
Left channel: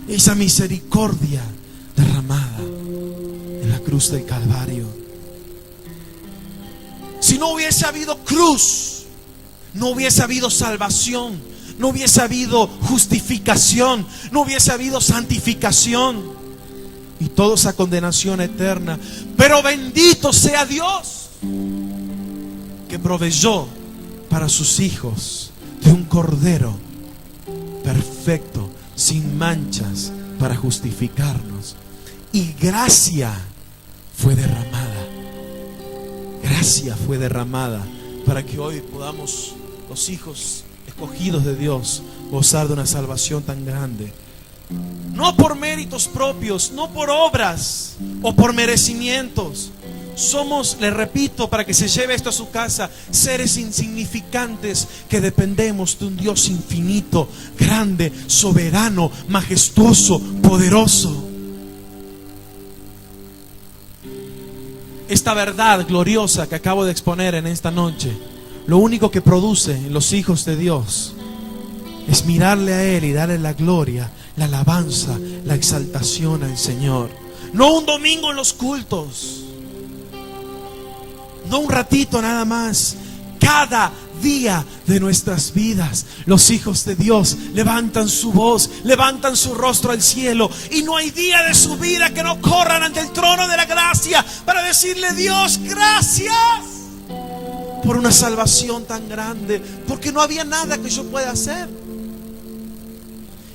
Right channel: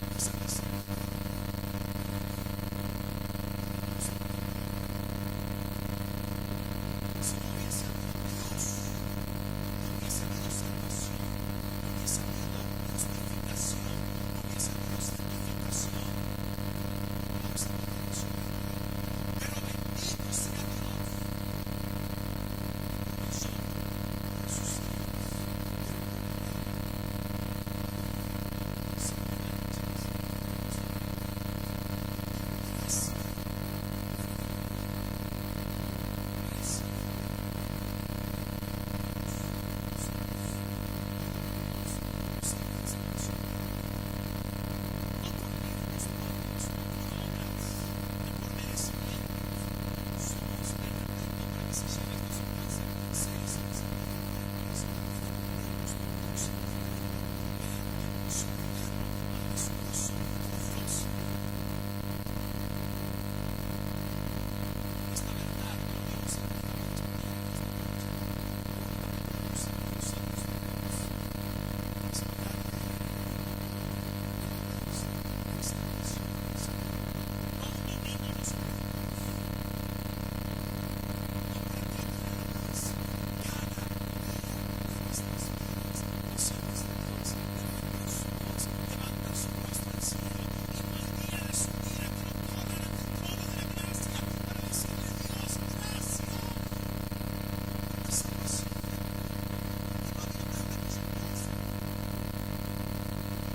esa misericordia derramada en la cruz del Calvario. Si no hubiese habido cruz, no hubiese habido salvación, no hubiese habido justificación, no hubiese habido santificación, y toda esa condenación eterna. Pero bendito sea Dios que proveyó para sus hijos de un cordero perfecto, sin manchas, para justificarnos. Y gracia fue derramada. Gracia fue derramada para que hoy podamos, los hijos escogidos de Dios, gozar de una salvación tan grande. No por méritos propios, no por obras o por merecimientos. Somos, le repito, para que se lleve esto a su casa, seres insignificantes que dependemos de un Dios infinito, grande, soberano, majestuoso, poderoso. esta verdad gloriosa que acabo de exponer en esta noche, lo único que produce en los hijos de Dios es mirarle a Él y darle la gloria, la alabanza, la exaltación al Señor. No un domingo en los cultos, no un ratito nada más. Cada día de nuestras vidas, los hijos de Dios levantan su voz, levantan su rostro al cielo, y no hay día de su vida que no corran ante el trono de la gracia para decirle: Dios, gracias por una salvación tan grande, porque no había nada que yo pueda hacer.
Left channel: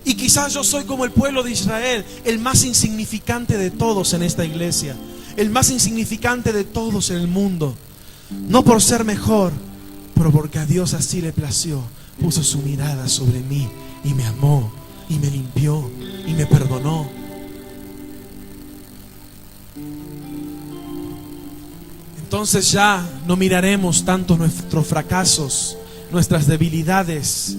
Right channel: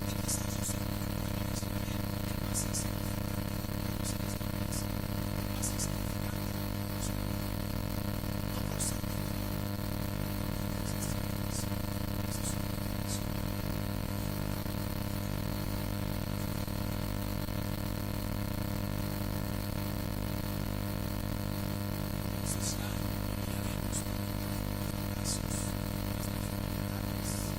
Y quizás yo soy como el pueblo de Israel, el más insignificante de todos en esta iglesia, el más insignificante de todos en el mundo. No por ser mejor, pero porque a Dios así le plació. Puso su mirada sobre mí y me amó y me limpió y me perdonó. Entonces ya no miraremos tanto nuestros fracasos, nuestras debilidades,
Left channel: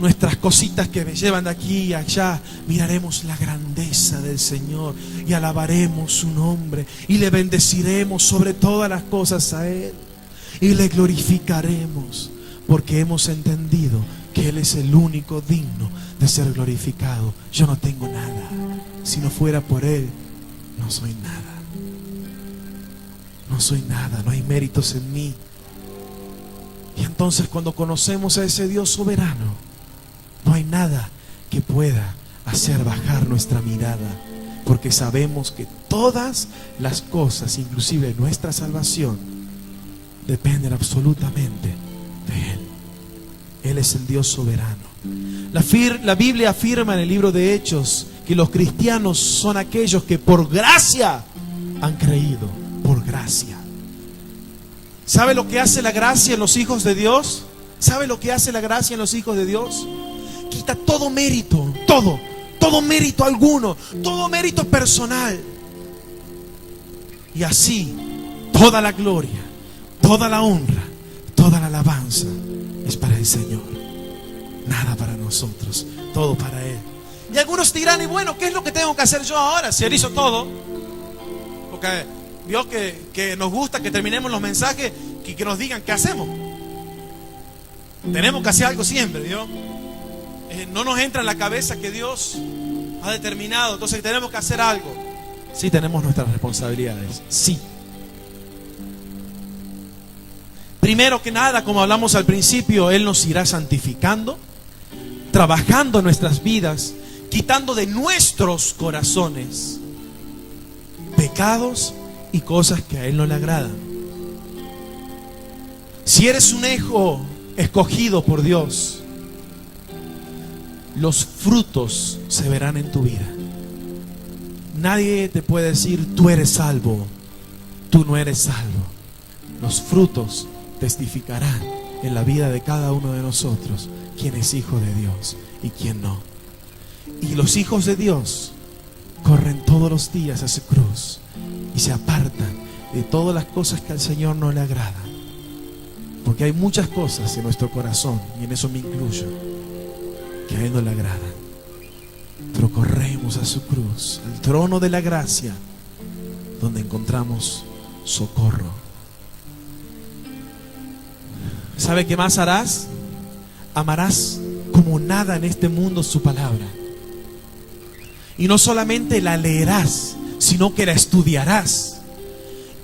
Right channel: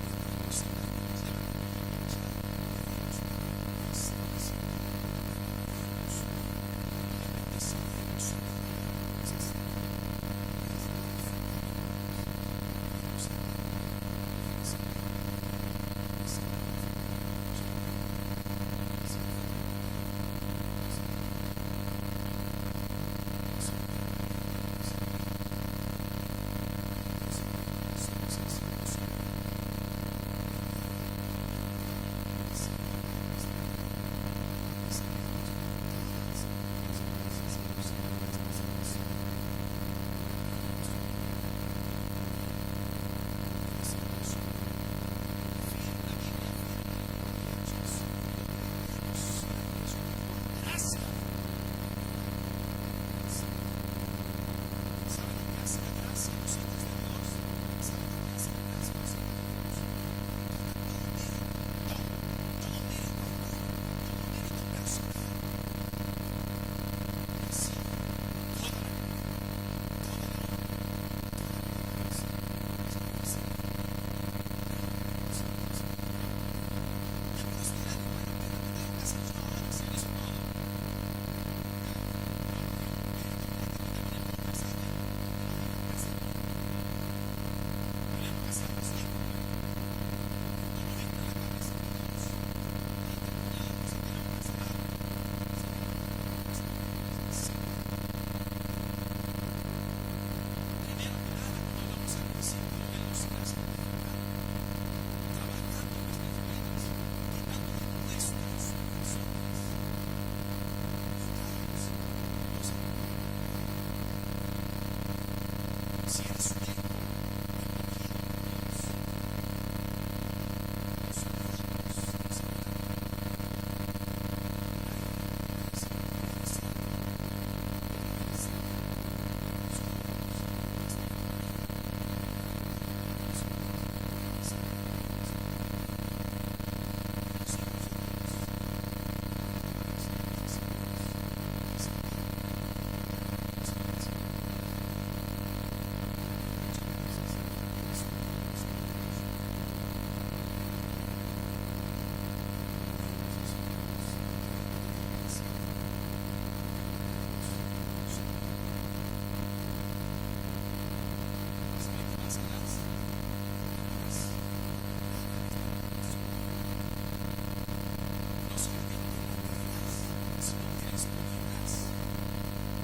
nuestras cositas que me llevan de aquí y allá. Miraremos la grandeza del Señor y alabaremos su nombre y le bendeciremos sobre todas las cosas a Él y le glorificaremos, porque hemos entendido que Él es el único digno de ser glorificado. Yo no tengo nada. Si no fuera por Él, no soy nada. No soy nada, no hay méritos en mí. Y entonces, cuando conocemos a ese Dios soberano, no hay nada que pueda hacer bajar nuestra mirada, porque sabemos que todas las cosas, inclusive nuestra salvación, dependen absolutamente de Él. Él es el Dios soberano. La Biblia afirma en el libro de Hechos que los cristianos son aquellos que por gracia han creído. Por gracia. ¿Sabe lo que hace la gracia en los hijos de Dios? ¿Sabe lo que hace la gracia en los hijos de Dios? Quita todo mérito, todo mérito alguno, todo mérito personal. Y así, toda la gloria, toda la honra, toda la alabanza es para el Señor. Nada para nosotros, todo para Él. Y algunos dirán: y bueno, ¿qué es lo que tengo que hacer yo ahora? Si Él hizo todo. Porque Dios que nos gusta que terminemos los mensajes y que nos digan qué hacemos. Tenemos que hacer algo siempre, Dios. No nos entra en la cabeza que Dios ha determinado, entonces tenemos que hacer algo. Sí, tenemos nuestras responsabilidades, sí. Primero que nada, como hablamos al principio, Él nos irá santificando, trabajando en nuestras vidas, quitando de nuestros corazones pecados y cosas que a Él no le agradan. Si eres un hijo escogido por Dios, los frutos se verán en tu vida. Nadie te puede decir: tú eres salvo, tú no eres salvo. Los frutos testificarán en la vida de cada uno de nosotros quién es hijo de Dios y quién no. Y los hijos de Dios corren todos los días a su cruz y se apartan de todas las cosas que al Señor no le agradan, porque hay muchas cosas en nuestro corazón, y en eso me incluyo, que a Él no le agradan. Pero corremos a su cruz, al trono de la gracia, donde encontramos socorro. ¿Sabe qué más harás? Amarás como nada en este mundo su palabra. Y no solamente la leerás, sino que la estudiarás.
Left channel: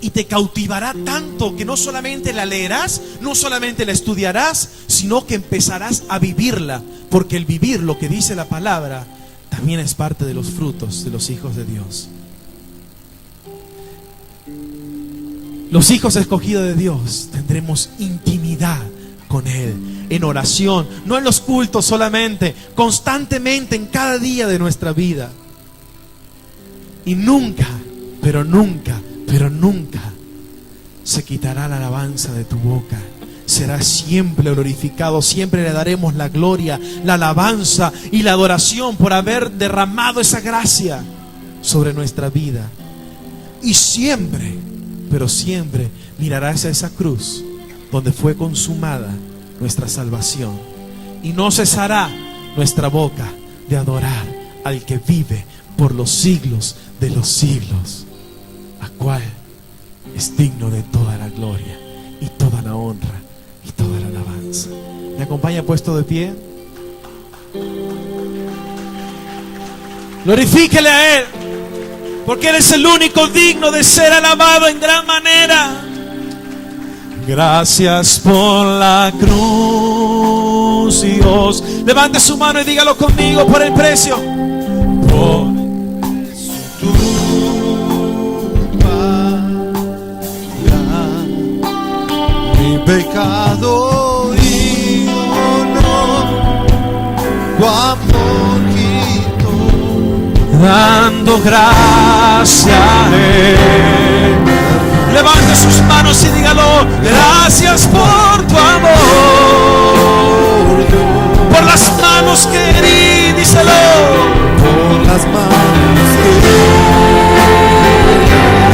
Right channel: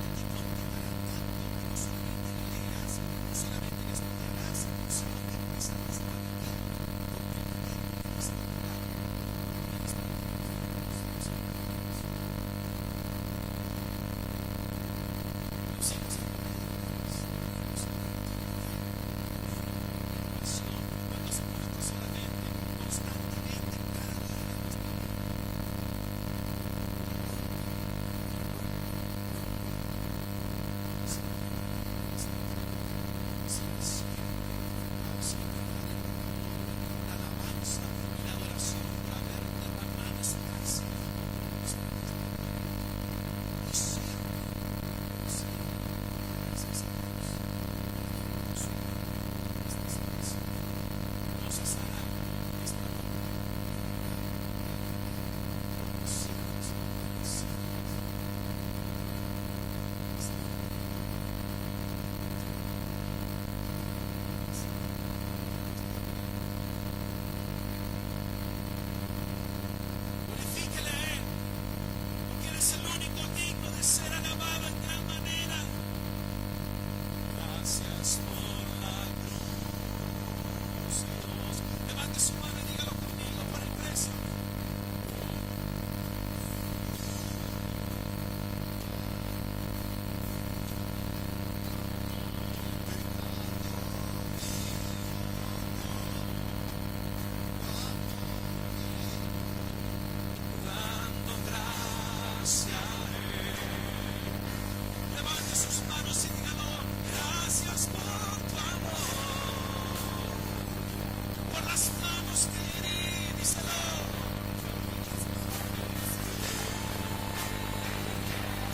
Y te cautivará tanto que no solamente la leerás, no solamente la estudiarás, sino que empezarás a vivirla. Porque el vivir lo que dice la palabra también es parte de los frutos de los hijos de Dios. Los hijos escogidos de Dios tendremos intimidad con Él, en oración, no en los cultos solamente, constantemente en cada día de nuestra vida. Y nunca, pero nunca se quitará la alabanza de tu boca. Será siempre glorificado, siempre le daremos la gloria, la alabanza y la adoración por haber derramado esa gracia sobre nuestra vida. Y siempre, pero siempre mirarás a esa cruz donde fue consumada nuestra salvación. Y no cesará nuestra boca de adorar al que vive por los siglos de los siglos, al cual es digno de toda la gloria y toda la honra y toda la alabanza. ¿Me acompaña puesto de pie? Glorifíquele a Él, porque Él es el único digno de ser alabado en gran manera. Gracias por la cruz, Dios. Levante su mano y dígalo conmigo: por el precio. Por tu mi pecado y honor, tu amor quitó, dando gracia a Él. Levante sus manos y dígalo: gracias por tu amor, por las manos que herí, díselo. por las manos que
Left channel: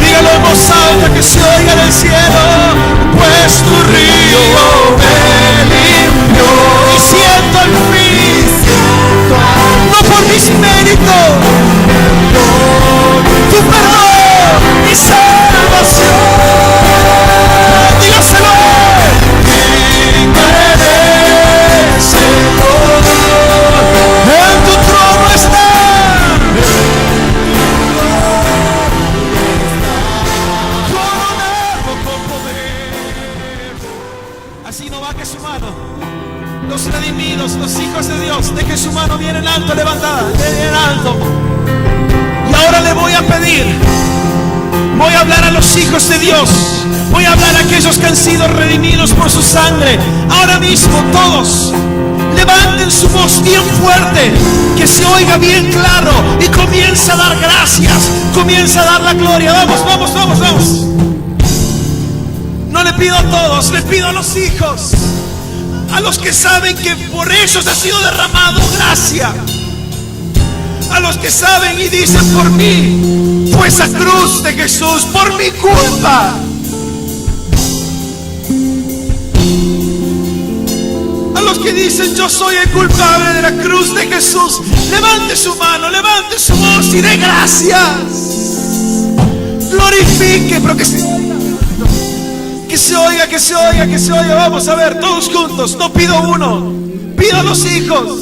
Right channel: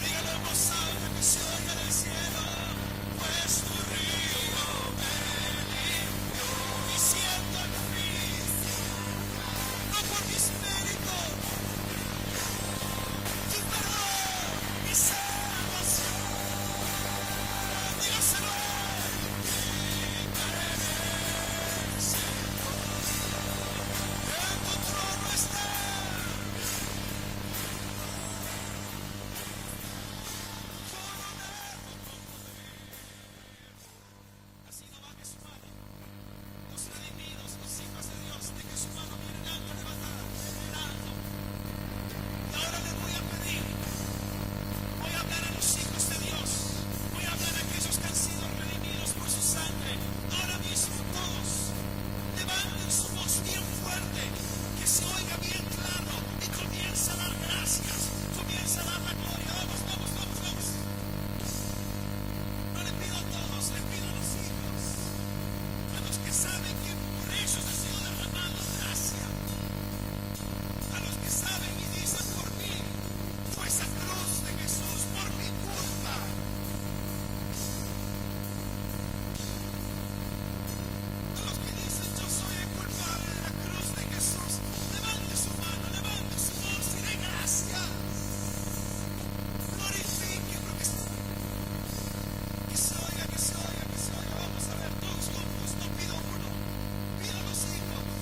Dígalo en voz alta, que se oiga del cielo. Pues tu río me limpió y siento al fin, no por mis méritos, tu perdón y salvación. Dígaselo. Digno eres, Señor, en tu trono está. Así no baje su mano. Los redimidos, los hijos de Dios, deje su mano bien en alto, levantada, bien en alto. Y ahora le voy a pedir, voy a hablar a los hijos de Dios, voy a hablar a aquellos que han sido redimidos por su sangre. Ahora mismo todos levanten su voz bien fuerte, que se oiga bien claro, y comienza a dar gracias, comienza a dar la gloria. Vamos, vamos, vamos, vamos. No le pido a todos, le pido a los hijos, a los que saben que por ellos ha sido derramado gracia, a los que saben y dicen: por mí fue esa cruz de Jesús, por mi culpa. A los que dicen: yo soy el culpable de la cruz de Jesús, levante su mano, levante su voz y dé gracias. Glorifique, pero que se oiga. Que se oiga, que se oiga, que se oiga. Vamos a ver, todos juntos. No pido uno, pido a los hijos.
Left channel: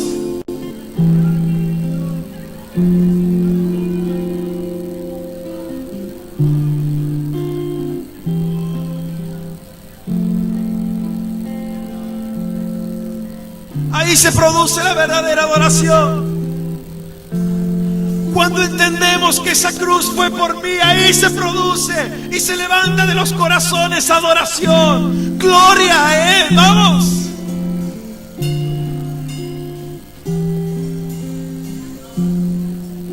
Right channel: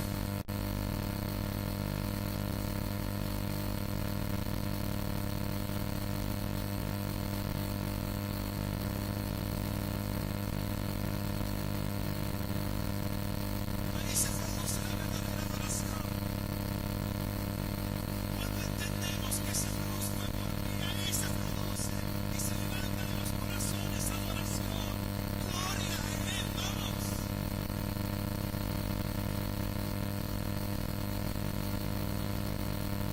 Ahí se produce la verdadera adoración. Cuando entendemos que esa cruz fue por mí, ahí se produce y se levanta de los corazones adoración, gloria a Él. Vamos.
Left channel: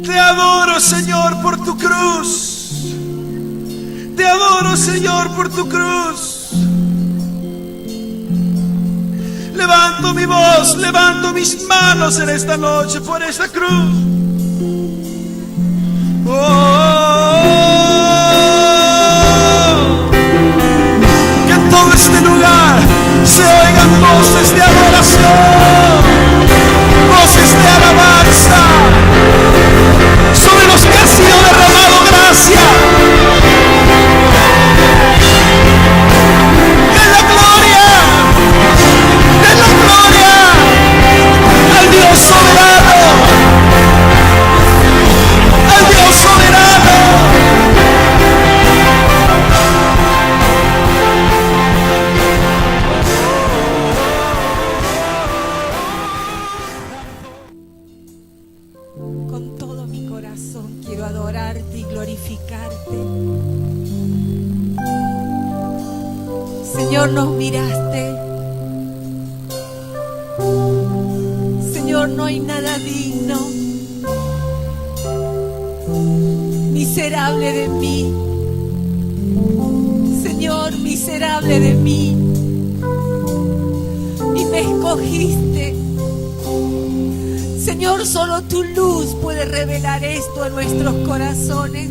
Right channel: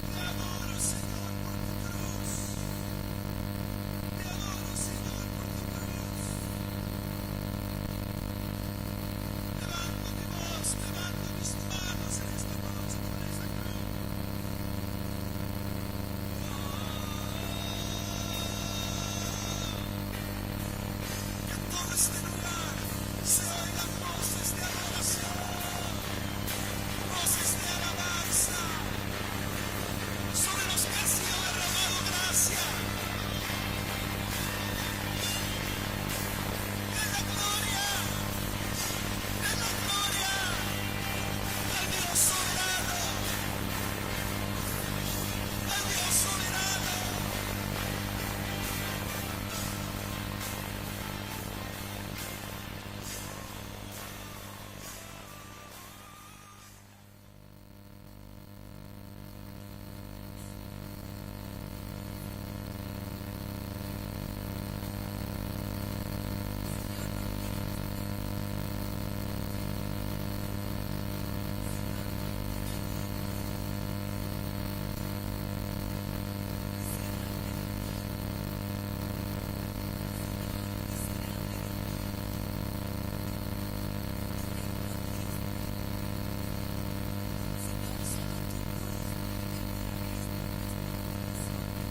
Te adoro, Señor, por tu cruz. Te adoro, Señor, por tu cruz. Levanto mi voz, levanto mis manos en esta noche por esta cruz. Que en todo este lugar se oigan voces de adoración, voces de alabanza sobre los que han sido derramado gracia. De la gloria al Dios soberano, al Dios soberano. Con todo mi corazón quiero adorarte y glorificarte. Señor, nos miraste. Señor, no hay nada digno. Miserable de mí. Señor, miserable de mí. Y me escogiste. Señor, solo tu luz puede revelar esto en nuestros corazones.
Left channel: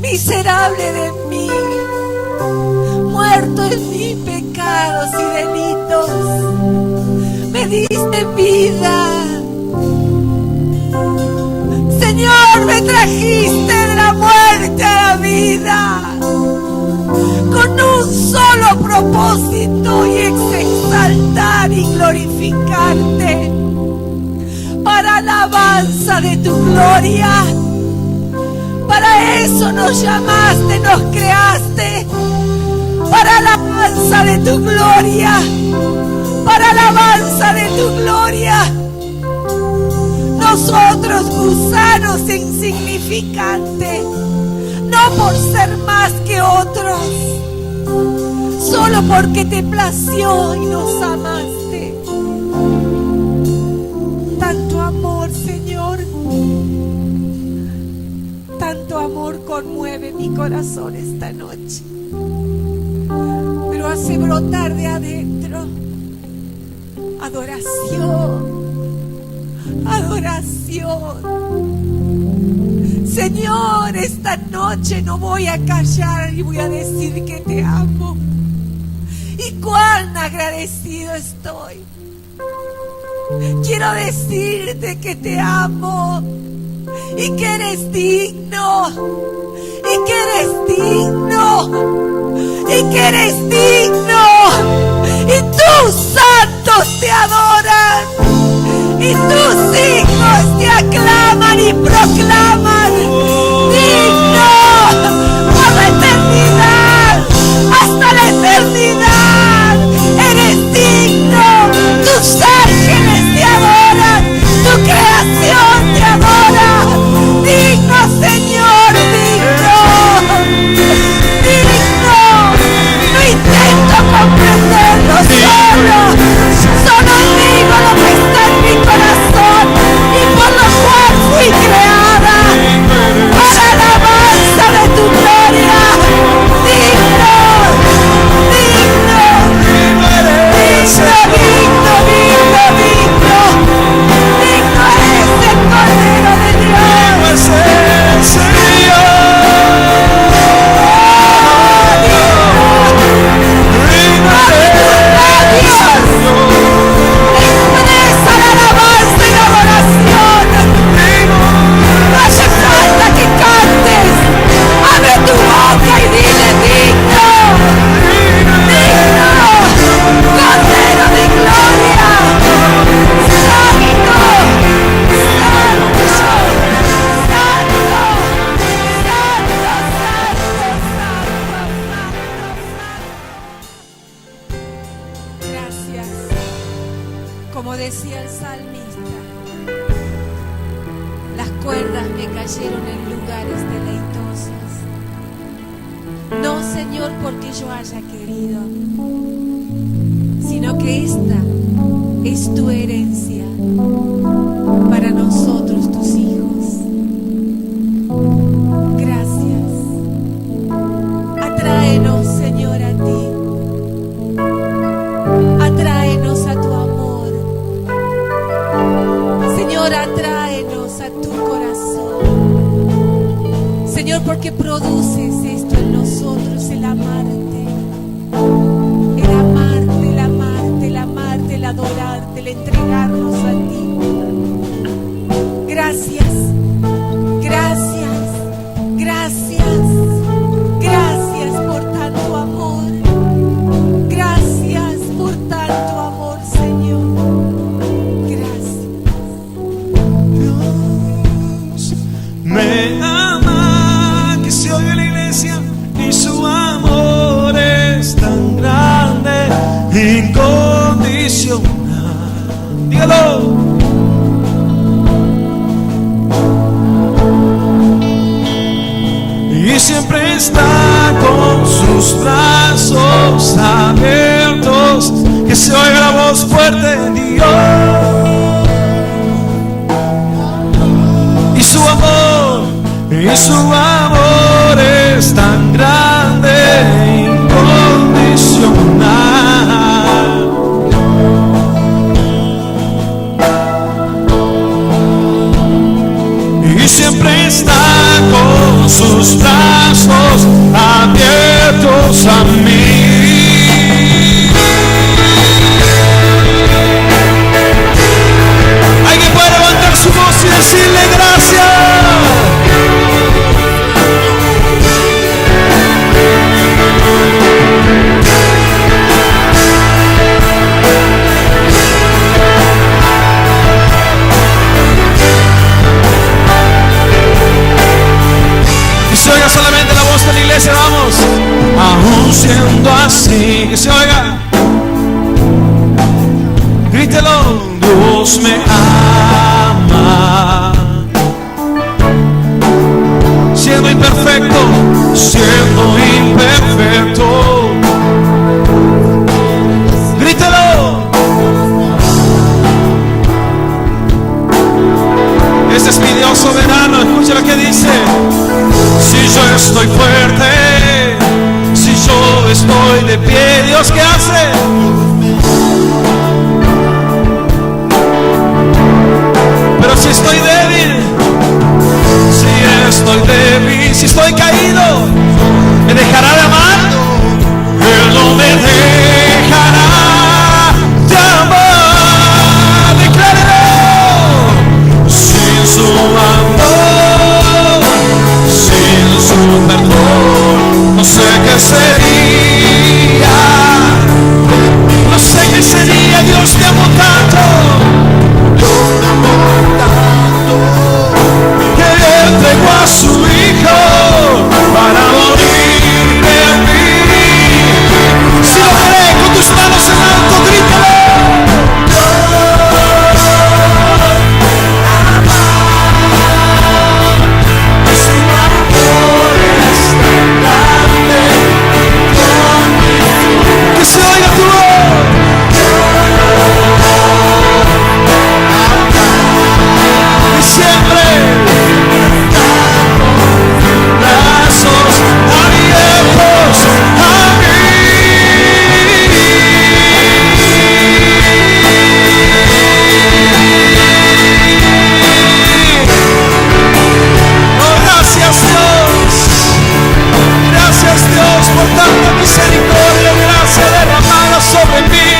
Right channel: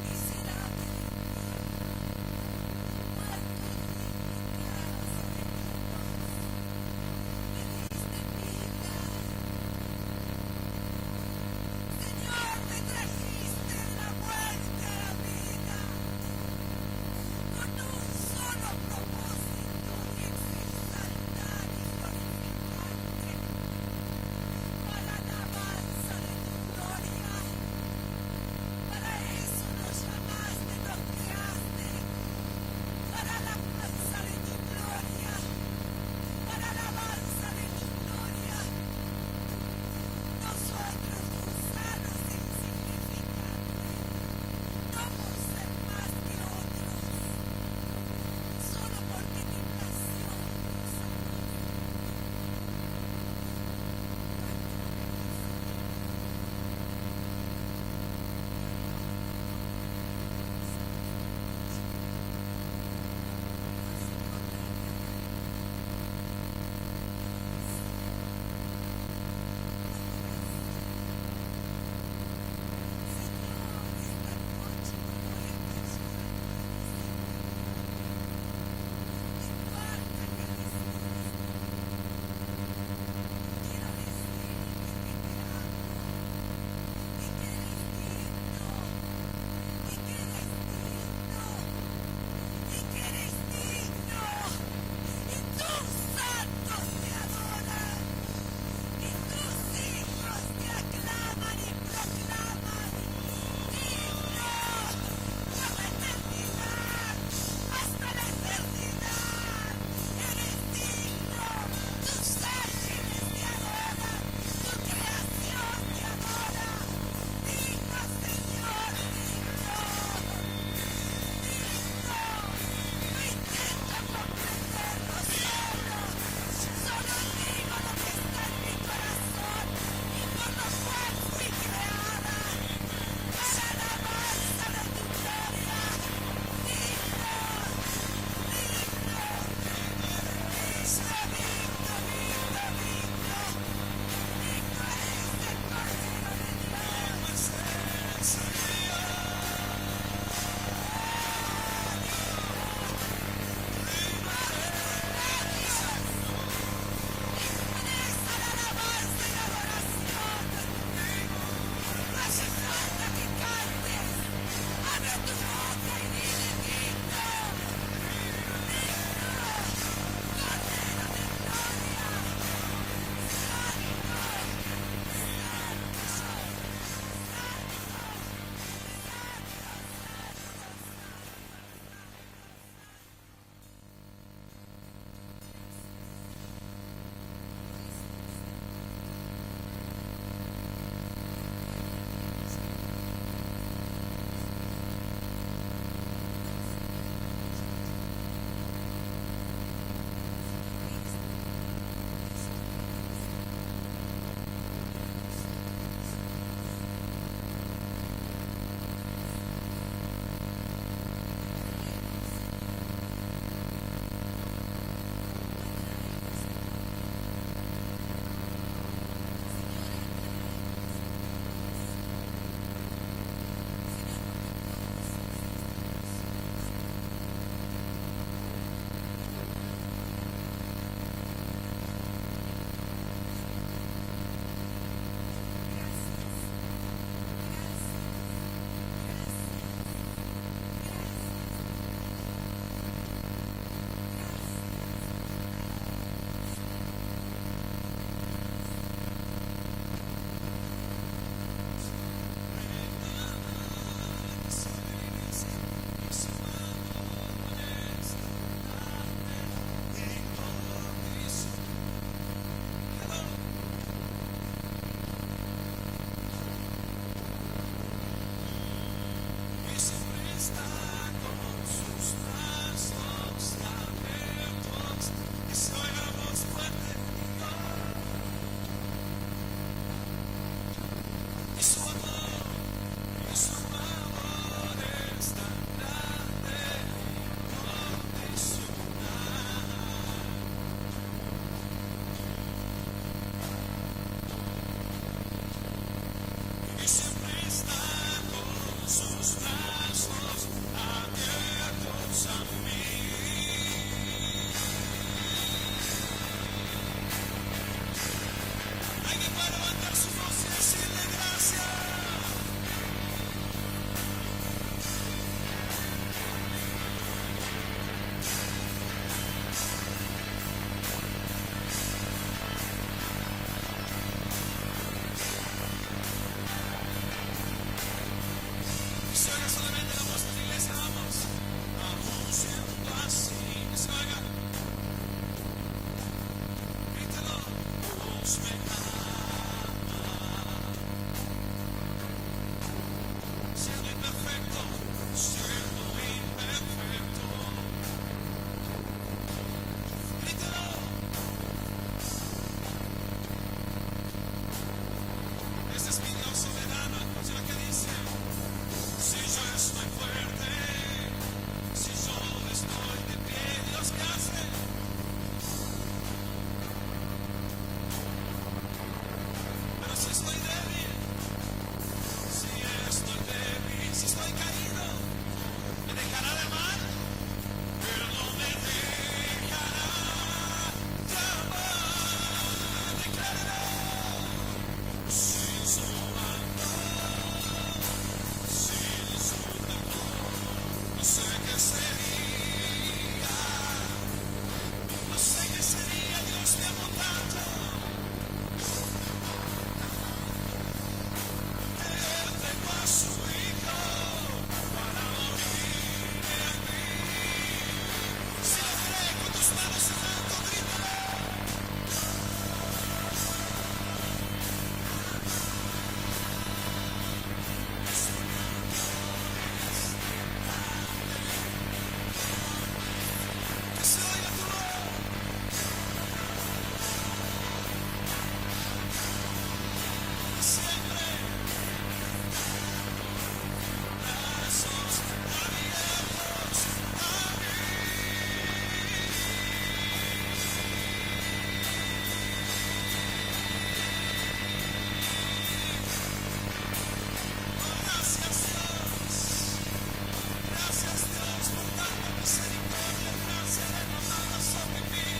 Miserable de mí, muerto en mis pecados y delitos, me diste vida. Señor, me trajiste de la muerte a la vida. solo propósito y es exaltar y glorificarte para alabanza de tu gloria. Para eso nos llamaste, nos creaste, para alabanza de tu gloria, para alabanza de tu gloria. Nosotros, gusanos insignificantes, no por ser más que otros, solo porque te plació y nos amaste. Tanto amor, Señor, tanto amor conmueve mi corazón esta noche, pero hace brotar de adentro adoración. Adoración. Señor, esta noche no voy a callar y voy a decir que te amo. Y cuán agradecido estoy. Quiero decirte que te amo y que eres digno, y que eres digno, y que eres digno, y tus santos te adoran. Y tus hijos te aclaman y proclaman digno por la eternidad, hasta la eternidad. Eres digno, tus ángeles te adoran, tu creación te adora. Digno, Señor, digno, digno. No intento comprenderlo solo digo lo que está en mi corazón y por lo cual fui creada, para alabanza de tu gloria. Digno, digno, digno, digno, digno, digno. Digno es el Cordero de Dios. Expresa la alabanza y la adoración. No hace falta que cantes. Abre tu boca y dile digno, digno, Cordero de gloria. Santo, santo, santo, santo. Gracias. Como decía el salmista, las cuerdas me cayeron en lugares deleitosos. No, Señor, porque yo haya querido, sino que esta es tu herencia para nosotros, tus hijos. Gracias. Atráenos, Señor, a ti. Atráenos a tu amor. Señor, atráenos a tu corazón. Señor, porque produces esto en nosotros, el amarte. El amarte, el amarte, el amarte, el adorarte, el entregarnos a ti. Gracias, gracias, gracias, gracias por tanto amor. Gracias por tanto amor, Señor. Gracias. Dios me ama, que se oiga en la iglesia, y su amor es tan grande, incondicional. Dígalo. Y siempre está con sus brazos abiertos, que se oiga la voz fuerte de Dios. Y su amor es tan grande, incondicional. Y siempre está con sus brazos abiertos a mí. Alguien puede levantar su voz y decirle gracias. que se oiga. Grítelo. Dios me ama. Siendo imperfecto, siendo imperfecto. Grítelo. Este es mi Dios soberano. Escucha lo que dice. Si yo estoy fuerte, si yo estoy de pie, Dios, ¿qué hace? Pero si estoy débil, si estoy caído, ¿me dejará de amar? Él no me dejará de amar. Declárelo. Sin su amor, sin su perdón, no sé qué sería. No sé qué sería. Dios te amó tanto. Entregó a su Hijo para morir de mí. Si lo cree, con tus manos en alto, grítalo. Su amor es tan grande. Que se oiga tu voz. Y siempre por tanta misericordia y gracia derramada sobre mí.